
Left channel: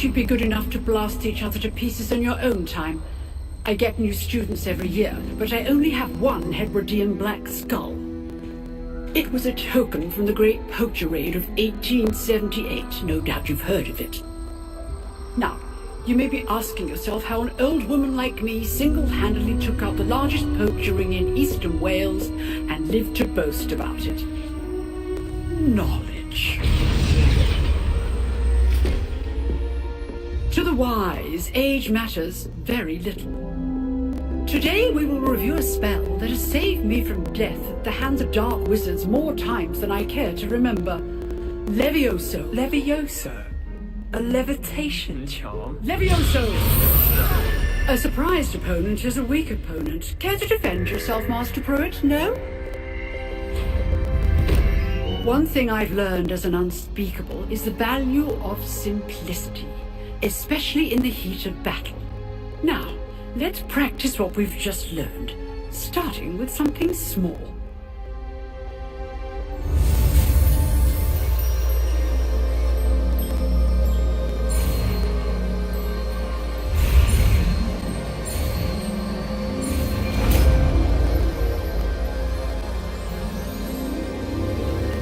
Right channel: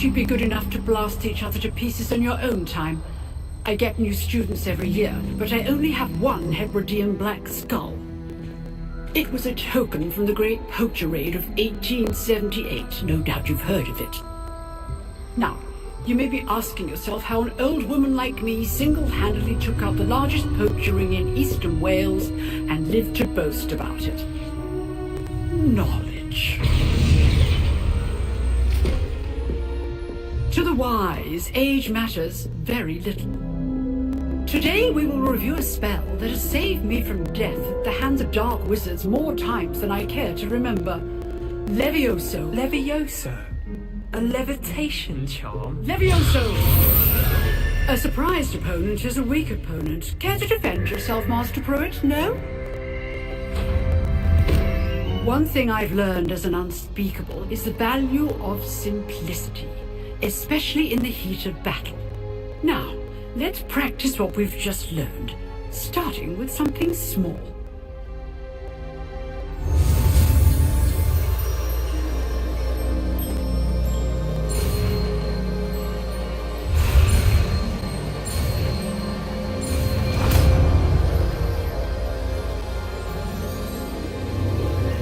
You'd be good enough to blast each other to pieces in your own time. I get new students every year, but I only have one Hebridean black skull. It was a token from the Great Poacher Raid of 1878. No doubt you've heard of it. Now, you may be asking yourself how an old woman like me single-handedly took out the largest poacher ring in eastern Wales and lived to boast about it. Knowledge. To the wise, age matters very little. Today we will review a spell that has saved me from death at the hands of dark wizards more times than I care to remember. Levioso. Levioso? A levitation charm? Levioso! A surprised opponent is a weak opponent. Care to defend yourself, Master Pruitt? No? One thing I've learned as an unspeakable is the value of simplicity, especially in the heat of battle. Now, let's practice what we've just learned, starting with something small.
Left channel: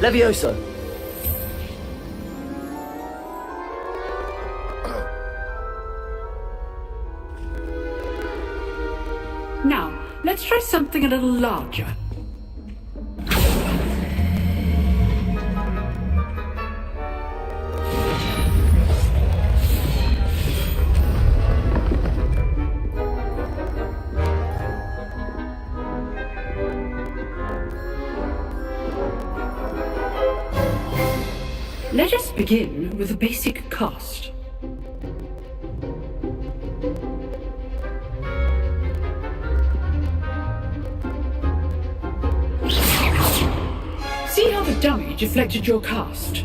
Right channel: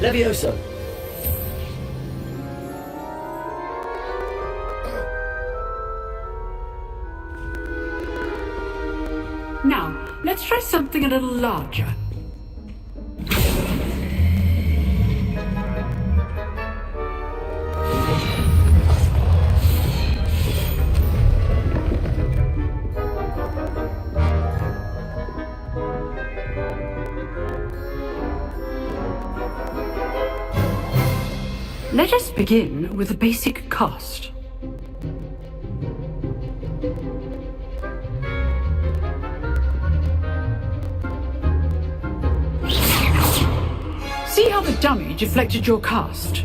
Levioso. Now, let's try something a little larger. Let us begin with a basic cast. See how the dummy deflected your cast?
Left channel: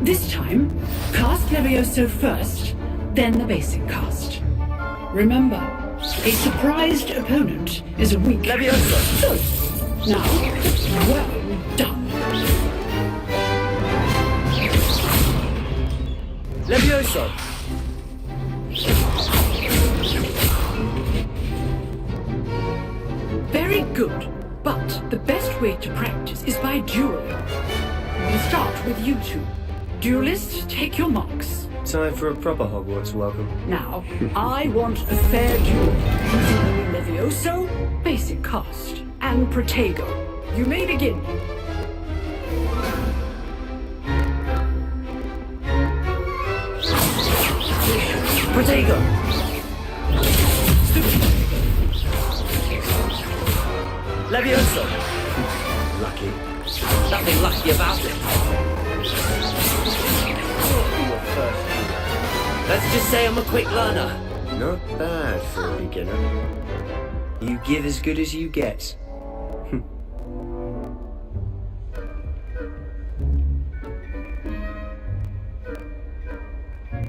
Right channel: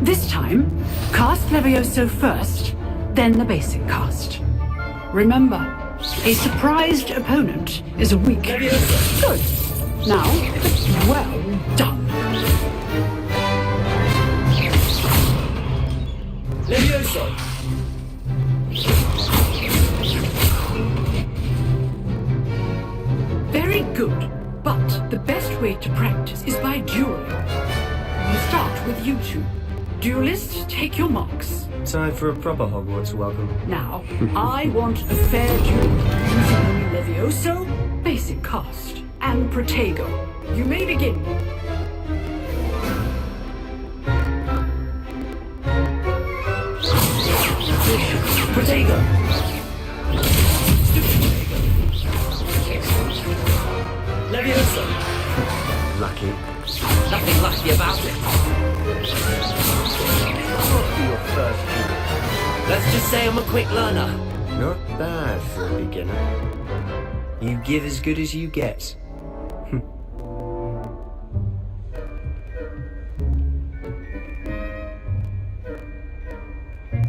This time, cast Levioso first, then the basic cast. Remember, a surprised opponent is a weak choice. Now, well done. Levioso! Very good, but the best way to practice is by dueling. We'll start with you two. Duelists, take your marks. Time for a proper Hogwarts welcome. Now, I want a fair duel using Levioso, basic cast, and Protego. You may begin. Protego! Levioso! Lucky. Nothing lucky about it. What for your first duel? Let's just say I'm a quick learner. Not bad for a beginner. You give as good as you get.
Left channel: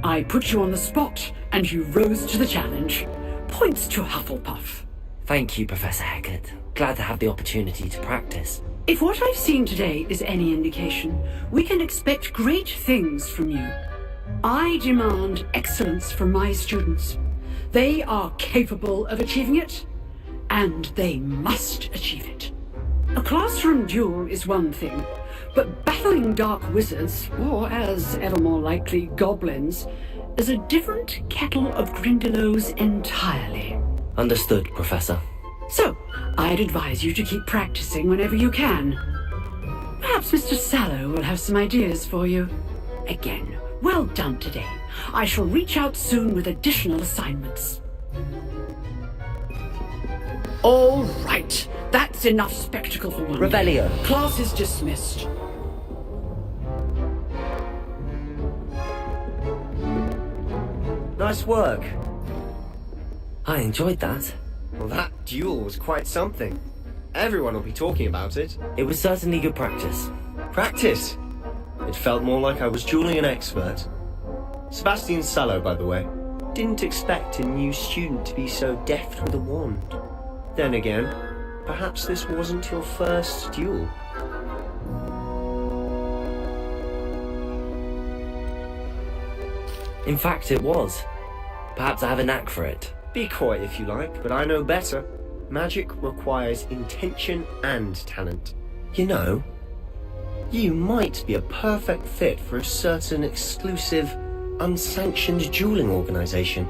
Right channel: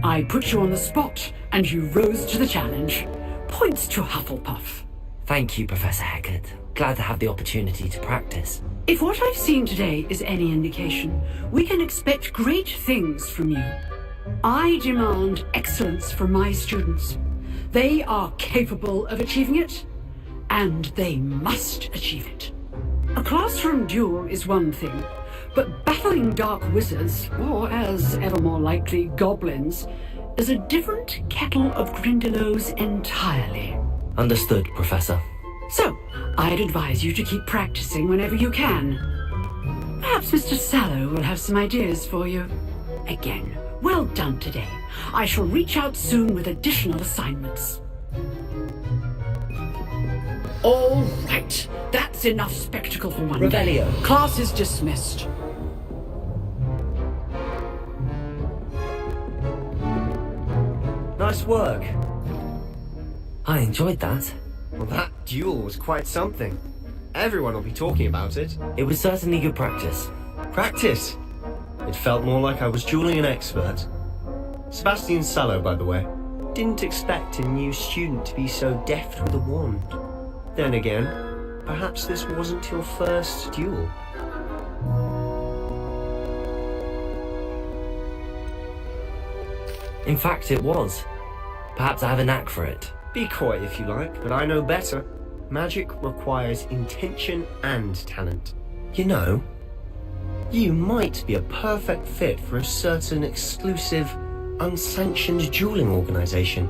I put you on the spot, and you rose to the challenge. Points to Hufflepuff. Thank you, Professor Hecat. Glad to have the opportunity to practice. If what I've seen today is any indication, we can expect great things from you. I demand excellence from my students. They are capable of achieving it, and they must achieve it. A classroom duel is one thing, but battling dark wizards, or as ever more likely, goblins, is a different kettle of Grindylows entirely. Understood, Professor. So, I'd advise you to keep practicing whenever you can. Perhaps Mr. Sallow will have some ideas for you. Again, well done today. I shall reach out soon with additional assignments. All right, that's enough spectacle for one day. Revelio. Class is dismissed. Nice work. I enjoyed that. Well, that duel was quite something. Everyone will be talking about it. It was certainly good practice. Practice? It felt more like I was dueling an expert. Sebastian Sallow, by the way. Didn't expect a new student to be so deft with a wand. Then again, perhaps this wasn't your first duel. In fact, it was. Perhaps I have a knack for it. Be coy if you like, but I know better. Magic requires intention and talent. You know, you might be a perfect fit for a certain exclusive, unsanctioned dueling organization.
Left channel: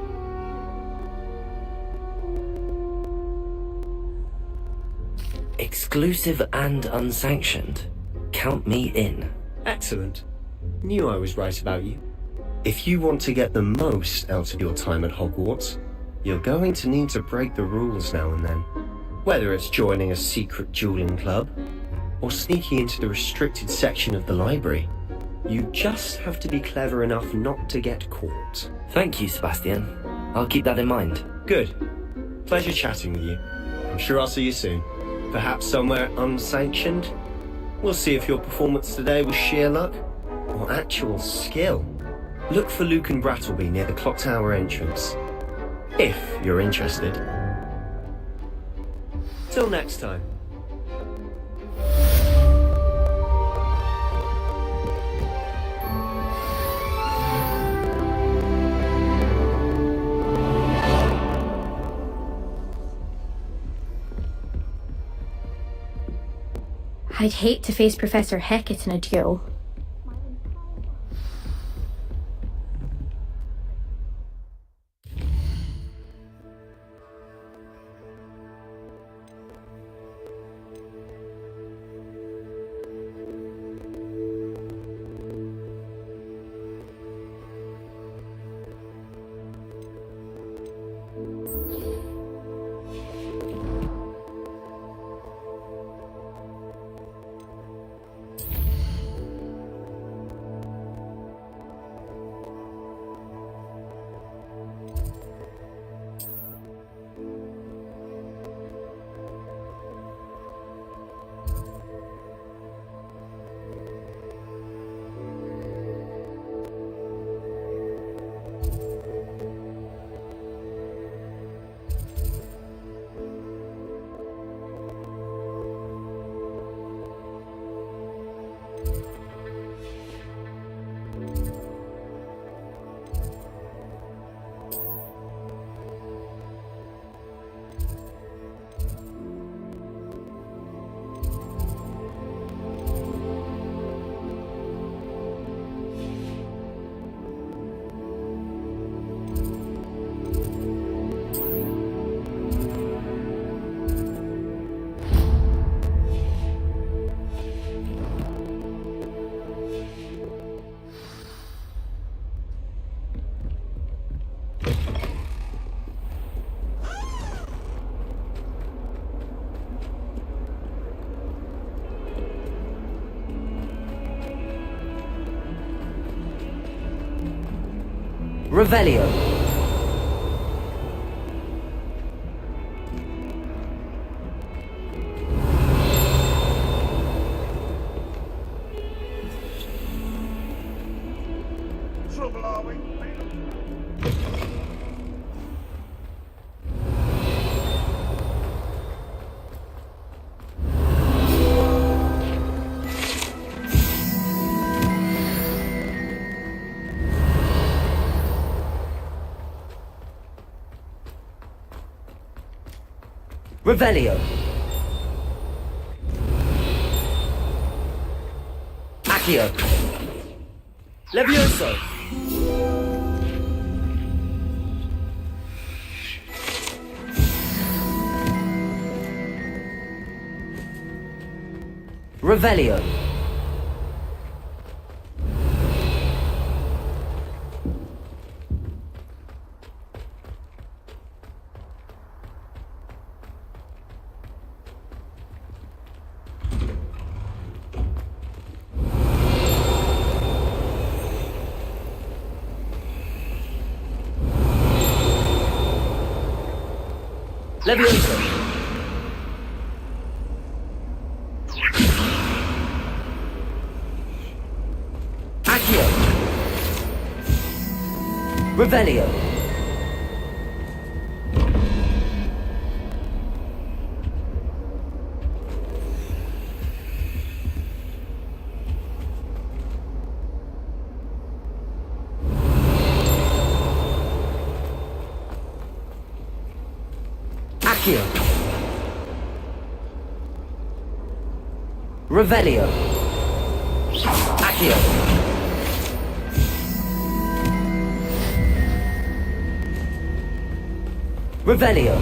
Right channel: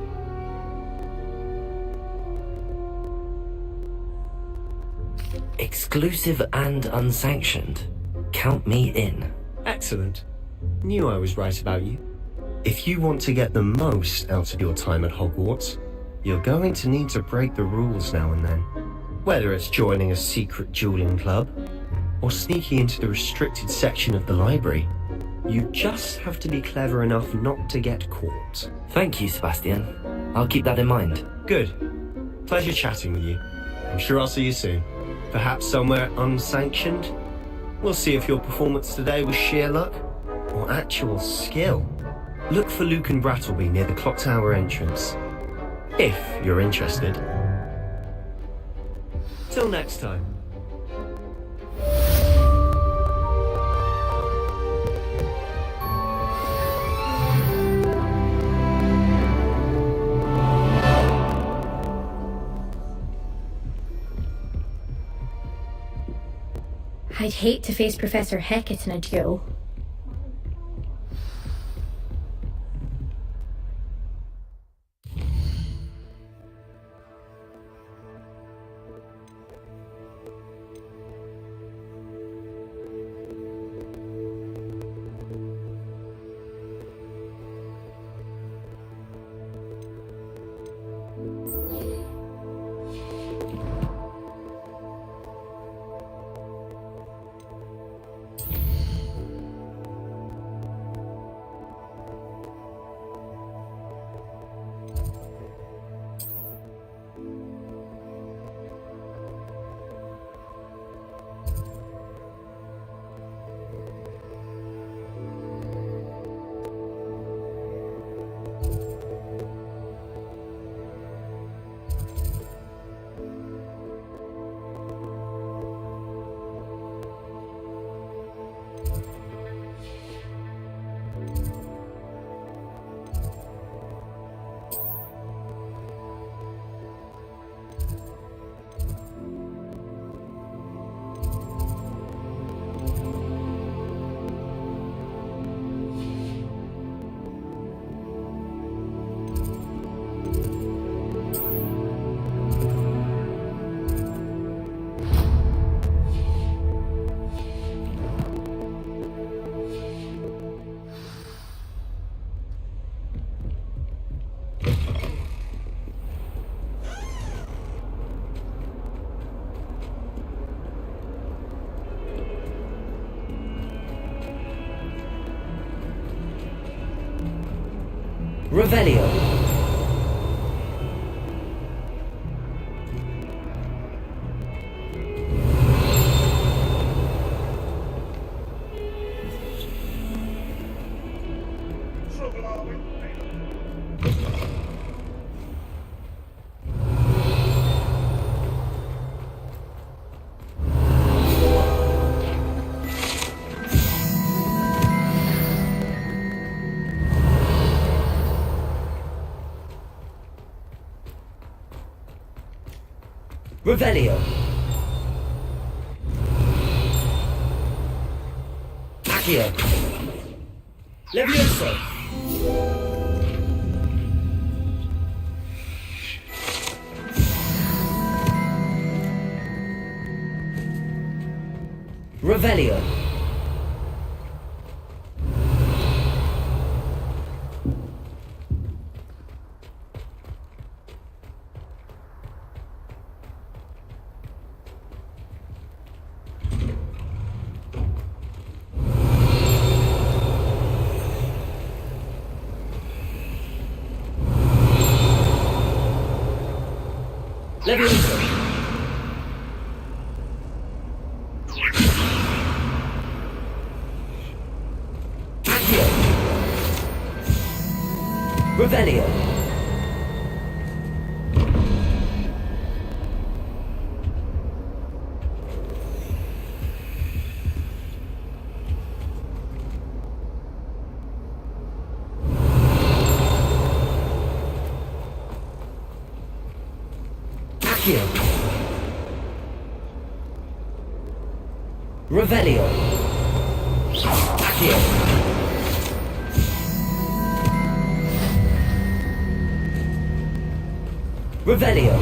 Exclusive and unsanctioned. Count me in. Excellent. Knew I was right about you. If you want to get the most out of your time at Hogwarts, you're going to need to break the rules now and then. Whether it's joining a secret dueling club, or sneaking into the restricted section of the library, you just have to be clever enough not to get caught. Thank you, Sebastian. I'll keep that in mind. Good. Pleasure chatting with you. I'm sure I'll see you soon. Perhaps somewhere unsanctioned? We'll see if your performance today was sheer luck, or actual skill. Look for Luke and Brattleby near the clock tower entrance. If you're interested. Till next time. I'd hate to face Professor Hecat in a duel. Revelio. Revelio. Accio. Levioso. Revelio. Levioso. Accio. Revelio. Accio. Revelio. Accio. Revelio.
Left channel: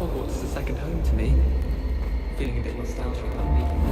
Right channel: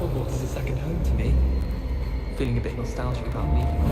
Hogwarts is a second home to me. Feeling a bit nostalgic about leaving.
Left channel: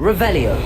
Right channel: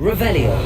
Revelio.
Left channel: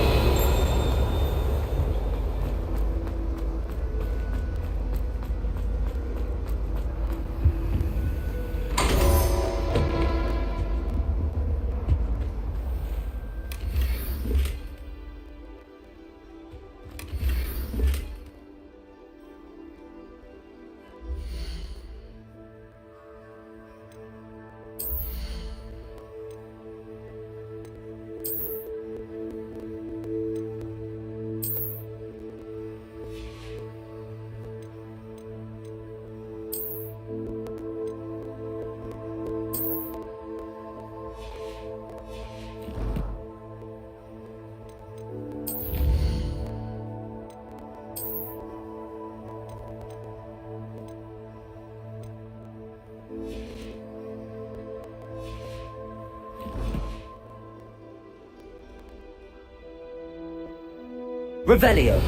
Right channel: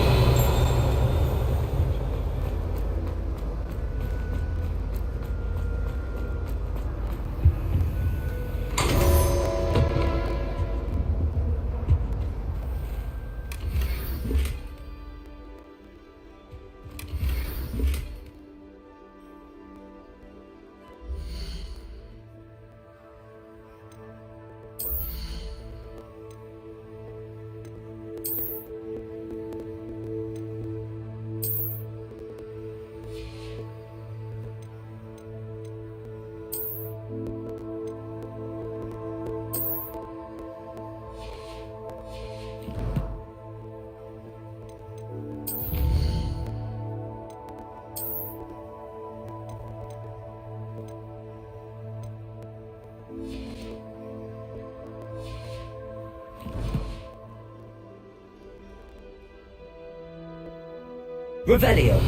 Revelio.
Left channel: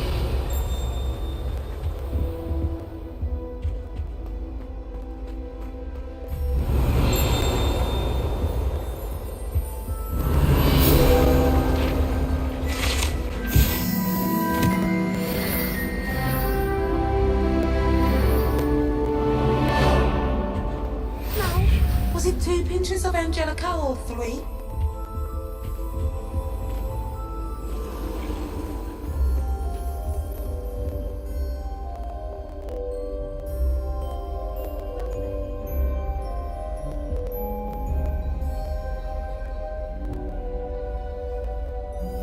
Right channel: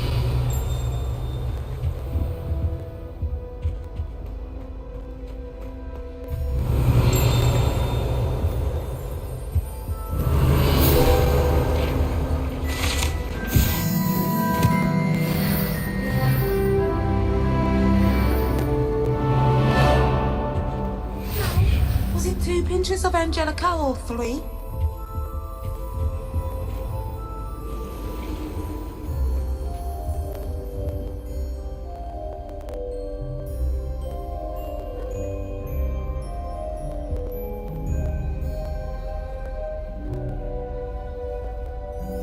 pinches of Angelica or 3?